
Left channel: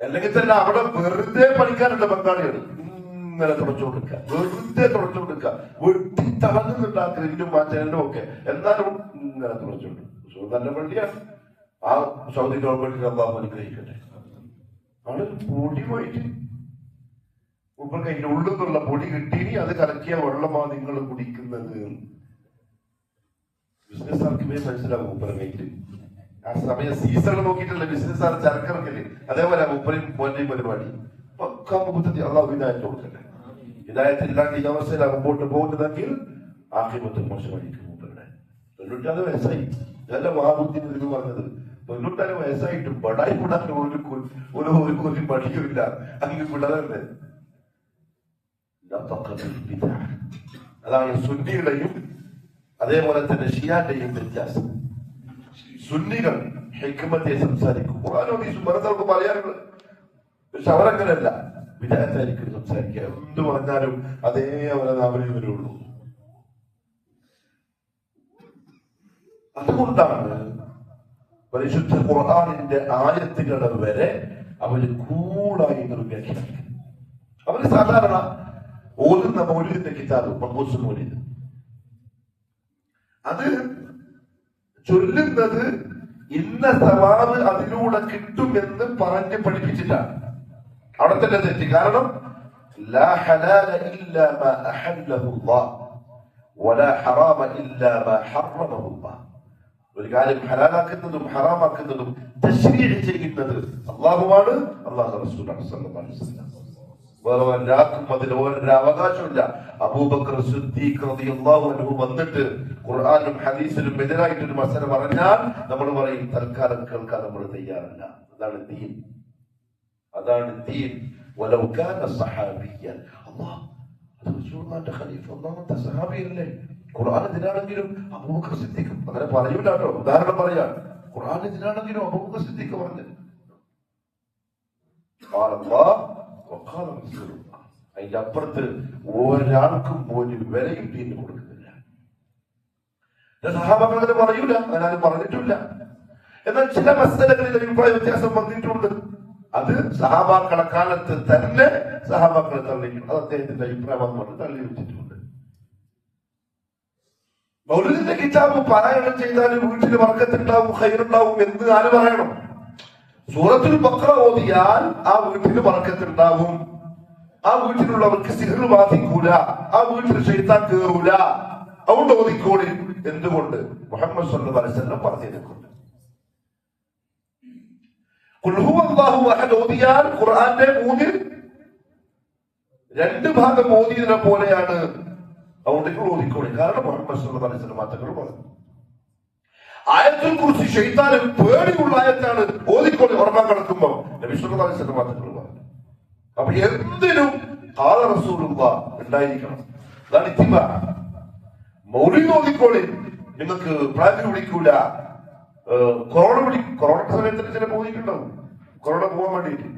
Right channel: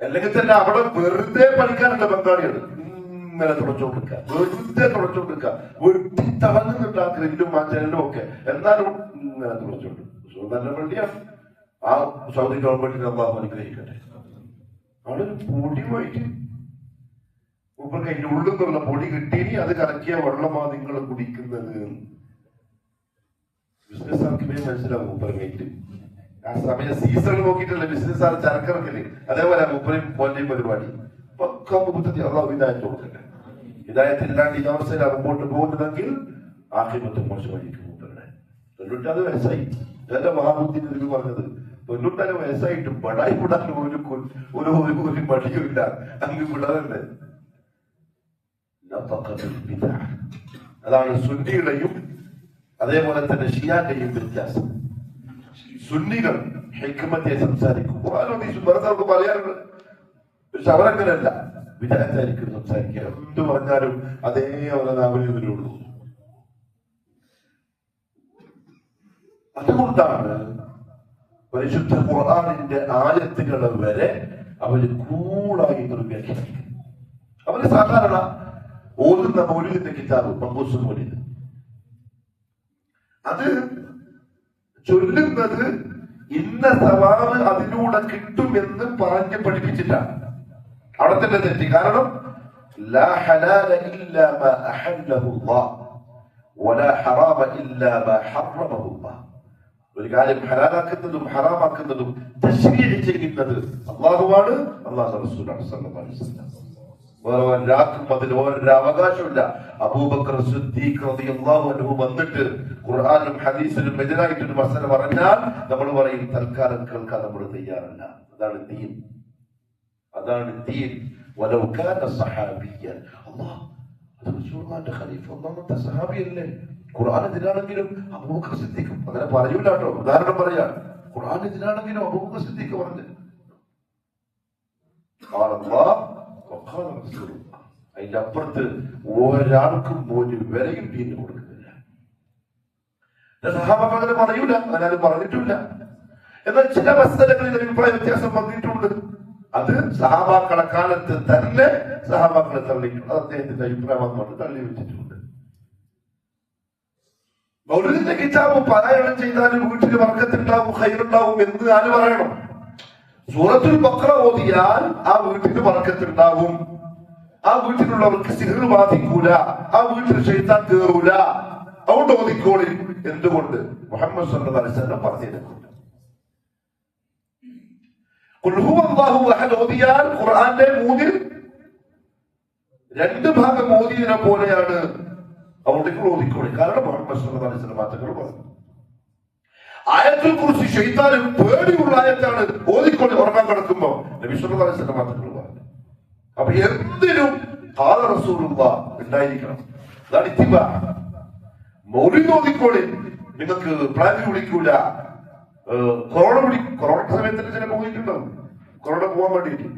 അല്ലെങ്കിൽ തന്നെ അവിടെ വെറുതെ പണിക്കാനുള്ള ബംഗാളികൾ ഇങ്ങനെ തുടച്ചുകൊടുക്കുക, വെറുതെ തുടച്ചുകൊടുക്കുക, വെട്ടി തളർന്നുണ്ടാ ഗ്രില്ലും മാറ്റലും ഒക്കെ. എന്നാലും ഇങ്ങനെ തുടച്ചുകൊടുക്കും. നല്ല പള്ളിയാണ്. ആ സൗദി ഗവൺമെന്റിന് അള്ളാഹു അനുഗ്രഹിക്കട്ടെ. അവിടെ പൊടി പോയിട്ട് മുമ്പ് അതിന്റെ ഉള്ളിൽ നിന്നുള്ള പൊടി കിട്ടി അത് കലക്കിയ വെള്ളമാ നിങ്ങൾ കുടിക്കുന്നത്. ബിസിനസ് ആർക്കുമേ മനസ്സിലാവും മുമ്പറങ്ങായിട്ട്. ആ സമയം സീസൺ നോക്കിയിട്ടല്ല ബിസിനസ് ആർ ചരക്കിറക്കല്. അതേപോലെ മുപ്പരും പോന്റെയും പരിപാടി പക്കാ മുപ്പത്തി അള്ളാഹു ഹിദായത്ത് കൊടുക്കട്ടെ. ഹിദായത്തില്ലാണ്ട് ഈ അവസ്ഥയിലാണ് മുമ്പോട്ട് പോകുന്നതെങ്കിൽ ആഖിബത്ത് മോശമായിരിക്കും. മുമ്പരുടെ 96 വയസ്സായി. ഇതല്ല മഹാബുദ്ധിന് തിരികെ പറഞ്ഞത്. 96 വയസ്സായിട്ടും ബടായി കൂടാൻ ഒരു മടിയുമില്ല. അങ്ങ് പിള്ളേരല്ലേ. അതാണ് സുന്നിയുടെയും അതേപോലെ തന്നെ ഷിയാന്റെയും വ്യത്യാസം. സുന്നികൾ ഹിക്മത്തെ സംസാരിക്കും. ഖുർആനോട് പറയാറുണ്ട്. പക്ഷെ അവരങ്ങനെയല്ല. വിദഗ്ധരായിരിക്കും സംസാരിക്കുക. എന്ത് പറഞ്ഞാലും അതേപോലെ നാവിൽ വരുള്ളൂ. അതുകൊണ്ടാണ് പരിശുദ്ധ ഖുർആനിന്റെ ആയത്തുകൾ വരെ അവര് കൂളായി വ്യാഖ്യാനിക്കും. അവര് സാധാരണ ഓതുന്ന മൗലിദിന്റെ കിതാബ് മഖൂസ് മൗലിദ് അത് ചൊല്ലുന്നത് ഇന്ന സവാബ് അതിലൂടെ കിട്ടുമെന്ന് പറഞ്ഞ് പഠിപ്പിച്ചിട്ടാണ്. അവിടെ തന്നെ തെറ്റി. കാരണം ലാ ഹലാല ഇല്ലാ മാ അഹല്ലഹു അല്ലാഹ് വലാ ഹറാമ ഇല്ലാ മാ ഹറമഹു അല്ലാഹ്. ഒരു കാര്യം ഹലാലാക്കുന്നതും ഹറാമാക്കുന്നതും തശ്രീഅ് ചെയ്യുന്നത് അല്ലാഹുവാണ്, അല്ലാഹുവിന്റെ റസൂലാണ് സല്ലല്ലാഹു അലൈഹി വസല്ലം. വേറെ ഒരാൾക്കും അതിൽ ഒരു അവകാശമില്ല. അബൂബക്കർ സിദ്ദീഖ് റളിയല്ലാഹു അൻഹു വന്നിട്ട് ഖുർആനിലും ഹദീസിലും എതിരായിട്ടൊരു മസല പറഞ്ഞാൽ നമ്മൾ പറയും തൽക്കാലം കേൾക്കാൻ നമ്മൾ തയ്യാറല്ല. അതാണ് ദീൻ. അതാണ് ദീൻ. വലൗ കാന സഹാബിയ്യൻ അല്ലാഹ് റസൂലുള്ളാഹിന്റെ ഖലീഫ ഒന്നാമത്തെ സഹാബിയല്ലേ. ഖുർആൻ ഇതിനാണെങ്കിലും അബൂബക്കർ സിദ്ദീഖ് അങ്ങനെ പറയൂല കേട്ടോ. ഉദാഹരണം പറയാം. ഖുർആൻ ഇതിനാണെങ്കിലും അബൂബക്കർ സിദ്ദീഖ് പറഞ്ഞു അതിന്റെ അപ്പുറത്ത് ഒരാൾക്കും ഒരു വിലയും ദീന് കൊടുക്കുന്നില്ല. സഹാബാക്കൾ അങ്ങനെ പറയൂല, അങ്ങനെ പറഞ്ഞിട്ടില്ല. എന്നാൽ ചില മസലകളിൽ അഭിപ്രായ വ്യത്യാസം വന്നിട്ടുണ്ട്. അത് സഹാബാക്കളെ കാലത്ത് തന്നെ സഹാബാക്കളെ തള്ളിയിട്ടുണ്ട്. അത് അദ്ദേഹത്തിന്റെ അഭിപ്രായം കൊണ്ട് തള്ളി വെച്ചിട്ടുണ്ട്. മൗലിദിന്റെ കിതാബ് പാരായണം ചെയ്താലും വീട്ടിൽ ബർക്കത്തുണ്ടാവും, ഖൈറുണ്ടാവും എന്ന് ആര് പറയണം? സൂറത്തുൽ ബഖറ ഓതിയാൽ ആ വീട്ടിന് ബർക്കത്തുണ്ടാവും, ആ വീട്ടിലുള്ളവർക്ക് സിഹ്ർ ബാധിക്കൂല, ആ വീട്ടിൽ ശൈത്താൻ കേറൂല. അതുകൊണ്ട് ഓതിക്കോളി. എന്തുകൊണ്ട്? മുഹമ്മദ് സല്ലല്ലാഹു അലൈഹി വസല്ലം പറഞ്ഞിട്ടുണ്ട്. ഖുൽ ഹുവല്ലാഹു അഹദ് ഓതിയാൽ ഖുർആന്റെ മൂന്നിൽ 2 ഭാഗം ഓതിയതിനെ പോലെയാണ്. അതുകൊണ്ട് നിങ്ങൾ ഓതിക്കോളി. കാരണം മുഹമ്മദ് സല്ലല്ലാഹു അലൈഹി വസല്ലം മാറ്റങ്ങൾ പറഞ്ഞു. ആയത്തുൽ കുർസി ശൈത്താന് പേടിയുള്ള ആയത്താണ്. ഓതിക്കോളി ഉറങ്ങാൻ കിടക്കുമ്പോ. നബി സല്ലല്ലാഹു അലൈഹി വസല്ലം മാറ്റങ്ങൾ പറഞ്ഞു. അപ്പൊ എന്തിനും ഖാല റസൂലുള്ളാഹ് ഉണ്ടായിരിക്കണം. അതാണ് ഇത്തിബാ. മൗലിദ് ഓതിക്കോളി. നിങ്ങൾക്ക് പ്ലാൻ പിടിക്കൂല. കൊറോണ സമയത്തിന് ചില പോയിട്ടുണ്ടാവും. കൊറോണ പോകാൻ വേണ്ടിയിട്ട്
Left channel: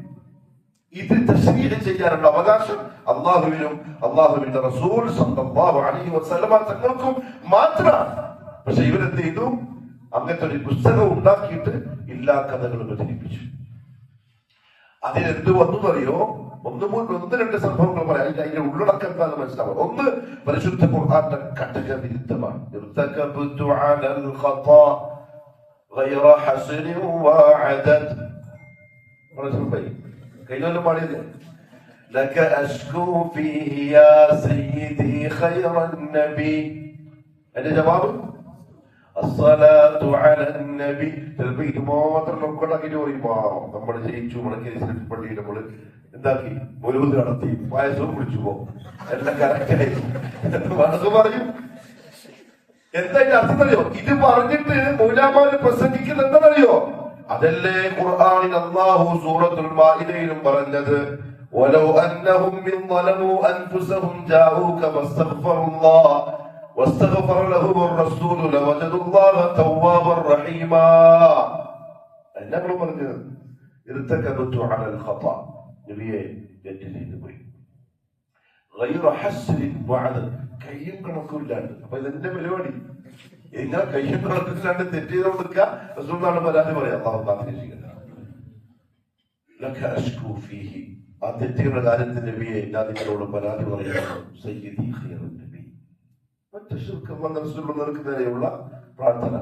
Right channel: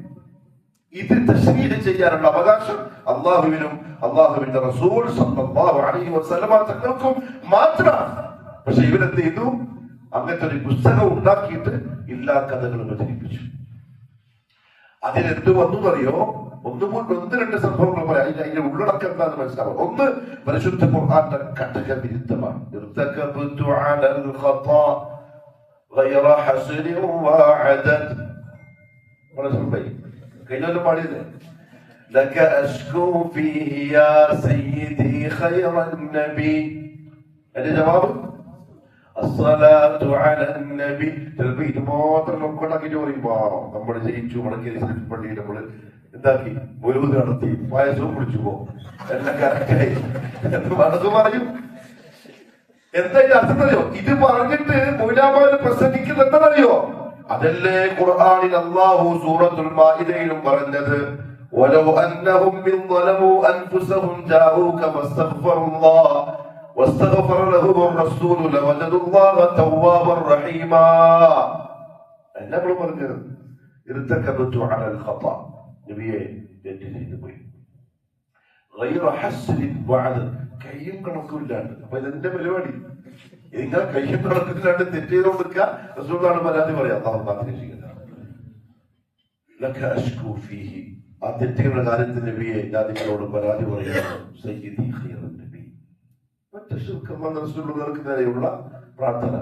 ഇത് തശ്രീഹ് ചെയ്യാനുള്ള അവകാശം അള്ളാഹുവിനും അള്ളാഹുവിന്റെ റസൂൽ സല്ലല്ലാഹു അലൈഹി വസല്ലമ തങ്ങൾക്കും മാത്രമാണ്. പക്ഷെ ഇവരെന്ത് ചെയ്തു? അങ്ങനത്തെ ഒരു പുസ്തകം ഉണ്ടാക്കിയിട്ട് എല്ലാ കഥകളും പ്രചരിപ്പിച്ചു. അതിനെന്ത് വന്നു അറിയോ? ഒന്ന് 2 സംഭവങ്ങൾ പറയാം. അതിന്റെ ഉള്ളടക്കം എന്താണെന്ന് മനസ്സിലാവും. ഒന്ന്, പരിശുദ്ധ ഖുർആന്റെ കഠിന വിരുദ്ധമാണ്. കഴിഞ്ഞ പാടിയത് لك أشكو فيه يا سيدي خير النبي. അതിന്റെ ജവാബ് الصلاة على النبي. ചിലപ്പോ ഇത് മാത്രം നമുക്കുണ്ടാക്കിയിട്ട് പറയുമ്പോ നമ്മൾ ജയിച്ചു മുടക്കിയ പള്ളിയിൽ നമ്മള് എന്താക്കി മൗലൂദ് നടത്തി പായസവും കുടിച്ചു പോകും. എല്ലാം കറക്റ്റായി മനസ്സ് പറയും. എന്താ ഇത് അർത്ഥം അറിയോ? ഇത് പറഞ്ഞിട്ട് മൗലാമാരെ പ്രസംഗിക്കുന്നത് എന്താണെന്നറിയോ? അതല്ലേ ഖുർആനിൽ അല്ലാഹു സൂറത്തുൽ മാഇദയിലും പറഞ്ഞത്, വലൗ അന്നഹും മിൻ ളലമു അൻഫുസഹും ജാഊക വസ്തഗ്ഫറുല്ലാഹ വസ്തഗ്ഫറ ലഹുർ റസൂൽ ലവജദുല്ലാഹ തവ്വാബർ റഹീമാ. എന്നാണ് പറഞ്ഞത്? ഇർതകബതു അലൽ ഖതാ. നബിയെ തെറ്റ് ചെയ്തു പോയി. ഗൈറ ഹസ്രിൻ വഅദ്. കയ്യും കണക്കില്ലാണ്ട്. അപ്പൊ ഇതിന്റെ പരിപാടി ഇങ്ങനെ കയ്യും കണക്കില്ലാണ്ട് തെറ്റ് ചെയ്തുകൊണ്ടിരിക്കുക. റസൂലാണ് പരാതി പറയാം. ആ തെറ്റുകളുടെ കാര്യത്തിൽ നബിയെ ഞാൻ നിങ്ങളോട് പരാതി പറയുന്നു. സയ്യിദി ഖൈറുൻ നബി. മറ്റു റസൂലിന് നേരെയുള്ള പ്രാർത്ഥന.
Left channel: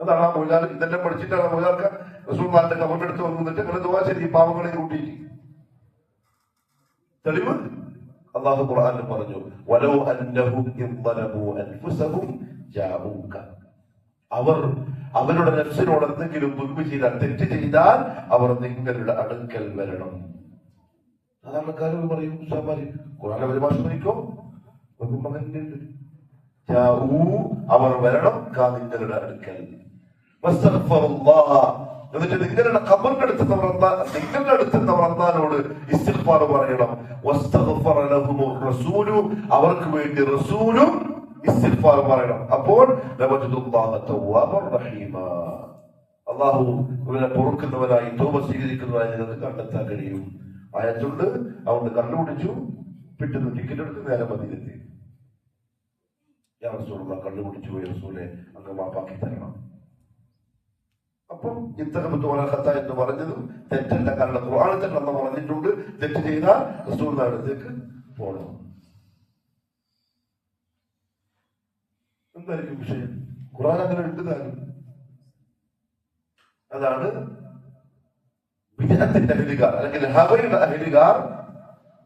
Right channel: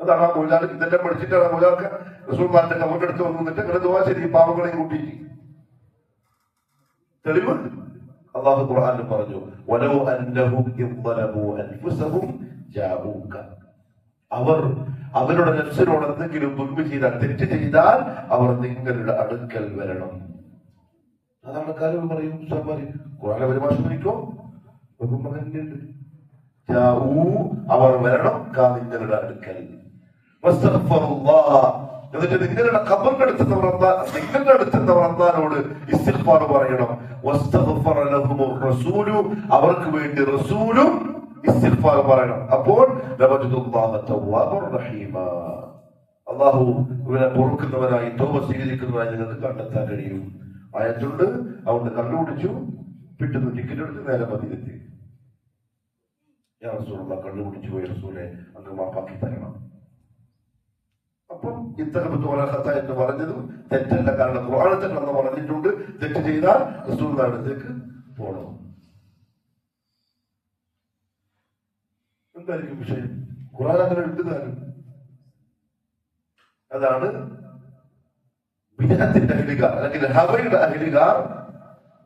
അതാണ് ആ മൗലാൽ ഇതെല്ലാം പഠിച്ചിട്ടാണ് മൗലാക്ക് റസൂലിന്റെ കബറിന്റെ അടുത്ത് വന്നിട്ട് അങ്ങനെ ദുആ ചെയ്ത് ഈ പാവങ്ങളെ കൂട്ടിയിട്ട്. തെളിവ് അല്ലാഹു ഖുർആനിൽ പറഞ്ഞു, വലൗ അന്നഹും യദ്ലമു അൻഫുസഹും ജാഊക. അവർ അവരുടെ നഫ്സിനോട് എന്തെങ്കിലും ദുൽമ ചെയ്താൽ, തെറ്റ് ചെയ്താൽ അവർ നിങ്ങളുടെ അടുക്കൽ വരണം. അതാണ് കാര്യം പറയും. ഖുർആനിലെ പരിഭാഷ നോക്കിക്കോ. അവർ വരണം നിങ്ങളുടെ അടുക്കൽ. എന്നിട്ട് നിങ്ങളുടെ ഖബറിന്റെ അടുത്തുന്നവർ നിങ്ങളുടെ അടുത്തുന്നവർ അല്ലാഹുവോട് ഇസ്തിഗ്ഫാർ പറയണം. വസ്തഗ്ഫറ ലഹുമുർ റസൂലു. അവർക്ക് വേണ്ടി റസൂലും ഇസ്തിഗ്ഫാർ പറയണം. അപ്പോൾ ലവജദുല്ലാഹ തവ്വാബർ റഹീമാ. അല്ലാഹു ഇവരെ പൊറുക്കുന്നവരായി തൗബ സ്വീകരിക്കുന്നവരായി നിങ്ങൾക്ക് കണ്ടെത്താൻ കഴിയും. ആയത്തുണ്ട്. അതുകൊണ്ട് കണ്ടുപിടിച്ചു. പിറ്റുന്ന ടിക്കറ്റ് എടുത്ത് നേരെ മദീനത്തിൽ. യാ റസൂലുള്ളാഹ്, കണ്ടുപിടിച്ചു പോയി റസൂലെ, അങ്ങ് മാപ്പാക്കി തരണം. അപ്പം ഇത്തരത്ത് എന്ന് പറഞ്ഞതും തെറ്റല്ല. കാരണം ഖുർആനിൽ തന്നെ നമ്മൾ പറഞ്ഞിട്ടുണ്ട്, തെറ്റ് ചെയ്താൽ റസൂലുള്ളാഹിയുടെ അടുത്തേക്ക് പോകണം. എന്തായിരിക്കും വിഷയം? ഖുർആൻ അങ്ങനെ എഴുതുന്നാലും അതാണ് വിദഅത്തിന്റെ അഹ്ലുകാർ അല്ലെങ്കിൽ ഹവയുടെ അഹ്ലുകാർ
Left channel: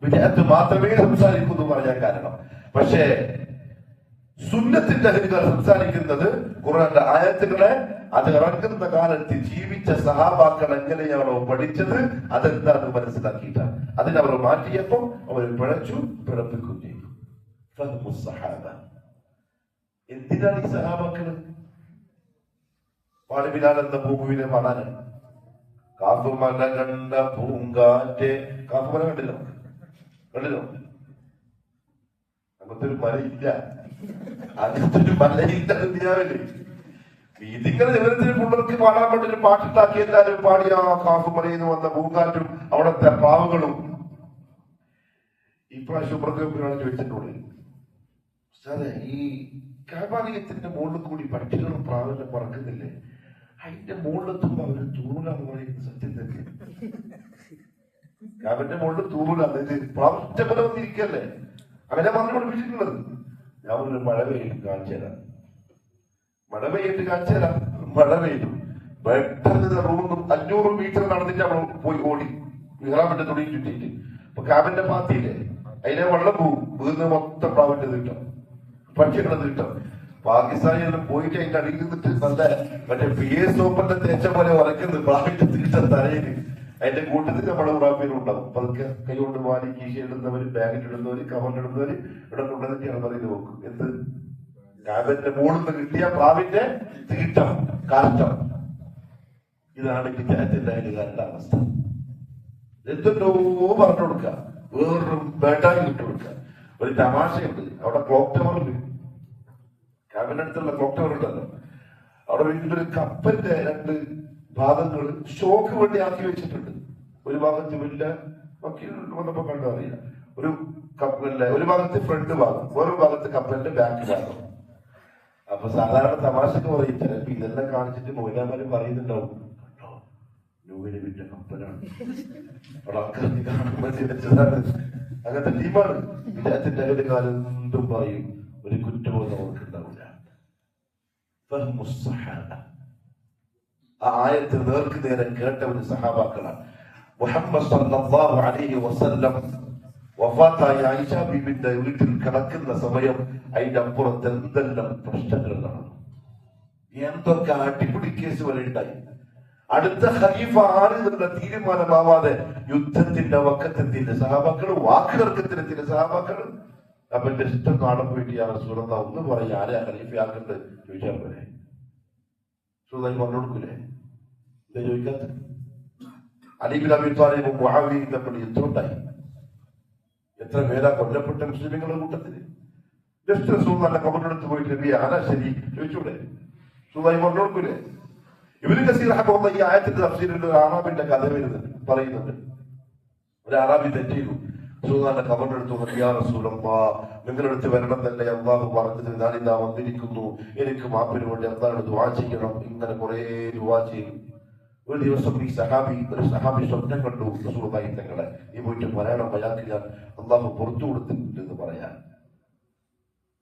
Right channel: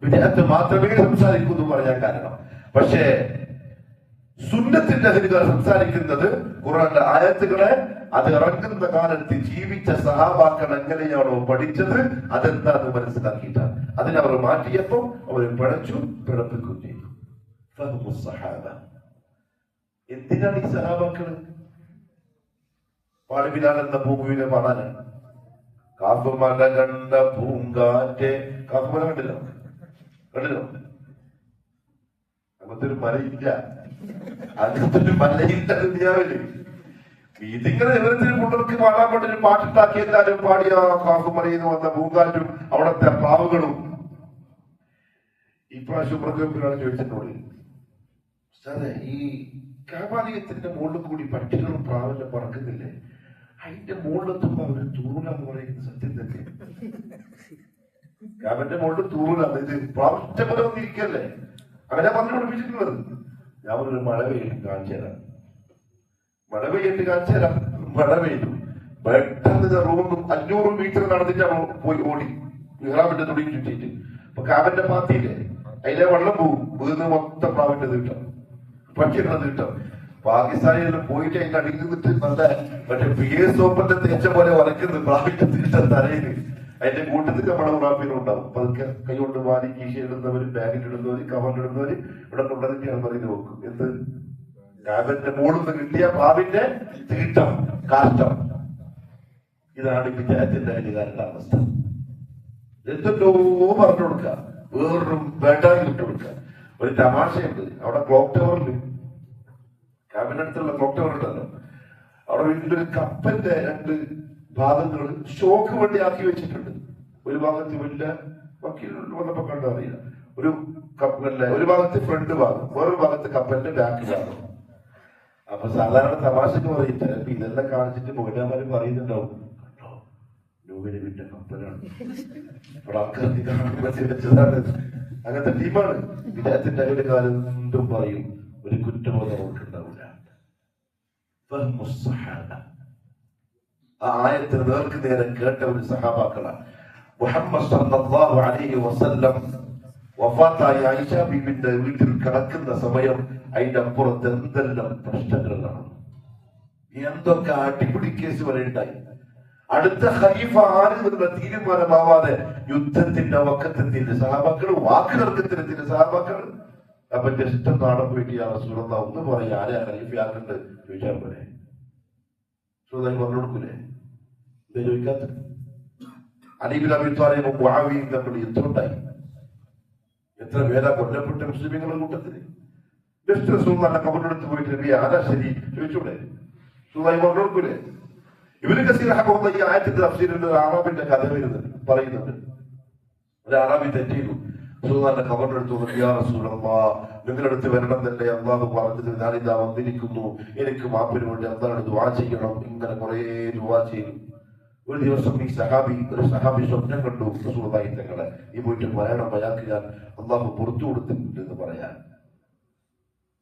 വിദഅത്ത് മാത്രമേ സംസാരിക്കുന്നു പറയാൻ കാരണം. പക്ഷേ സുന്നത്തിന്റെ അഹ്ലുകാർ സംസാരിക്കുന്നത് ഖുർആന്റെ ആയത്തുകളെ അത് ഇറങ്ങുന്ന കാലത്ത് ജീവിച്ച സഹാബാക്കൾ എങ്ങനെയാണോ പഠിച്ചത് അതെന്താണെന്ന് മനസ്സിലാക്കിയിട്ടാണ്. അതിനവർ മാറ്റിയപ്പോൾ അവർ പിഴച്ചു, പിഴപ്പിക്കുകയും ചെയ്തു. എന്തിനാണ് ഈ സഹാബാക്കള്? പാടിബിലാൽ എന്ന ഭൂമിയിലെ പാടാനാണ്. കാഫുമല കണ്ട പൂങ്കാറ്റെ. കാഫുമല കണ്ടില്ലോ? അങ്ങനത്തെ ഒരു മലയില്ല. അങ്ങനത്തെ ഒരു മലയില്ല ദുനിയാവില്. ഇതിങ്ങനെ വിവരത്തിന് പിള്ളേർക്ക് പാടാൻ വേണ്ടി പാട്ടുണ്ടാക്കി എല്ലാവരും പാടിയ കാഫുമലയിൽ വന്ന പൂങ്കാറ്റും അവിടത്തെ പാവുകളും. ഇപ്രാവശ്യം പ്രകൃതിയാണ് ചോദിച്ചിട്ടുള്ളത്, സാറേ ഈ കാപാലയത്തിന്റെ മുകളിൽ കൂടി പക്ഷികളും പ്രാവിലും പറക്കുന്നില്ലേ, അതിന്റെ മുകളിലെത്തുമ്പോ അവര് തൂറാന്ന് പറയുന്നത് സത്യം തന്നെ? കാബന്റെ മുകളിൽ തൂറാണ്. ഇത് പ്രാവശ്യം വന്നിരിക്കല്ലേ? അങ്ങനെ പറഞ്ഞു പഠിപ്പിച്ചിട്ടുള്ളത്. ഞാൻ ഒരു മഴ പെയ്യും കാണിച്ചു തരാം. മഴ പെയ്യിട്ട് കാണിച്ചു തരാം. മഴ പെയ്തു പെട്ടെന്ന് റൂം 500 മീറ്റർ നടന്നിട്ടാണ് പോയി ഓടി ഇഹ്റാമിന്റെ തുണി ചുറ്റിട്ട്. അപ്പൊ കാബന്റെ പാത്തിയില്ലേ, അതിലെ വെള്ളം പോകും. വീന്ന് മൊത്തം പ്രാവിന്റെ തീട്ടം, പക്ഷികളെ തീട്ടം. പാകിസ്ഥാനിൽ പോയിട്ട് അതിന്റെ അടിയിൽ നിന്നിട്ട് നല്ല മറ്റേ PS സോപ്പിന്റെ തേച്ച പോലെ വരയ്ക്കുന്നത് പ്രാവിന്റെ തീട്ട തലയിൽ. അതിന്റെ കൂട്ടത്തിൽ നമ്മുടെ ഉറാഫിലും ഉണ്ടാവും. പതുക്കെ കൈകൊണ്ട് വാരി കീശയിടുന്നവര്, ബാഗിലിടുന്നവര്, കവറിലിടുന്നവര് ഇവിടെ കൊണ്ടുവന്നിട്ടാണ് പറയുന്നത്. നോക്കും എന്ത് കാബിന്റെ മുകളിൽ നിന്ന് കിട്ടിയ പാവിന്റെ തീട്ടം, കാഷ്ടം. ഇതാണ് വിദ്യാർത്ഥിന്റെ അധികാരന്റെ അവസ്ഥ. എന്തെല്ലോ പറഞ്ഞു കൊടുക്കുക, വേറൊരു ബേട്ടായി ഇട്ട് കൊടുക്കുക. ഒരു തമാശയുണ്ട്. അവിടെ ക്ലോക്ക് ടവറിൽ, കാബിന്റെ അടുത്തുള്ള ക്ലോക്ക് ടവർ ഉണ്ടല്ലോ, അവിടെ വലിയൊരു കപ്പന്റെ 2 ഭാഗങ്ങൾ ഷോക്ക് വേണ്ടി ആക്കി വെച്ചിട്ടുണ്ട്. ഒരു ഭാഗത്ത് വലിയ വന്നപ്പോ കണ്ടു അറിയില്ല, ഒരു കപ്പലിന്റെ ഒരു ഭാഗത്ത് ഫ്രണ്ട് ഭാഗം, വേറൊരു ഭാഗത്ത് കപ്പലിന്റെ ബാക്ക് ഭാഗം. അപ്പൊ സാധാരണ തമാശക്ക് പറയും ചിലപ്പോ ഇതെല്ലാം കാണിച്ചിട്ട് മൗലമാരും പറയുന്നുണ്ടാവും, രൂപയിൽ വിട്ട കപ്പലാണ്, അവിടെ ആൾക്കാർക്ക് കാണുമ്പോ വെച്ചതാണ്. അങ്ങനത്തെ ടീമാണ്. വിദ്യാർത്ഥിന്റെ ഒരു കാലം എന്തും പറയും, ഒരു കുറ്റബോധം അവർക്കുണ്ടാവില്ല. ആ ആയത്തിന് നേർക്ക് നേരെ കേട്ട ഒരു സഹാബാക്കളാണ്. മുഹമ്മദ് സല്ലല്ലാഹു അലൈഹി വസല്ലം വഫാത്തായ ആയിഷ ബീബിന്റെ വീട്ടിൽ കിടക്കുന്ന സമയം അതിന്റെ അപ്പുറത്ത് എന്തെല്ലാം പ്രശ്നങ്ങൾ നടന്നു, എന്തൊക്കെ അടിപിടി കേസ് വരെ ഉണ്ടായി. അടുത്ത ഖലീഫ ആരെന്നുള്ള തീരുമാനമാവാതെ യുദ്ധത്തിന്റെ വക്കത്തെത്തിന്റെ സഹാബാക്കൾ, വാക്കുതർക്കത്തിനെത്തിന്റെ സഹാബാക്കൾ. അപ്പൊ ജസ്റ്റ് നാളെ പോയിട്ട് ആ റസൂലുള്ളാഹി ഒന്ന് പറയും, ആരെയാ ഖലീഫയാക്കണ്ട് ചോദിച്ചാൽ പോലെ സുഖമായി പറഞ്ഞു കൊടുക്കൂലേ? എന്താ ചോദിക്കാത്ത? അലി ബിൻ അബീ ത്വാലിബും മുആവിയയും തമ്മിൽ യുദ്ധമുണ്ടായി. എത്ര പേരാ കൊല്ലപ്പെട്ട മുസ്ലിങ്ങളുടെ കൂട്ടത്തിൽ. ജസ്റ്റ് റസൂലുള്ളാഹിന്റെ ഖബറിനടുത്ത് പോയിട്ട് നബി ആരാ ശരി ചോദിച്ചൂടെ? സുഖമായി പറഞ്ഞു കൊടുക്കൂലേ? ഇബ്നു കസീർ റഹ്മത്തുള്ളാഹി ഈ ആയത്തിന്റെ തഫ്സീറിൽ ഒരു അറാബിന്റെ കഥ പറയുന്നുണ്ട്. ഒരു അറാബി തെറ്റിയിരുന്നു. റസൂലുള്ളാഹിന്റെ ഖബറിനടുത്ത് യാ റസൂലല്ലാഹ്, നിങ്ങളുടെ അടുത്ത് വരണം തന്നെ അല്ലാഹു പറഞ്ഞത്, ഞാനിതാ വന്നിരിക്കുന്നു, എനിക്ക് മാപ്പിന് വേണ്ടി എന്താണ് ദുആ ചെയ്യണം. ഇങ്ങനെ കുറെ ദുആ ചെയ്തു. ഒരു ദിവസം ഒരു സഹാബി സ്വപ്നം കണ്ടു, റസൂലുള്ളാഹി തങ്ങളെ നീ പോയിട്ട് പറയണം, അയാൾക്ക് ഞാൻ അല്ലാഹു പുറത്തു കൊടുത്തിട്ടുണ്ട് എന്ന് പറയാൻ.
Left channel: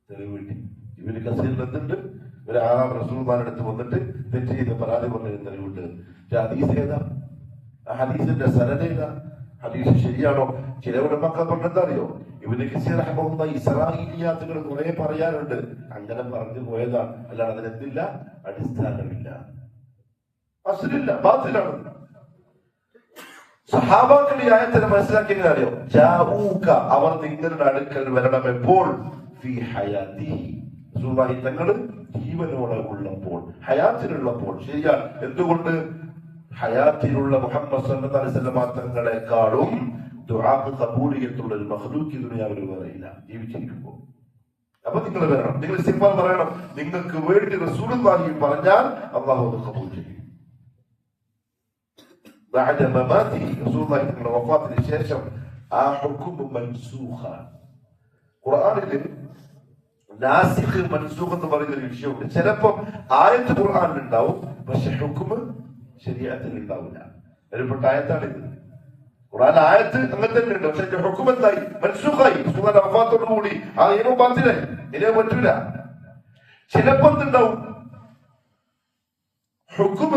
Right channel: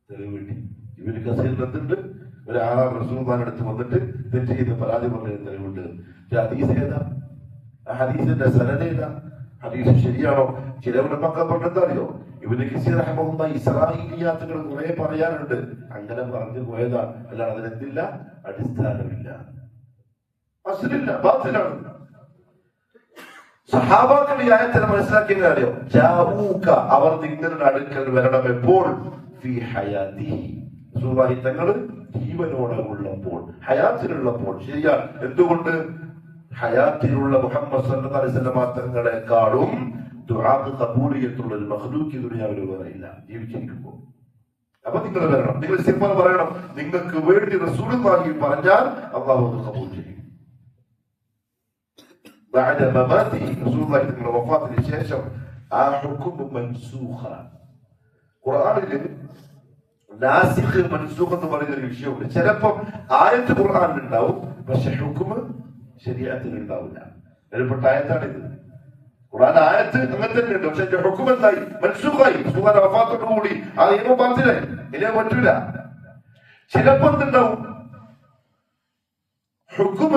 തെളിവ് കിട്ടി. ഇബ്നു കസീർ എന്തുണ്ട്, ഒരു ആറാം റസൂലുള്ളാഹിന്റെ അടുത്ത് വന്നിട്ട് തെറ്റ് ചെയ്ത് പരാതി പറഞ്ഞ തെളിവുണ്ട്. ഹദീസ് ഏതാ? ആ ഹദീസിന്റെ സനദ് ഏതാ? ഹദീസ് ശരിയാണോ? ചിലവരുടെ മക്കൾ പറഞ്ഞെന്താ അറിയോ? ഇബ്നു കസീർ റഹ്മത്തുള്ളാഹി ഇസ്രാഈലിയാത്തുകൾ കുറെ പറയാനുണ്ട്. അങ്ങനെ പറഞ്ഞു പോയതാ, അല്ലാതെ അതിനെന്തില്ല, അടിസ്ഥാനമില്ല, അസ്ലില്ല, ബാത്തിലാണ്. സഹാബാക്കൾ ഈ ആയത്തിനെ മനസ്സിലാക്കിയെങ്കിൽ അറിയോ? ജാഊക, അവർ നിങ്ങളുടെ അടുക്കൽ വരണം എപ്പോൾ? ഫീ ഹയാതിഹി, റസൂലുള്ളാഹി തങ്ങൾ ജീവനോടെ ഉള്ളപ്പോൾ, ഹയാത്തിലുള്ളപ്പോൾ. ശരിയാണ്. എന്തുകൊണ്ട്? ഹയാത്തിലുള്ള മുഹമ്മദ് സല്ലല്ലാഹു അലൈഹി വസല്ലം തങ്ങളെക്കാളും ദുആക്ക് ഖബൂലിയത്തുള്ള ഒരു മഖ്ലൂഖ് ദുനിയാവിൽ പറയില്ല ജീവിച്ചിരിക്കുമ്പോൾ. അപ്പൊ നിങ്ങൾ വരണം, നിങ്ങൾ ഇസ്തിഗ്ഫാർ പറയണം. നിങ്ങൾക്ക് വേണ്ടി റസൂലുള്ളാഹി പറഞ്ഞാൽ അല്ലാഹു ഖബൂൽ ചെയ്യും. بعد مماته റസൂലുള്ളാഹി തങ്ങളുടെ വഫാത്തിന് ശേഷം ആ ഹുക്ം മൻസൂഖ. ഖുർആനിൽ നാസിഖ് മൻസൂഖ് എന്ന് പറയുന്ന ഒരു വിഷയമുണ്ട്. ചിലപ്പം ആയത്ത് ഖുർആനിൽ ഉണ്ടാവും, പക്ഷെ ഹുക്ം ശരീഅത്തിൽ ഉണ്ടാവില്ല. അതിൽപ്പെട്ട ആയത്താണിത്. ഖുർആൻ ആയത്ത് അങ്ങനെ തന്നെ ഉണ്ട്, പക്ഷെ ഹുക്ം എന്തായി? മൻസൂഖായി. റസൂലുള്ളാഹിയുടെ വഫാത്തോടുകൂടി ആ നിയമം ബാത്തിലായി, ഇനിയോ പറ്റൂല. ചിലപ്പം എന്തുണ്ടാവും? ഹുക്ം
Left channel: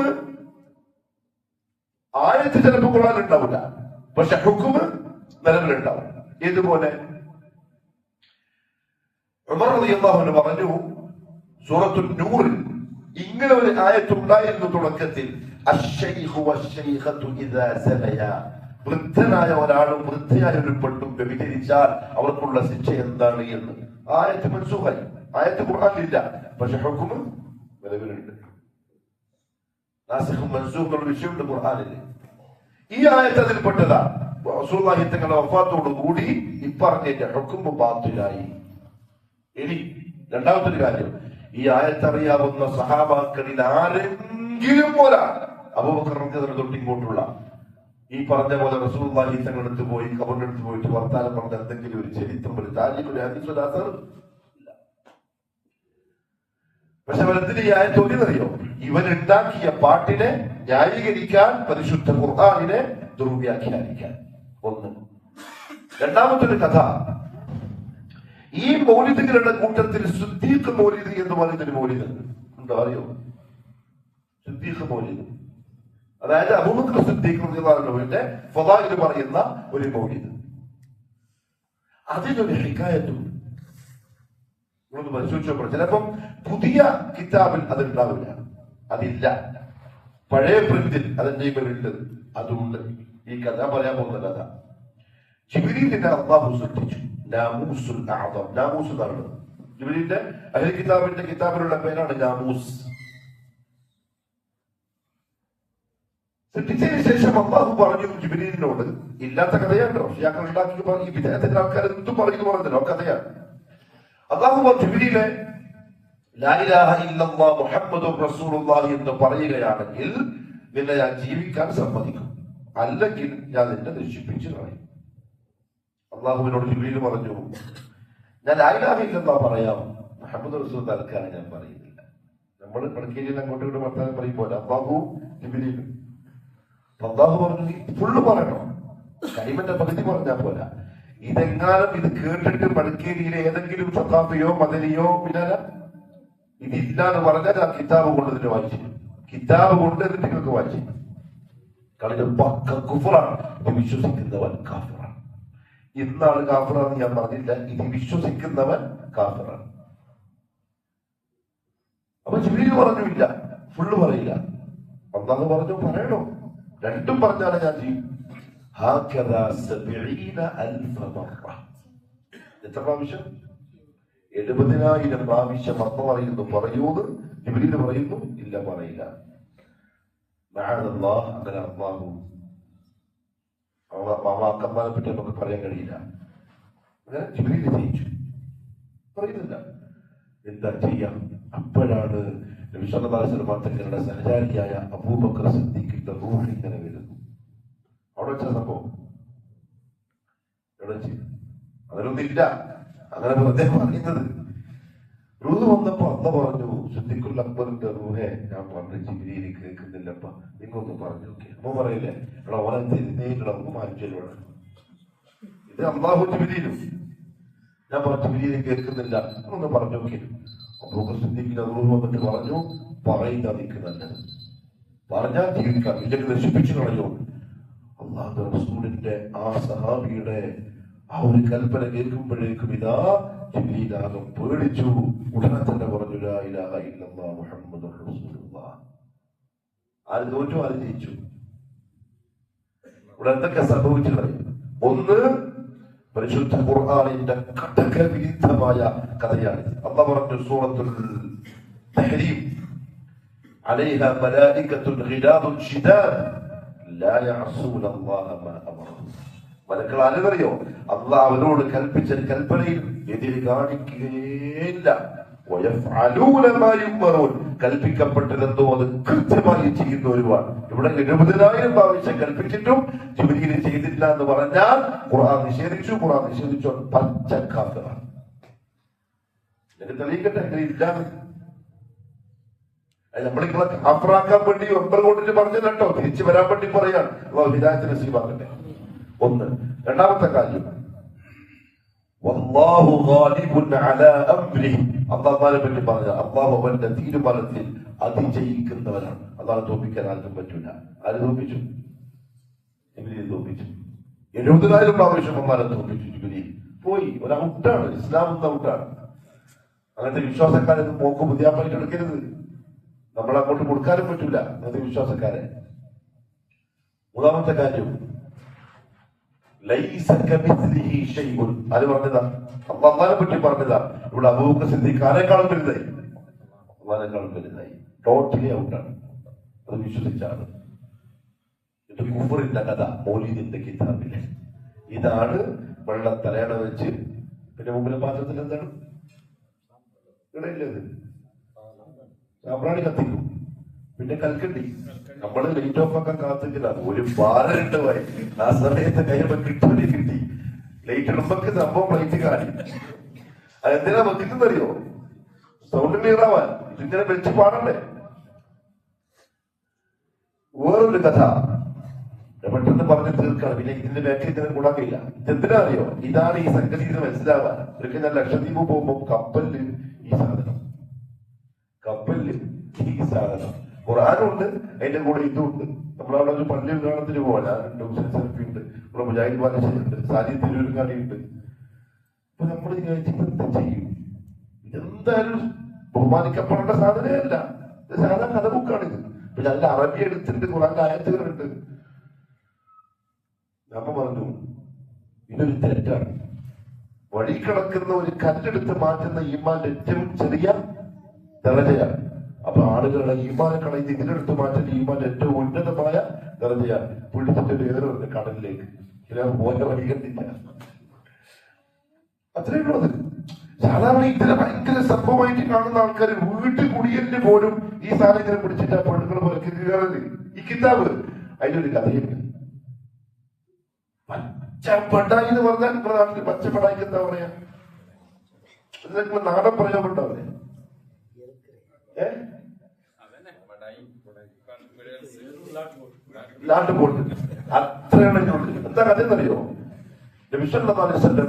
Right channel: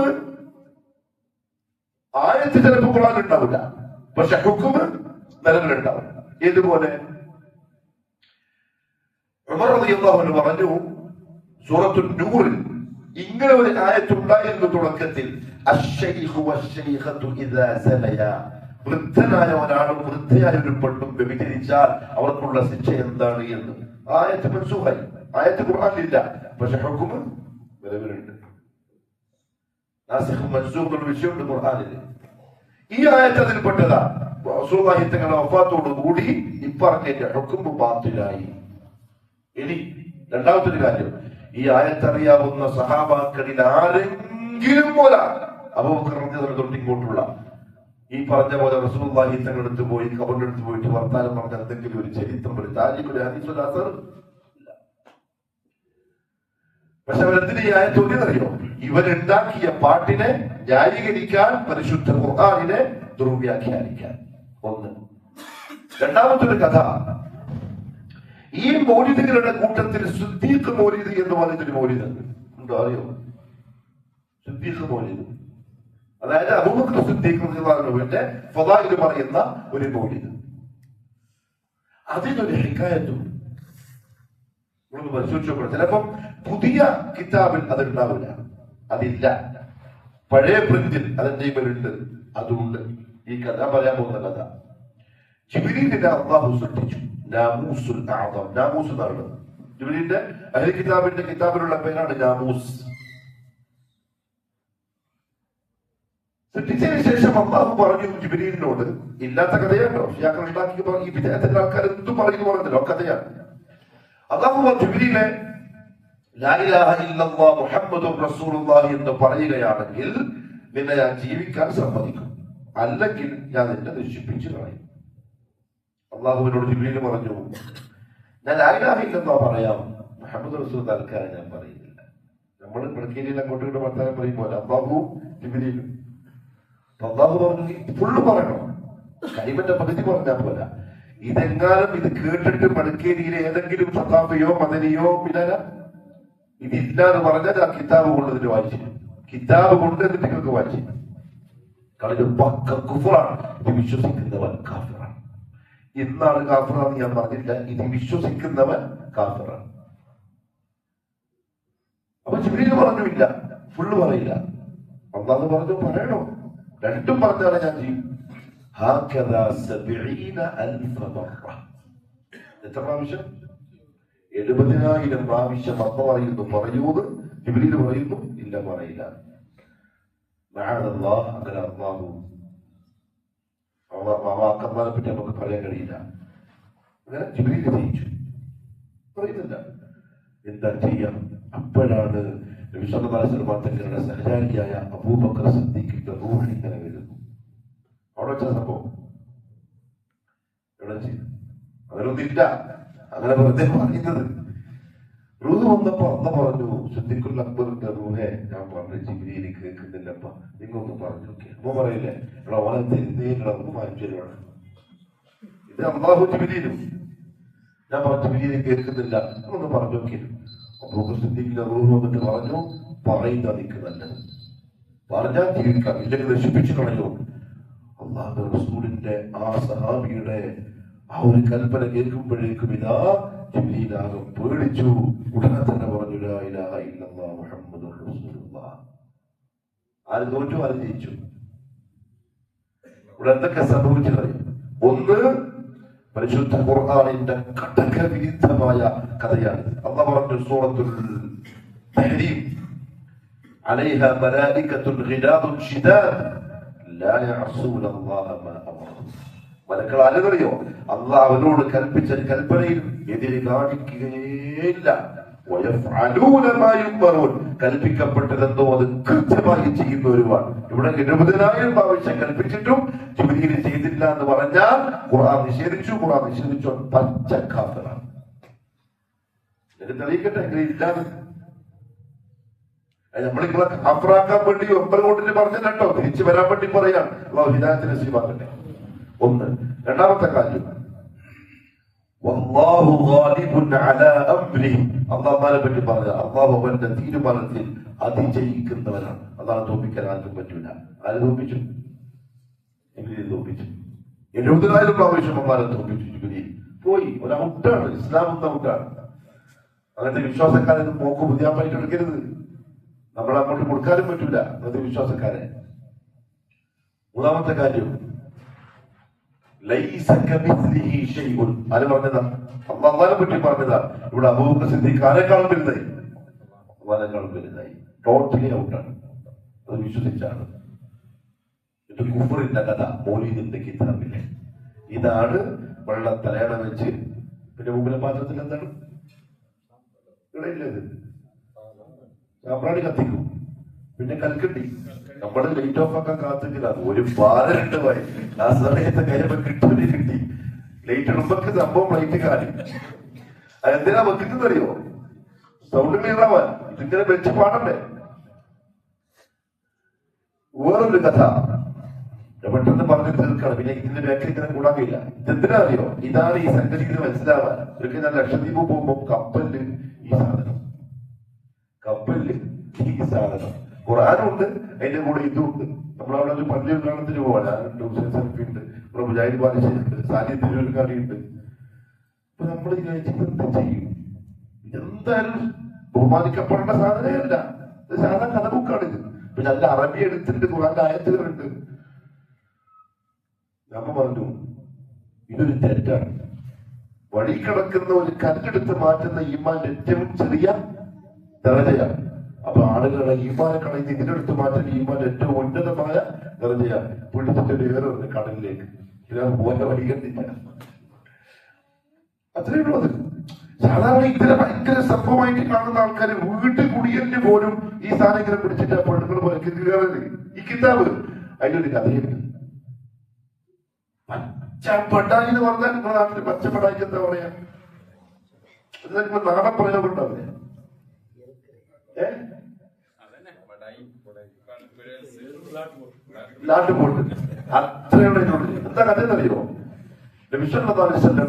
ആയത്ത് ചിലപ്പോൾ ഖുർആനിൽ ഉണ്ടാവില്ല, പക്ഷെ ഹുക്ം നിലവിലുണ്ടാവും. ഇതുപോലെ ഉമർ റളിയല്ലാഹു അൻഹു പറഞ്ഞു, സൂറത്തുൽ നൂറിൽ ഇങ്ങനെ ഒരു ആയത്തുണ്ടായിരുന്നു തുടക്കത്തിൽ, അശ്ശൈഖു വശ്ശൈഖതു ഇദാ സനയാ, വൃദ്ധനായ ഒരാളും വൃദ്ധയായ ഒരു പെണ്ണും വ്യഭിചരിച്ചാൽ അവർക്കുള്ള ശിക്ഷ എന്താണ് എന്ന്. ആയത്ത് മൻസൂഖായി. ആയത്ത് ഖുർആനിലില്ല, പക്ഷെ ഹുക്ം നിലവിലുണ്ട്. നാസിഖ് മൻസൂഖ് എന്ന വിഷയമുണ്ട് ഖുർആനിൽ. ഈ ആയത്ത് അതിൽപ്പെട്ടതാ. റസൂലുള്ളാഹി തങ്ങളുടെ വഫാത്തോടു കൂടി ഇപ്പറഞ്ഞ ഹുക്ം ബാത്തിലായി. ഇനി രണ്ടാമത്തെ ഒരു കാര്യം, ഈ ആയത്തറിയാവുന്ന സഹാബാക്കളിൽ ആരെങ്കിലും ഒരാൾ, അബൂബക്കർ റളിയല്ലാഹു അൻഹു തൊട്ട് ഇങ്ങോട്ടുള്ള ഈ പറഞ്ഞ പോലെ റസൂലുള്ളാഹി തങ്ങളുടെ അടുത്ത് പോയി ഖബറിനടുത്ത് പോയിട്ട് വർത്താനം പറഞ്ഞ എന്തെങ്കിലും ഒരു ചരിത്രം, ഒരു താരീഖ്, ഒരു ഹദീസ്, ഒരു അസർ ഇല്ല. പക്ഷെ അവരെന്തിന് ഈ ആയത്ത് ഓതിയെന്നറിയോ? ഇവരുണ്ടാക്കിയ പാട്ടിനെ ന്യായീകരിക്കാൻ, പരിശുദ്ധ ഖുർആനിനെ ദുർവ്യാഖ്യാനിക്കാൻ. ഒന്ന്. രണ്ടാമത്തെ ഒരു കഥ, ഈ മൗലിദുകളുടെ കൂട്ടത്തിൽ സിദ്ദീഖ് മൗലിദ് എന്ന് പറഞ്ഞൊരു മൗലിദ് ഉണ്ടോ? അറിയോ? സിദ്ദീഖ് മൗലിദ്, അതായത് അബൂബക്കർ സിദ്ദീഖ് റളിയല്ലാഹുവിന്റെ ഫളാഇൽ പറയുന്ന ഒരു മൗലിദ്. അതിനൊരു ഹികായത്തുണ്ട്. നമ്മളൊന്ന് പരിശോധിച്ചപ്പോൾ ചിലപ്പം പുതിയ കിതാബിൽ അതുണ്ടാവില്ല, അതില്ല. പഴയ പ്രിന്റിൽ അതിന്റെ ഇവരുണ്ട്, അതുണ്ട്. ഈ കഥ പറയാൻ പോകുന്ന കഥ ജിബ്രീലിനെ അല്ലാഹു സൃഷ്ടിച്ചു. നാമൂസുൽ അഅ്ദം, നാമൂസ് എന്നാണ് ജിബ്രീലിന്റെ അഹ്ലി കിതാബിന്റെ കിതാബിലുള്ള പേരാണ് നാമൂസ്. സൃഷ്ടിച്ചതിന് ശേഷം അല്ലാഹു പറഞ്ഞു ജിബ്രീലിനോട്, ഇല്ലാത്ത കഥയാണോ ഷിയാക്കൾ ഉണ്ടാക്കി ഈ വിദേഹത്തിന്റെ ആൾക്കാർ എന്തും പറഞ്ഞു പറഞ്ഞല്ലോ, കഥയാണ്. അല്ലാഹു ജിബ്രീലെ ലാ ഇലാഹ ഇല്ലല്ലാഹ് മുഹമ്മദുർ റസൂലുള്ളാഹി എന്ന് പറയുകയാണെങ്കിൽ നിന്നെ ഞാൻ ജീവിക്കാൻ സമ്മതിക്കും, അല്ലെങ്കിൽ ഞാൻ നിന്നെ നശിപ്പിച്ചു കളയും. അള്ളാഹുവിനോട് ജിബ്രീൽ പറഞ്ഞു, ഞാൻ ലാ ഇലാഹ ഇല്ലല്ലാഹ് പറയാം, മുഹമ്മദ് റസൂൽ തൽക്കാലം ഞാൻ പറയുന്നില്ല. നമ്മൾ കിടക്കയിൽ അങ്ങോട്ടും ഇങ്ങോട്ട് വർത്താനം പറയുമ്പോൾ അള്ളാഹു ജിബ്രീൽ അള്ളാഹു പറഞ്ഞു, നീ ഫുള്ള് പറയണം, കരിമന്റെ പകുതി പറഞ്ഞാൽ പോരാ. ഇതെങ്ങാനും ഇത് കേട്ടിട്ട് മടക്കേരിയിലെ ഏതെങ്കിലും സത്താഫയോ മദനിയോ പിന്നെ ഇതില്ലാന്ന് പറഞ്ഞാൽ ആ കിതാബ് കൊണ്ട് എന്നിട്ട് വായിച്ചു, കിതാബ് കൊണ്ട് എന്നിട്ട് നിങ്ങൾക്ക് വായിച്ചു കളിത് പക്ക കുഫറാണ്. ഇത് വിശ്വസിക്കുന്നവൻ കാഫിറാണ്. ഇന്നാണ് കാഫിറാന്ന് ഞാൻ പറഞ്ഞില്ല, ഇത് വിശ്വസിക്കുന്നവൻ കാഫിറാണ്. അപ്പൊ ജിബ്രീൽ പറഞ്ഞു ഇല്ല, ഫുള്ള് പറയില്ല. അല്ലാഹു പറഞ്ഞു പറയണോ, രണ്ടും പറഞ്ഞാലേ ഞാൻ ചെയ്യും. എത്ര പ്രാവശ്യം? 70,000 പ്രാവശ്യം അള്ളാഹു പറയൂന്ന് ജിബ്രീൽ പറയുന്നു, ഇല്ല പറയില്ല. അങ്ങനെ അള്ളാഹു മാമാക്കന്മാരെ പറ്റി നമുക്ക് പറയാൻ കഴിയില്ല. അങ്ങനെ ജിബ്രീൽ ജയിച്ചു, പറയുന്നില്ല. എന്താ ചെയ്യാം? അപ്പോഴാണ് വിശ്വനാഥങ്ങളുടെ സഹചാരിയായ അബൂബക്കർ സിദ്ദീഖിന്റെ റൂഹ് ഇങ്ങനെ വരുന്നു. അവിടെ വെച്ച സംഭവം എവിടെ വെച്ച്? അതിലൊന്നില്ല, അങ്ങനെ വെറുതെ പറയുന്നത്. റൂഹ് വന്നപ്പോ അല്ല പറഞ്ഞു, സിദ്ദീഖുൽ അക്ബറിന്റെ റൂഹെ ഞാൻ പറഞ്ഞു ജിബ്രീൽ കേൾക്കുന്നില്ലപ്പ, നിങ്ങൊന്ന് പറഞ്ഞു നോക്കി. അമ്മ പറയില്ലേ, ഇവിടെ ഓനെ തിരുന്നേലുള്ള മാറ്റമാണ് ഇത്. അല്ലാഹു ജിബ്രീലും ഞാൻ പറഞ്ഞു ജിബ്രീൽ കേൾക്കുന്നില്ല, ഒന്ന് പറഞ്ഞു നോക്കി. അബൂബക്കർ സിദ്ദീഖിന്റെ റൂഹ് വന്നിട്ട് പറഞ്ഞു, പറയുന്ന നിൽക്ക് നല്ലത്, പറഞ്ഞാൽ ജീവിക്കാം, ഇല്ലെങ്കിൽ നശിപ്പിച്ചു കളഞ്ഞു. അല്ലാഹു റസൂലിന്റെ ആ സഹാബിയുടെ ആ ഒരു കൽപ്പന കേൾക്കുമ്പോഴേക്കും ഇതാ ജിബ്രീൽ ആകെ പേടിച്ചു. ഉടനെ തന്നെ പറഞ്ഞു ലാ ഇലാഹ ഇല്ലല്ലാഹ് മുഹമ്മദുർ റസൂലുള്ളാഹ്. ആര് തോറ്റു, ആര് ജയിച്ചു? ഇവിടെ എന്തൊക്കെ സംഭവിച്ചു പറയും. ഒന്ന്, പരിശുദ്ധ ഖുർആനിന്റെ കടക വിരുദ്ധമായ കഥയാണ്. അല്ലാഹു പറഞ്ഞു സൂറത്തുൽ തഹ്രീം, അലൈഹ മലായികത്തുൻ ഗിലാദുൻ ശിദാദ് ലാ യഅസൂന അല്ലാഹ മാ അമറഹും. മലക്കൾ ആരെന്നറിയോ? അല്ലാഹ് അവരോട് കൽപ്പിച്ച കൽപ്പനയിൽ എതിര് കാണിക്കുകയില്ല. കൽപ്പിക്കപ്പെട്ടതെന്തോ അത് കൃത്യമായി ചെയ്യുന്നവരുമാണ്. ഇവിടെ 70,000 പ്രാവശ്യം കൽപ്പിച്ചിട്ടും ജിബ്രീൽ ചെയ്തില്ല എന്ന് പറഞ്ഞാൽ ഖുർആൻ നിഷേധിച്ചു. ഖുർആൻ നിഷേധിച്ചു പച്ച കാഫിറാണ്. തെളിയിക്കട്ടെ, എങ്ങനെ ഇല്ലാതെ നമ്മളിങ്ങളെ കാഫിറാക്കാൻ വേണ്ടി 9 കൊണ്ടിട്ട് പറഞ്ഞിട്ടോ, തിരിച്ചു വരാൻ വേണ്ടി പറയാൻ ഹിദായത്ത് നസീബാകട്ടെ. ഒന്ന്. രണ്ടാമത്തെ കാര്യം, വല്ലാഹു ഗാലിബുൻ അലാ അംരിഹി. അല്ലാഹുവിനെ പറ്റി പറഞ്ഞ അല്ലാഹു അവന്റെ തീരുമാനത്തിൽ അതിജയിക്കുന്നവരാണ്. അല്ലാഹു തോൽപ്പിക്കാൻ ആർക്കും പറ്റൂല. ആര് തോൽപ്പിച്ചു? ജിബ്രീൽ തോൽപ്പിച്ചു. 70,000 പ്രാവശ്യം അല്ലാഹു തോൽപ്പിച്ചു. ജിബ്രീൽ പോയി. ഒരു ഔട്ടാണ്, ഇസ്ലാം എന്ന ഔട്ടാണ്. അങ്ങനത്തെ വിശ്വാസക്കാരൊന്നും പോക്ക് പുതിയാപ്പായിട്ട് എടുക്കരുത്. നമ്മൾ അങ്ങോട്ട് കൊടുക്കാനും പറ്റൂല അങ്ങനത്തെ വിശ്വാസക്കാരെ. മൂന്നാമത്തെ കാര്യം, ആര് പറഞ്ഞതാ? അള്ളാഹുവിനെ പറ്റി പറഞ്ഞതാ. ഇവിടെ അബൂബക്കർ സിദ്ദീഖ് ആരെക്കാളും വലുതായി, അള്ളാഹിനെക്കാളും വലുതായി. ടോട്ടലി ഔട്ടാണ്. അത് വിശ്വസിച്ചാണ്. ഇത് കുഫറിന്റെ കഥ മൗലീദിന്റെ കിതാബില്. ഇതാണ് വെള്ളം തലയണ വെച്ച്, പിന്നെ മുമ്പിലെ പാത്രത്തിൽ എന്താണ് ഇടയില്ലത്, സാമ്പ്രാണി കത്തിക്കും, പിന്നെ കൽക്കണ്ടി. നമ്മുടെ ലൈറ്റ് ഓഫ് ആക്കാൻ കാത്തിക്കുന്നത് ഒരു ഭാരണ്ട് പോയി. ആ സമയത്ത് കയ്യൊക്കെ കിട്ടി ലൈറ്റ് ഇടുമ്പൊക്കെ സംഭവം ലൈറ്റ് കാണി. അതെന്തിനാ വെക്കുന്നത് അറിയോ? സൗണ്ട് ക്ലിയർ ആവാൻ. ഇതിങ്ങനെ വെച്ച് പാടണ്ടേ. വേറൊരു കഥ പെട്ടെന്ന് പറഞ്ഞു തീർക്കണം, പിന്നെ ഇതിന്റെ വ്യാഖ്യ ഇങ്ങനെ കൂടാൻ കഴിയില്ല. ഇതെന്തിനാ അറിയോ? ഇതാണ് ഈ സംഗതി ഇത് മനസ്സിലാവാൻ. ഒരിക്കൽ ഞാൻ ലക്ഷദ്വീപ് പോകുമ്പോ കപ്പലില് ഈ സാധനം, കപ്പലില് ഈ സാധനം ഖുർആനുണ്ട്, അതിന്റെ കൂടെ ഇതുണ്ട്. നമ്മളവിടെ ഒരു പള്ളി ഉദ്ഘാടനത്തിന് പോവാൻ ഞാനുണ്ട്, ഹുസൈൻ സലഫിയുണ്ട്, ഇവിടെ മുജാഹിദ് ബാദുഷയുണ്ട്, സാലി തിരൂർക്കാടിയുണ്ട്. അപ്പൊ നമ്മൾ വിചാരിച്ചിട്ട് എന്ത് ചെയ്യും? എന്തായാലും ബഹുമാനിക്കപ്പെടേണ്ട സാധനമല്ല. ഇത് സാധാരണ കഥ ബുക്കാണിത്. പിന്നെ അതിന്റെ അറബി എടുത്തിട്ട് ഖുർആന്റെ ആയത്തുകളുണ്ട്. നമ്മ പറഞ്ഞു ഇതൊരു തെറ്റാണ്. വഴി കിടക്കുന്ന ഒരു കല്ലെടുത്ത് മാറ്റുന്ന ഈമാന്റെ ഏറ്റവും ചെറിയ ദർജയാണ്. അപ്പൊ ആളുകളെ ഈമാനെ കളയുന്ന ഇതിനെടുത്ത് മാറ്റുന്ന ഈമാന്റെ ഏറ്റവും ഉന്നതമായ ദർജയാണ്. പിടിച്ചിട്ട് വേറെ കടലിലേക്ക് പോലെ വഴികണ്ടില്ല. അത്രയേ ഉള്ളൂ. അത് സാധാരണ ഇതിനെ ഭയങ്കര സംഭവമായിട്ട് കാണുന്ന ആൾക്കാർ വീട്ടിൽ കുടിയലിന് പോലും ഈ സാധനങ്ങൾ പിടിച്ചിട്ട് ആ പെണ്ണുങ്ങൾ പോലെ കയറുന്നത്. ഈ കിതാബ് അതിലൊരു കഥയുണ്ട്. പച്ചപ്പെടായി എന്ന് പറഞ്ഞാൽ നിങ്ങളുടെ നാട്ടിൽ പച്ചപ്പെടായി എന്താ പറയാ? അത് നിങ്ങൾ നാടൻ പ്രയോഗം ഉണ്ടാവില്ലേ? ലാട്ടുപോട്ട് അത്രയാണ് ഇതിനുള്ളിൽ. എന്താ കഥ എന്നറിയോ?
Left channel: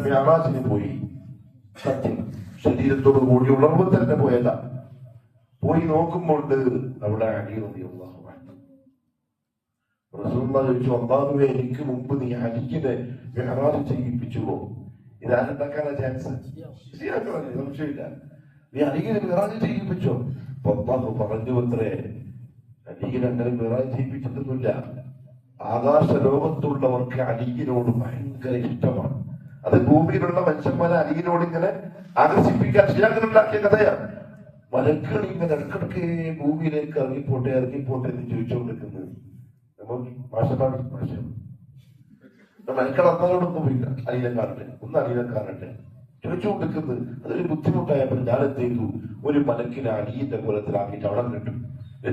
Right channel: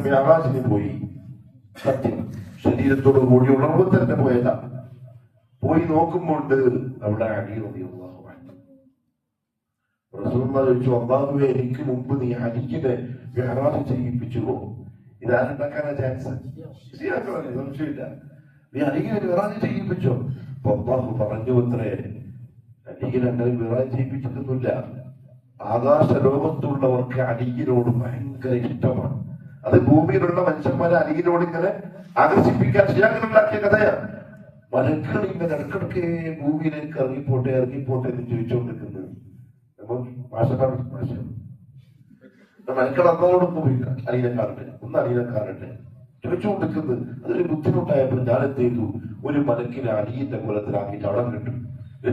മിഅറാജിന് പോയി. സത്യം ശരീരത്തോടു കൂടി ഉണർവ് തന്നെ പോയതാ. പോയി നോക്കുമ്പോൾ അവിടെ അലി റളിയല്ലാഹു അൻഹു. റസൂലുള്ളാഹി ചോദിച്ചു, അല്ലാഹുവേ എനിക്ക് മുമ്പ് നീ അലിക്കിനെ മിഅറാജ് ചെയ്യിപ്പിച്ചുവോ? ഇതാരുണ്ടാക്കാനാ ചാൻസ്? സംശയമില്ല. നീ അലിക്കിനെ മിഅറാജ് ചെയ്യിപ്പിച്ചോ? അപ്പൊ അല്ലാഹു പറഞ്ഞു അത്രേ, അലിക്കിനെ അങ്ങനെ മിഅറാജ് ചെയ്യിപ്പിച്ചിട്ടൊന്നുമില്ല. ആകാശ ലോകത്തുള്ളവർക്ക് അലിക്കിനോട് ഭയങ്കര ഇഷ്ടമാണ്. അത് ഭൂമിയിലുള്ള മനുഷ്യന്മാരെ അലിക്കിനോട് ഇങ്ങനെ ആകർഷിപ്പിക്കാൻ ചെയ്യാനുണ്ടാക്കിയ കഥയാണ്. മലക്കൾ ഇങ്ങനെ ഇടക്കിടക്ക് ഭൂമിയിലേക്ക് ഇറങ്ങിപ്പോട്ടെ എന്ന് ചോദിച്ചുകൊണ്ടിരിക്കുന്നത് മലക്കൾ അന്നോടൊന്നും പോയില്ല. അലീനെ കാണട്ടെ ചോദിച്ചുകൊണ്ടിരിക്കുന്നത്. അതൊരു ബുദ്ധിമുട്ടായപ്പോൾ ഞാൻ എന്ത് ചെയ്തു? ഒരു മലക്കിനെ അലീന്റെ കോലത്തിലാക്കിയിട്ട് അവിടെ കിട്ടും.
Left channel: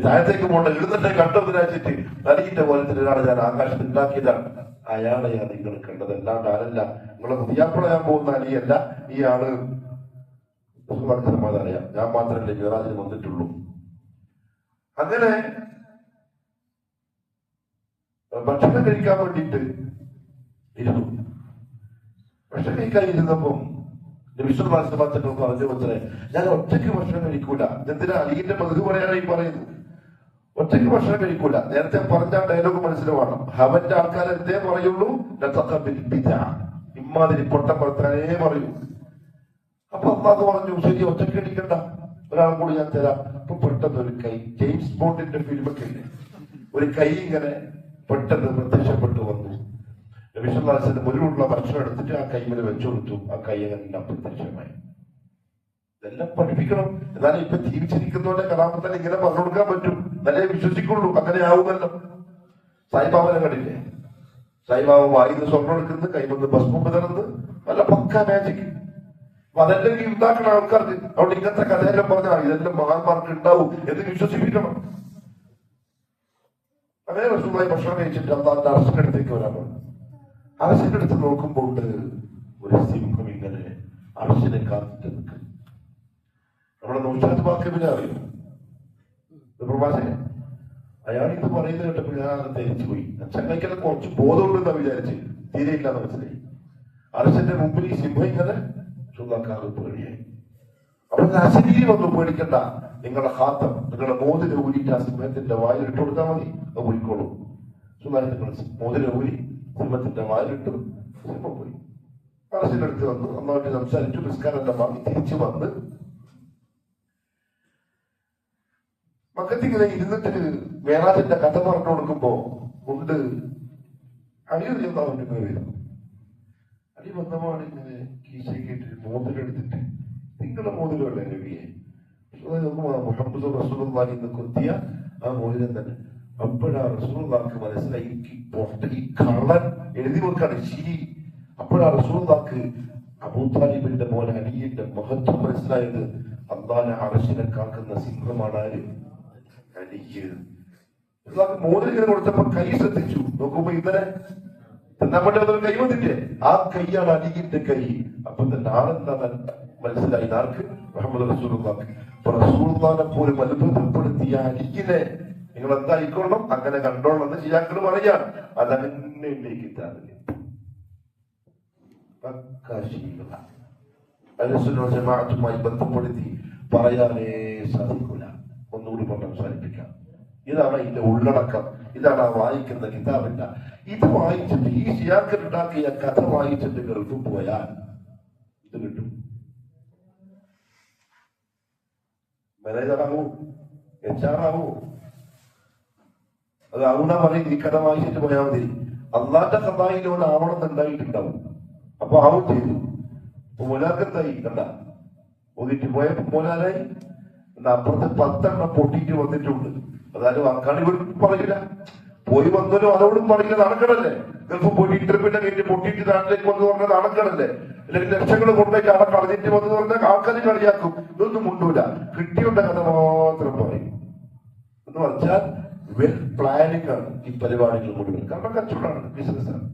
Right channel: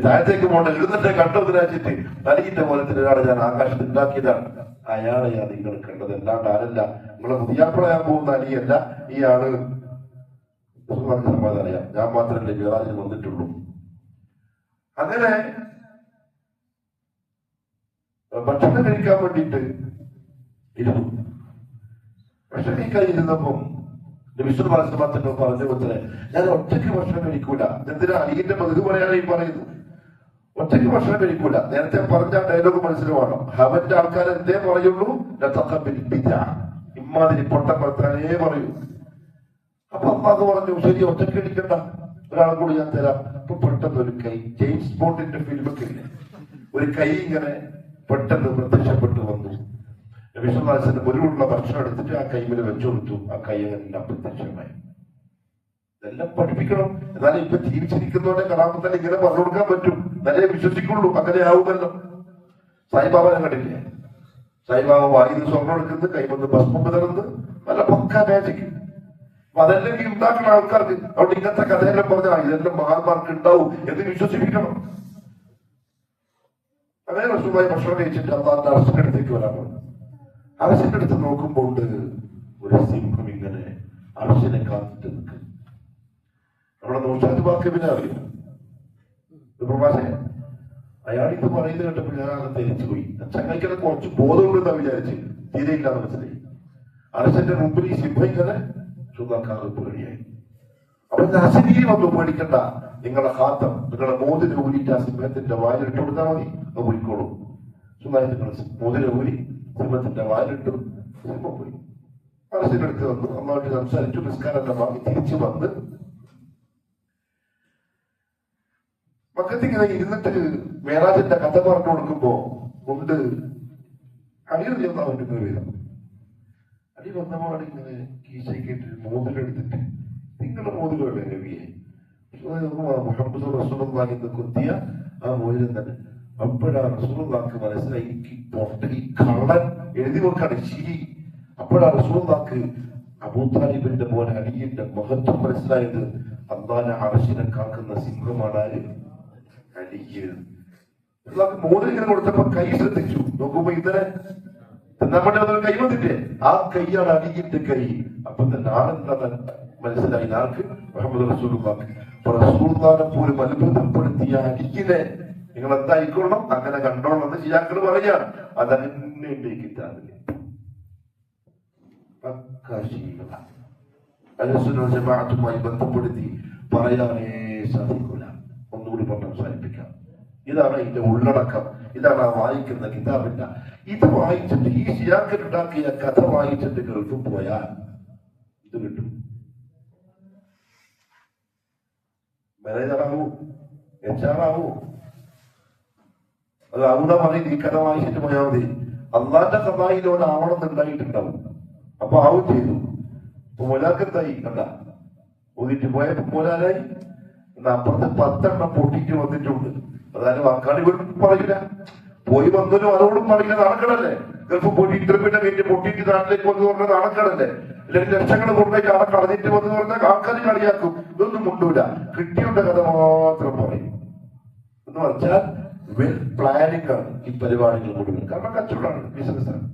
താഴത്തേക്ക് പോകണ്ട, എഴുന്നേറ്റ് കണ്ടത് രാജ്യത്ത് അലീന്റെ കോലത്തിൽ ഒരാളെ ഞാൻ ആകാശത്ത് ഉണ്ടാക്കിയതാണ്. അയാളെയാ നിങ്ങൾ കണ്ടത്, അല്ലാണ്ട് ആരല്ല. നിങ്ങളെ പുതിയാപ്പിളയാൻ പോകുന്ന അലിയല്ല ഈ ആള്. സമാധാനറിയാം, ഞാൻ മാത്രമല്ലേ മിഅറാജിന് വന്നിട്ടുള്ളൂ. അങ്ങനെ ഭക്ഷണം കഴിക്കാൻ വേണ്ടിയിട്ട് ഇരുന്നു. ഭക്ഷണം കഴിക്കാൻ ഇരുന്നപ്പം വിശ്വമാസത്തിന്റെ പറഞ്ഞു വെച്ചത്, ഞാൻ ഒറ്റയ്ക്ക് ഭക്ഷണം കഴിക്കൂല. എന്തിനാ അലിന്റെ പതിവ് പോലെയാണ് ഈ പറയുന്നത്. ഒറ്റയ്ക്ക് ഭക്ഷണം കഴിക്കൂല. നേരത്തെ പറഞ്ഞ ഡയലോഗ് മനസ്സിലുമാണ്. അവന്റെ ആൾക്കാർ എന്തേ പറയുള്ളൂ, ഇമ്മാതിരി പൊട്ടം വർത്താനേ പറയൂ. അപ്പൊ അമ്മാക്ക് പറഞ്ഞു, ശരി ഒറ്റയ്ക്ക് കഴിക്കണ്ട, ഒരാളും കൂടി ഞാൻ തരാം. അപ്പൊ പെട്ടെന്ന് ഒരു കൈ, ജെയിംസ് ബോണ്ടിന്റെ ഫിലിമൊക്കെ ഇല്ലേ, ഒരു കൈ ഇങ്ങനെ പെട്ടെന്ന് പ്രത്യക്ഷപ്പെട്ടു വന്നു. വിശ്വനാഥന്റെ മുന്നിലുള്ള ഭക്ഷണം എടുത്തിട്ട് ആ കൈമിൽ വെച്ചു കൊടുത്തു. ആ കൈ അങ്ങനെ അപ്രത്യക്ഷമായി. ഇതെല്ലാം പഠിപ്പിക്കണം. എന്നാലും ഇപ്പൊ ജീവിച്ചിരിക്കുന്നവരെ കലാപത്തിന് ഇങ്ങനെ പറഞ്ഞു കൊടുക്കാൻ പറ്റും, നല്ല വിശ്വസിക്കുള്ളൂ. അങ്ങനെ ആവുമല്ലോ. സായിബാബനെ കണ്ടില്ലേ? സായിബാബ വായിന്ന് സ്വർണ്ണം എടുക്കുന്നത്, കൈമന്ന് ഭസ്മം വിതറുന്നത്, നല്ല പക്ക മാജിക്. അപ്പൊ അതെല്ലാം ഈ ഉണ്ടാക്കുന്ന ആൾക്കാർക്ക് അവിടെ ഇങ്ങനത്തെ കഥയെല്ലാം പറഞ്ഞാൽ ഇതെല്ലാം മഹാന്മാർക്ക് ഉണ്ടാവും എന്ന് വിശ്വസിപ്പിക്കണം. അങ്ങനെ റസൂലുള്ളാഹി ഭക്ഷണം കഴിച്ചിട്ട് അള്ളാഹുവിന്റെ അർശിന്റെ അടുത്തേക്ക് വരാൻ പറഞ്ഞു. അർശിന്റെ അടുത്ത് നോക്കുമ്പോൾ ഒരു സിംഹം ഇങ്ങനെ അർശിനെ കാത്തിട്ട് നിൽക്കും. നമ്മുടെ നൗഷാദ് വാക്കിബിനെ അറിയും, പ്രഭാഷകൻ. അയാൾ ഇത് പറയുന്നത് കേട്ടപ്പോൾ ഞാൻ ധരിച്ചു പോയി. ചങ്ങയ്ക്കത് കുറച്ച് ബോധമുണ്ടെന്നാ വിചാരിച്ച്, തീരെയില്ല മനസ്സിലായി. അർശന്റെ മുമ്പിൽ ഈ സിംഹം ഇങ്ങനെ ചൂതാക്കാറ് പേടിയായി. അപ്പൊ അശരീരി വന്നു, പേടിക്കണ്ട, നിങ്ങളുടെ ഹാത്തം, നിങ്ങളുടെ മോതിരം ഊരിയിട്ട് ആ സിംഹത്തിന്റെ വായിലിട്ട് കൊടുത്താൽ മതി, അത് പോയിക്കോളും. സുഖമായി നിങ്ങൾ മോതിരം ഊരി സിംഹത്തിന്റെ വായിലിട്ടു. സിംഹം പോയി. അർശന്റെ അടുത്ത് വന്നു, അമ്മമായിട്ട് സംസാരിച്ചു, നിസ്കാരം വാങ്ങി തിരിച്ചു വന്ന് മക്കത്തിങ്ങനെ ഇരുന്നിട്ട് മേറാജിന്റെ കഥ പറഞ്ഞു കൊടുക്കുമ്പോ കൊണ്ട് അടിയൊന്നും അവന്റെ പേരും അടി വന്നപാട് ഇങ്ങനെ കീശയ്ക്കിട്ട് മോതിരെടുത്തിട്ട്, നിങ്ങളുടെ മോതിരമല്ലേ നബിയെ? മുഹമ്മദ് റസൂലുള്ളാഹി കുത്തിയ ആ മോതിരം തന്നെ. അപ്പോഴാ റസൂലുള്ളാഹിക്ക് മനസ്സിലായി, ഈ കള്ളൻ എഴുതി വെക്കാണ് ശരി. അപ്പോഴാ റസൂലുള്ളാഹിക്ക് അബൂ താലിബിന്റെ മോൻ അലിയുടെ മഹത്വം മനസ്സിലായത്. അല്ലാഹുവിനെ അർശിനെ കാക്കുന്ന സിംഹമാണ് ആര്? അലിക്ക്. മോതിരം കൊടുത്തപ്പോ കൈ ശ്രദ്ധിച്ചു. നോക്കുമ്പോ ഇന്നലെ നമ്മുടെ കൈ വന്നില്ലേ, ആ കൈയാണ് അലിയുടെ കൈ. അപ്പൊ തന്നെ ആണെന്താ മനസ്സിലായി ആർക്ക്? മുഹമ്മദ് റസൂലുള്ളാഹി. റസൂലുള്ളാഹിനെ പോലും അത്ഭുതപ്പെടുത്തിയ അലിക്കിനെ നിങ്ങൾ എന്തായിക്കൊള്ളണം, അങ്ങനെ കണ്ടോളണം എന്ന് ശിയാക്കൾ പറയാണ്. അതന്നെ കിട്ടാറില്ല. ജമാഅത്തുമായി ബന്ധപ്പെടുത്തി പറയാനേ സാധിക്കില്ല. ഒന്നുകൂടി കൊണ്ട് അവസാനിപ്പിക്കാം. ഇതാണ് ഇതിന്റെ ഉള്ളടക്കം. ഇതാണ് ആ വായിക്കുന്ന കിതാബില്ല. ഇത് വായിച്ചിട്ട് ഈ ശിയാക്കൾ ഉണ്ടാക്കിയ കഥ വായിച്ചിട്ട് ഗൾഫിൽ പോയാൽ ഇത് കിട്ടും. മാനേജറാകൂ, HR ആകൂ. അത് അള്ള പറയും ഈ കഥ വായിച്ചിട്ട് പോയാൽ മതി. അള്ളാന്റെ കഥായിൽ ഒരു ആവണമെന്നുണ്ടായിട്ടുണ്ടാവും. അപ്പൊ ആവും ചെയ്തു. ഇപ്പൊ മൊലാക്കെന്തായി കണ്ട ഒതിട്ട് പോയപ്പോ മോലാനായി. അപ്പുറത്ത് 10 പൊട്ടിയിട്ട് വന്നിട്ടുണ്ട്. അതായത് വാക്കാടി വീണ്ടും പറയില്ല, പോയി വന്നതിനും അതോടും പറയില്ല. നടക്കണല്ലേ ഗൾഫ് പോയി ഇന്റർവ്യൂവിനെ കഴിഞ്ഞ് പൊട്ടിയിട്ട് നാട്ടിലേക്ക് വന്ന് പറഞ്ഞാൽ നടക്കണല്ലേ. അല്ലെങ്കിൽ ലക്ഷങ്ങൾ കൊണ്ടുപോയിട്ട് ആളെ കളഞ്ഞിട്ട് വന്ന് പറഞ്ഞാൽ ആൾക്കാർ കളിയാക്കും. ഇതൊന്നും മുണ്ടൂല, കിട്ടിയുടെ കഥ മാത്രം പറയും. എന്ന് പറഞ്ഞാൽ വെൽ പ്ലാനിങ് ആണ് ഈ പരിപാടികൾ മുഴുവൻ. കാരണം കച്ചവടമാണ്, ബിസിനസ്സാണ്.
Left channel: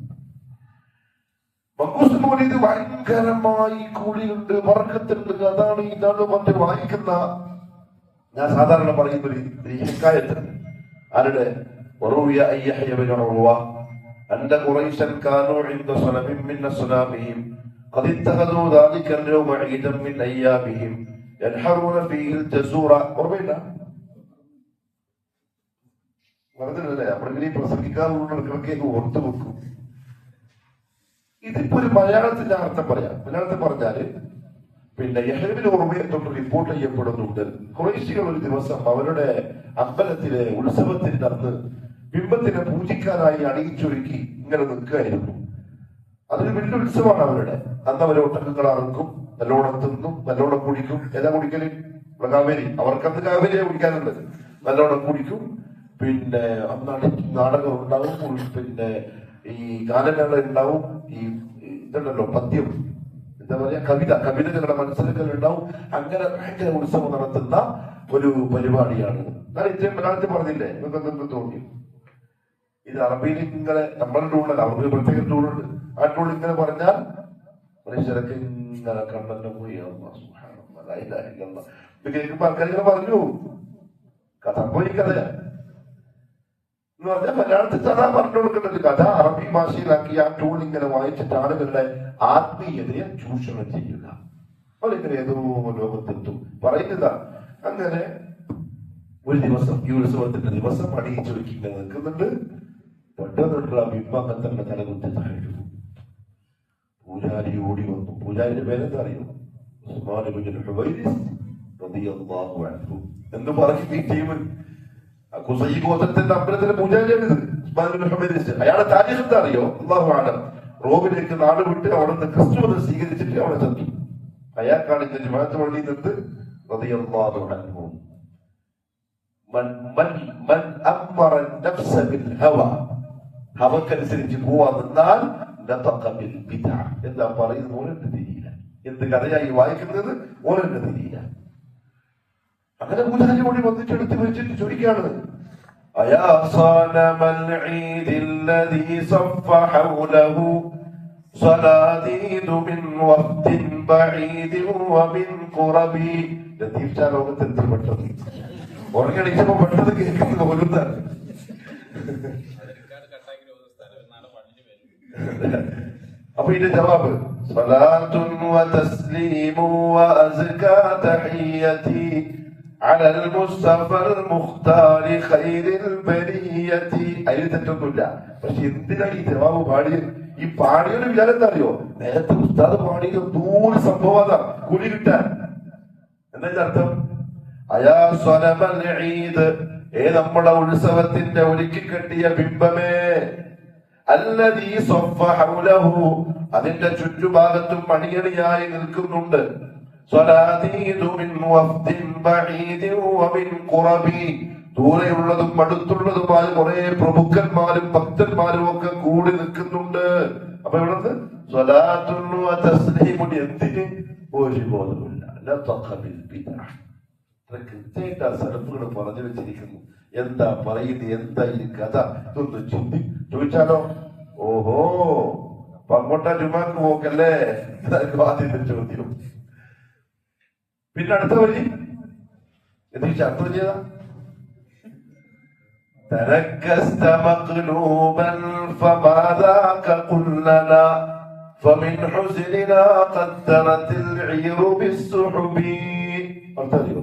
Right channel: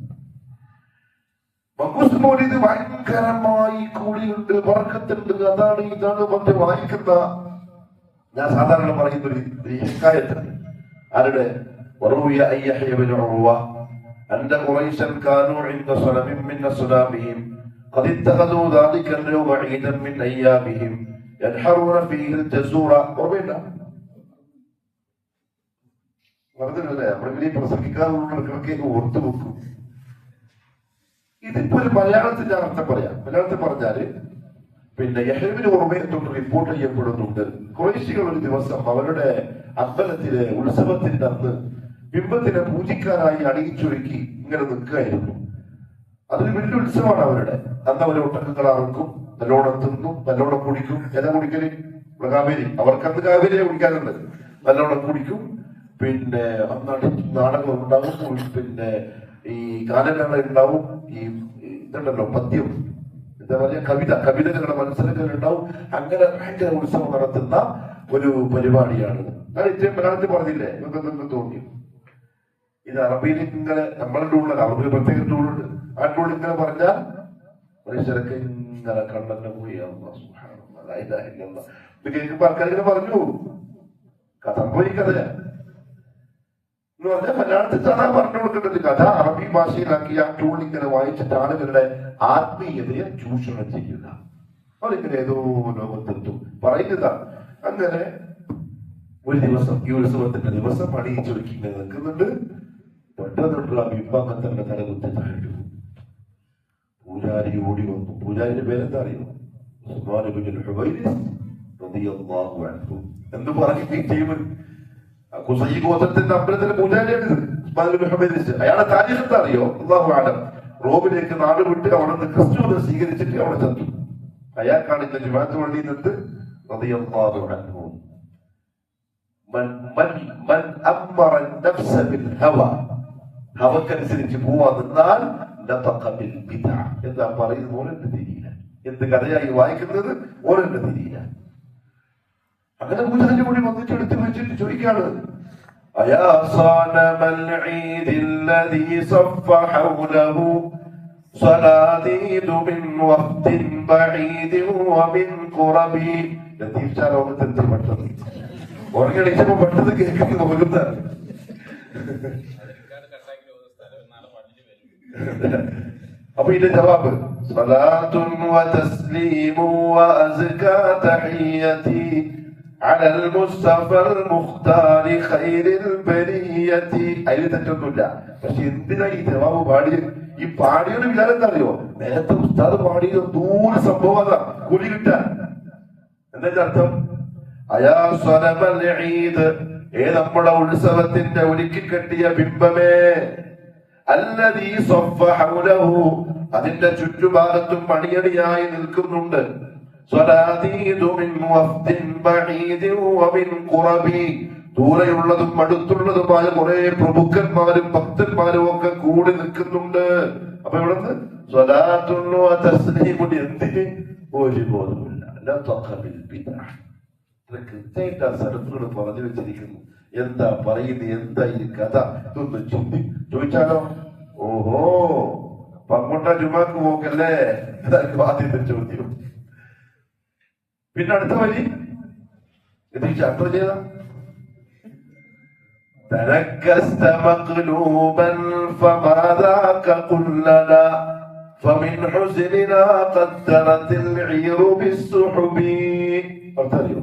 മങ്കൂസ് മൗലിദ് ഭയങ്കരമായി കൂടിയുണ്ട്, വർക്കത്തുണ്ട്, അതാണ് ഇതാണ് മറ്റേ വായിക്കുന്ന. ഞാൻ സാധാരണ പറയുന്ന ഒരു ഹിക്കായത്ത് ആരുടെ وروي أن يحيى بن عروة أن قريشا كانوا عند صنم من أصنامهم قد اتخذوا ذلك اليوم عيدا من أيامهم ينحرون فيه الجزور. ഓർമ്മയില്ല? പറഞ്ഞില്ലേ നമ്മളെ പ്രസംഗിക്കാറുള്ളവർക്കൊക്കെ ഓർത്തു വെക്കും. ഇതിപ്പോ ഒരു മലയാളത്തിന്റെ അർത്ഥം പറയാം. മലയാളത്തിൽ പറഞ്ഞാല് പിന്നെ യഹ്യബിന് ഉർവയെ തൊട്ട് റിപ്പോർട്ട് ചെയ്യപ്പെടുന്നുണ്ട്, ഖുറൈശികൾ ഒരു ദിവസം അവരുടെ അമ്പലത്തിലെ ഉത്സവത്തിന്റെ അന്ന് ബിംബത്തിനെ പൂജിക്കാനായി അണിയിച്ചൊരുക്കി ഇങ്ങനെ നിൽക്കുകയായിരുന്നു. അതൊരു വലിയ ഉത്സവമാണ് അവരുടെ. അന്ന് അവരെ ഒട്ടക്കങ്ങളാർക്കും, നല്ലോണം തിന്നും, നല്ലോണം കുടിക്കും. ഏതാ കുടിക്കല്? കാവേരി. അവർക്കന്ന് കാവേരിയെ കുടിക്കാനുണ്ട്. നല്ലോണം കുടിക്കും. പിന്നെ അന്നാണ് നാടകം ഉണ്ടാവും, പിന്നെ ഈ ഗാനങ്ങൾ ഉണ്ടാവും, ഈ ഇതുണ്ടല്ലോ പദ്യം, എന്താ പറയാ, കവിതകളുടെ മത്സരങ്ങൾ ഉണ്ടാവും. അങ്ങനെ ഭയങ്കര ഉത്സവം നടത്തുന്ന ഒരു പരിപാടിയാണ്. ഞാൻ ഇത്രയും മലയാളത്തിൽ പറഞ്ഞില്ലേ, നിങ്ങൾക്ക് തോന്നി? ഇത് അറബിയിൽ ഇങ്ങനെ നമ്മളുടെ ടൂണല്ല, അറബി പ്രത്യേക ടൂണുണ്ട്. ആ ടൂൺ ഇങ്ങനെ പറഞ്ഞാൽ മനുഷ്യരൊക്കെ ഇങ്ങനെ കണ്ണെന്നെ പോയി. കേൾക്കുമ്പോ ആൾക്കാരിങ്ങനെ പറഞ്ഞു സംഭവം ഈ കഥയാ എന്ന് പറഞ്ഞാൽ മലയാളത്തിൽ സാധാ പറഞ്ഞു കൊടുക്കേണ്ടത് കഥ അറബി ഭാഷയിലാക്കി ആ ടൂൾ ഇങ്ങനെ വായിച്ചിട്ട് ആളുകളുടെ ആത്മീയതയെ ചൂഷണം ചെയ്യുക. അവരിങ്ങനെ ഏതോ ലോകത്തെത്തും പറയുക. അങ്ങനെ ഒരു ദിവസം ഈ ഉത്സവത്തിന്റെ ദിവസം അണിയിച്ചൊരുക്കി ഇങ്ങനെ നിൽക്കുന്നുണ്ട്. പെട്ടെന്നുള്ള ബിംബാങ്കത്തിന്റെ തലകുത്തി താഴെ പൂജാരി ഓടി വന്നു. പൂജാരിയുടെ പേരെന്താ അറിയോ? എന്ത് പറഞ്ഞു ഈ ടീം? ഖുസൈ ഗോത്രത്തിന്റെ അമ്പലത്തിലെ പൂജാരിയാണിത്. അയാളെ താരീഖ് എന്താ അറിയോ? അല്ലാഹു അഅലം. റോമിലേക്ക് നാട് വിട്ട് അവിടെ നിന്ന് ക്രിസ്തുവിനെ സ്വീകരിച്ചിട്ട് അവിടെ ചെന്നു. അയാൾക്കാണ് ഇന്ന് ജുമാഅത്ത് പള്ളിയിൽ നിന്ന് റളിയല്ലാഹു അൻഹു മൻ അമറ നഫ്സ ബിൽ ഹവ, ഹവക്കനുസരിച്ച് പോവാ നിന്നാൽ എന്താ പറയുന്നത് ഓരെന്നെ തിരിയില്ല. എന്ത് കഥയായി വായിക്കുന്നത് ഓരെന്നെ തിരിയില്ല. അങ്ങനെ പൂജാരി കൂടി വന്നിട്ട് എടുത്ത് വെച്ചിട്ട് ചോദിക്കാണ്, അയാ സാനമൽ ഈദില്ലദീ സഫ ഹൗലഹു സലാദീദു മിൻ വഖ്തിൻ ബഈദി വമിൻ ഖുറബി. ലത്തീഫ് ഷാ ലോകത്തെത്തി പെട്ടെന്ന് ഉറങ്ങിയടിച്ചപ്പോ പെട്ടെന്ന് കേൾക്കുന്നത് ഓരോന്നാണ്. അപ്പൊ ഇതിന്റെ ജവാബ് സ്വലാത്തുൻ വതസ്ലീമു വഅസ്കാ തഹിയ്യതി അലൽ മുസ്തഫൽ മുഖ്താരി ഖൈറിൽ ബരിയതി. അതിൽ തെറ്റൊന്നുമില്ല. പക്ഷെ എന്തിനാ ഈ ജവാബ് പാടിയത്? ഈ പാടിയൊരു വിചാരം എന്താ അറിയോ? നേരത്തെ ഉസ്താദ് പാടിയത് 100 സംഭവം കൂലി കിട്ടാൻ. എന്താ അർത്ഥം? അയാ സ്വലമൽ ഈദ്, നമ്മുടെ ഉത്സവത്തിന്റെ ഒരുക്കി കെട്ടിയ ബിംബമേ, അല്ലദീ സഫ ഹൗലഹു, അതിന്റെ ചുറ്റുഭാഗത്തും അണിയണിയായി നിൽക്കുന്നുണ്ട്. സ്വലാദീദു മിൻ വഫ്ദിൻ ബഈദിൻ വമിൻ ഖുറബി, ദൂരെയുള്ളതും അടുത്തുള്ളതുമായ കുറെ പ്രമുഖന്മാരും ഭക്തന്മാരും ഒക്കെ കൂടി നിൽക്കുന്നുണ്ട്. അപ്പൊ ഇവിടുന്ന് സ്വലാത്തുൻ വതസ്ലീമുൻ എന്തിന്? ഒരു ബോധമില്ല. ലതഖബിൽ ബിദ്അ. കൃത്യമായിട്ട് ആ സ്ഥലത്തുകൾ പറഞ്ഞു വെച്ചിരിക്കുന്നു. എന്താ പറയുന്നത്, എന്താ ഈ കഥ? ഇതൊന്ന് ചോദിച്ചാലോ? ഓഹോ, പങ്ങോട്ട ജുമാക്ക് പോക്കല്ലേ? ആദ്യത്തെ ചോദ്യം. പിന്നെ അടുത്ത വരി ഇത് യാത്ര ചെയ്ത تركست مقلوبا فماذاك قلنا فمن حزننا قدرت العير بالسحب. أرتريو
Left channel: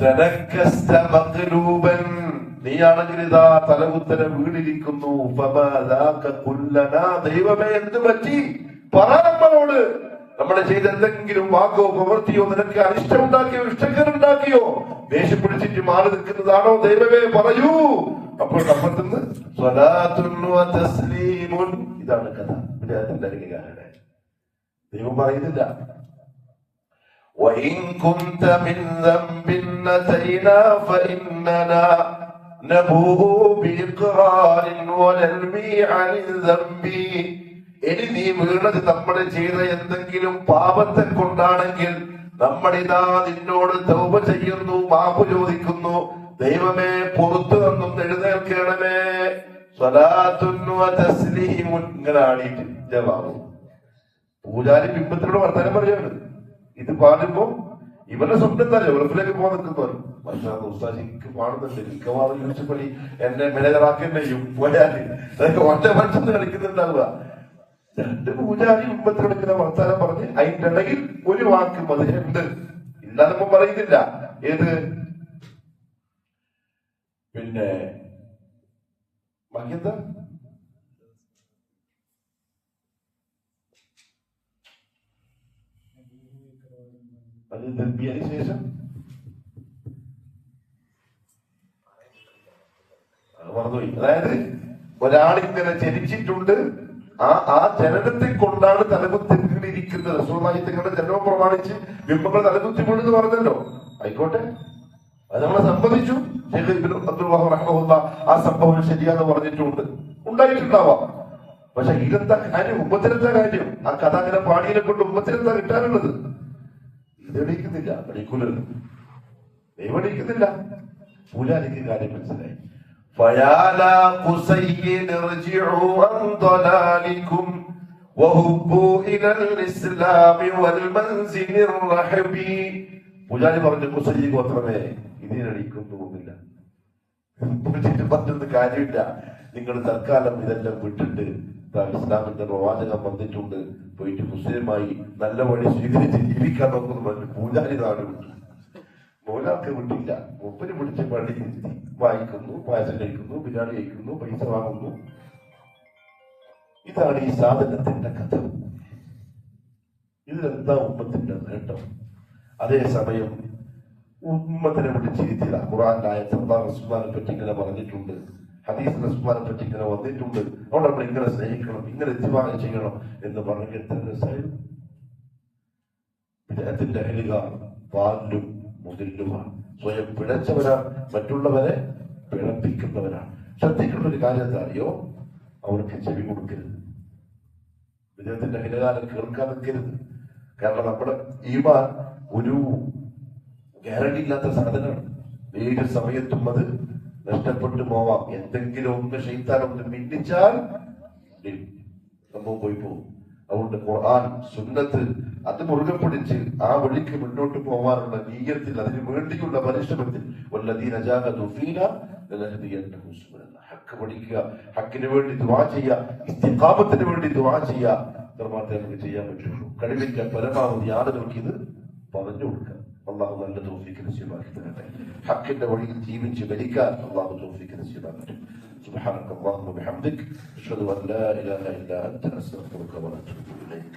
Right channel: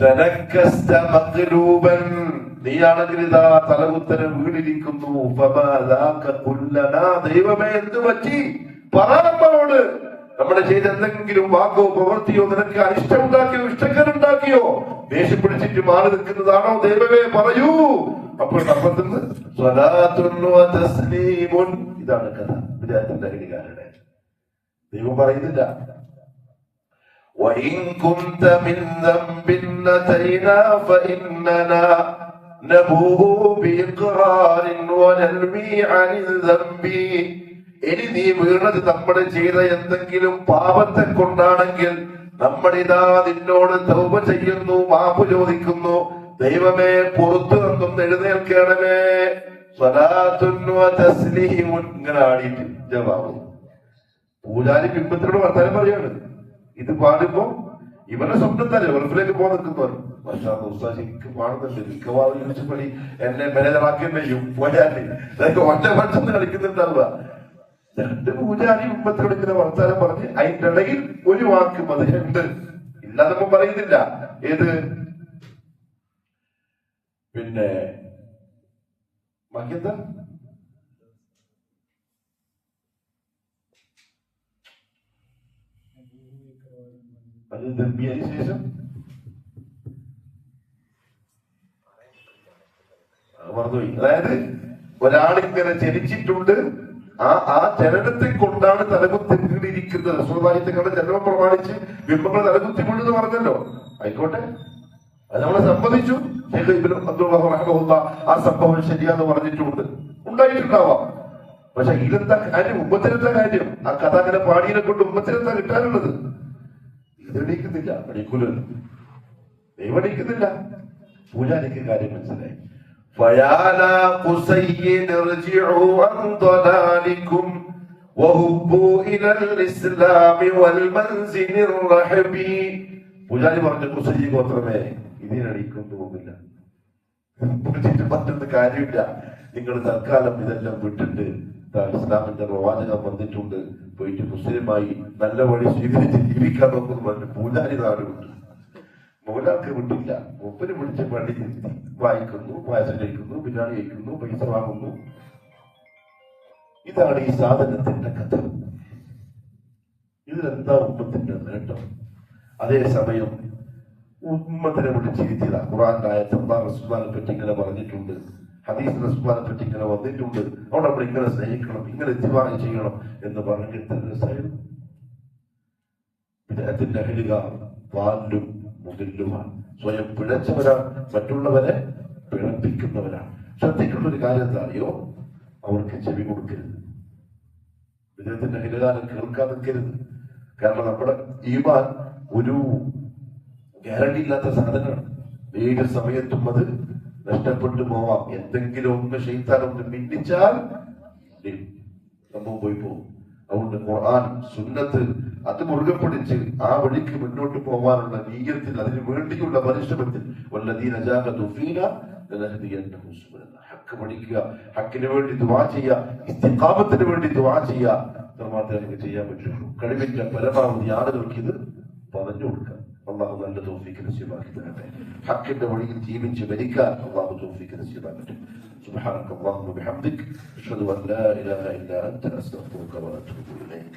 تنكست مقلوبا, നീയാണെങ്കിൽ ഇതാ തലകുത്തരം വീണിരിക്കുന്നു. ദൈവമേ എന്ത് പറ്റി പറ നമ്മളോട്. നമ്മളെ ചെയ്ത് എന്തെങ്കിലും വാക്കോ പ്രവൃത്തിയോ നിനക്ക് അനിഷ്ടമുണ്ടാക്കിയോ ഇഷ്ടക്കരുണ്ടാക്കിയോ ദേഷ്യം പിടിച്ചിട്ട് മാറി നിൽക്കുന്നതാണോ ദൈവമേ പറയൂ. അപ്പോൾ അപ്പുറത്തുനിന്ന് ഇതാണ് കഥ. വിചാരത്തിന്റെ അരികാരുടെ ദൈവം പറയുന്നില്ല وَإِن كُنتَ مِنْ ذَنْبٍ أَتَيْنَا فَإِنَّنَا نَبُوءُ بِإِقْرَارٍ وَنَنْوِي عَنِ الذَّنْبِ. ഇനി നീ വീണത് നമ്മൾ ചെയ്ത എന്തെങ്കിലും പാപത്തെ കൊണ്ടാണെങ്കിൽ നമ്മളിതാ നിന്നോട് തൗബ ചെയ്യുന്നു, മാപ്പ് ചോദിക്കുന്നു. ദൈവമേ പുറത്തു നിന്നും എഴുന്നേൽക്കണമേ. ഇങ്ങനെ ആടിയിട്ട് ജവാബ്. പൂജാരി ബിംബത്തിനോട് വർത്താനം പറയാണ്. ഇത് പാടുമ്പോ ഇവരുടെ സ്വപ്നം തന്നെ വെറുപ്പിലേക്ക് പോകാൻ നിൽക്കുന്നവർ എനിക്ക് പാടുന്നുണ്ട്. മിക്കവാറും യൂണിവേഴ്സിറ്റി എന്നെ മാനേജറാക്കുകയും പോയാല് ഇതൊക്കെ ഒറ്റ മനസ്സെന്ന് കളിക്കുന്നുണ്ടാവുക. രണ്ട് പൂജാരി ബിംബത്തിനെടുക്കുന്ന വർത്താനം പറഞ്ഞ് അതിന്റെ ഇടയിൽ ഒരു വാക്ക് മതിലുണ്ട് ഇല്ലാതെ പറയുന്നില്ല. ഏത് പിന്നെ ബാക്കിയെന്താ അത് ദർബിയതിനു ശേഷം മറന്നുപോയി. അതായത് ഒരാളിങ്ങനെ ചലിച്ചിട്ടുണ്ട്, ആ ചലനത്തെ കൊണ്ടാണ് തലകുത്തിരിക്കുന്നത്. സ്വഭാവത്തിന്റെ ജന്മം പ്രമാണിച്ച് ബിംബങ്ങൾ തലകുത്തിമുണ്ടെന്ന് പറഞ്ഞല്ലോ. ആയിക്കോട്ടെ, അത് നമ്മളെ സംബന്ധിച്ചു. ആ സംഭവം ശരിയാന്ന് പറഞ്ഞിട്ടുണ്ട്, ഉണ്ടായിട്ടുണ്ടാവാം. പക്ഷെ ഇതെന്താ കാര്യം? ഉമ്മത്തിനെന്താ കാര്യം? ആ കഥ അങ്ങനെ പാടിയെ കൊണ്ട് ഉമ്മത്തിനെന്താ കിട്ടാനുള്ളത്? ഇതെണീക്കുന്നില്ല, പഠിക്കൂലല്ലോ. ദൈവം എണീക്കുന്നില്ല. പൂജാരിക്ക് കാര്യം മനസ്സിലായി. പൂജാരി പറഞ്ഞു, കുസയ്യ ഗോത്രമേ ഇതിനടിക്കും തോന്നില്ല, പറഞ്ഞിട്ട് കാര്യമില്ല. നിങ്ങൾ തൽക്കാലം ഇതെല്ലാം വിട്ടിട്ട് ഇസ്ലാമിന്റെ പ്രവാചകം വന്നിട്ടുണ്ട്, പോയിട്ട് മുസ്ലിമായി നല്ല വഴി സ്വീകരിച്ച് ജീവിക്കാൻ നോക്കുന്നു പറഞ്ഞു പൂജാരി നാട് വിട്ടു. മൗലാക്ക് വിട്ടില്ല. മൂപ്പര് വിളിച്ച പള്ളി വായിക്കുന്നു, പായസം കഴിക്കുന്നു, ബിരിയാണി കഴിക്കുന്നു, പൈസ വാങ്ങുന്നു. ഇതാണ് ഈ സാധനത്തിന്റെ കഥ. ഇതിലെന്താ ഉമ്മത്തിന്റെ നേട്ടം? അതേസമയം ഉമ്മത്തിനെ വിളിച്ചിരുത്തില്ല. ഖുർആനിലായ റസൂലിനെ പറ്റി ഇങ്ങനെ പറഞ്ഞിട്ടുണ്ട്, ഹദീസ് റസൂലിനെ പറ്റി ഇങ്ങനെ വന്നിട്ടുണ്ട്. അവിടെ നമ്മൾ ഇങ്ങനെ സ്നേഹിക്കണം, ഇങ്ങനെ ഇത്തിബാഅ് ചെയ്യണം എന്ന് പറഞ്ഞെങ്കിൽ ഇതിന്റെ അഹ്ലുക പാലും മുകിലുമാണ്. സ്വയം പിഴച്ചവരാണ്, മറ്റുള്ളവരെ പിഴപ്പിക്കുന്നവരാണ്. ശ്രദ്ധിക്കേണ്ട ഒരു കാര്യം എന്താ അറിയോ? അവർക്ക് ചെവി കൊടുക്കരുത്. വിദേഹത്തിന്റെ അഹ്ലുകാരെ കേൾക്കാൻ നിൽക്കരുത്. കാരണം നമ്മുടെ ഈമാൻ ഒരു ഗ്യാരണ്ടി ഇല്ലാത്ത സാധനമാണ്. ഏത് സമയത്തും അത് നഷ്ടപ്പെട്ടു പോവാം. എന്തെങ്കിലും ഒന്ന് ശൈത്താൻ ഒന്ന് മിന്നിച്ചാൽ സംഭവം പോയി പോകും. അതുകൊണ്ട് ഖുർആൻ സുന്നത്ത് അത് മുറുകെ പിടിച്ച് ആ വഴിക്ക് മുന്നോട്ട് പോകാനുള്ള നീയത്തിൽ, അതിനു വേണ്ടിയുള്ള പരിശ്രമത്തിൽ ഹക്ക് പഠിക്കുക, ഹക്കിന് വേണ്ടി ദുആ ചെയ്യുക, ഇസ്തിഖാമത്തിന് വേണ്ടി ദുആ ചെയ്യുക. മാത്രമേ നമുക്ക് ചെയ്യാൻ പറ്റുള്ളൂ. കഴിവിന്റെ പരമാവധി ആളുകൾക്ക് ഇത് പറഞ്ഞു കൊടുക്കുക. അള്ളാഹു നല്ല തൗഫീഖ് നസീബാക്കി തരട്ടെ. ഹക്കിന്റെ വഴിയിൽ ജീവിച്ച് മരിക്കാൻ അള്ളാഹു തൗഫീഖ് നസീബാക്കട്ടെ. സുബ്ഹാനക അല്ലാഹുമ്മ വബിഹംദിക അഷ്ഹദു അൻ ലാ ഇലാഹ ഇല്ലാ അൻത അസ്തഗ്ഫിറുക വഅതൂബു ഇലൈക്.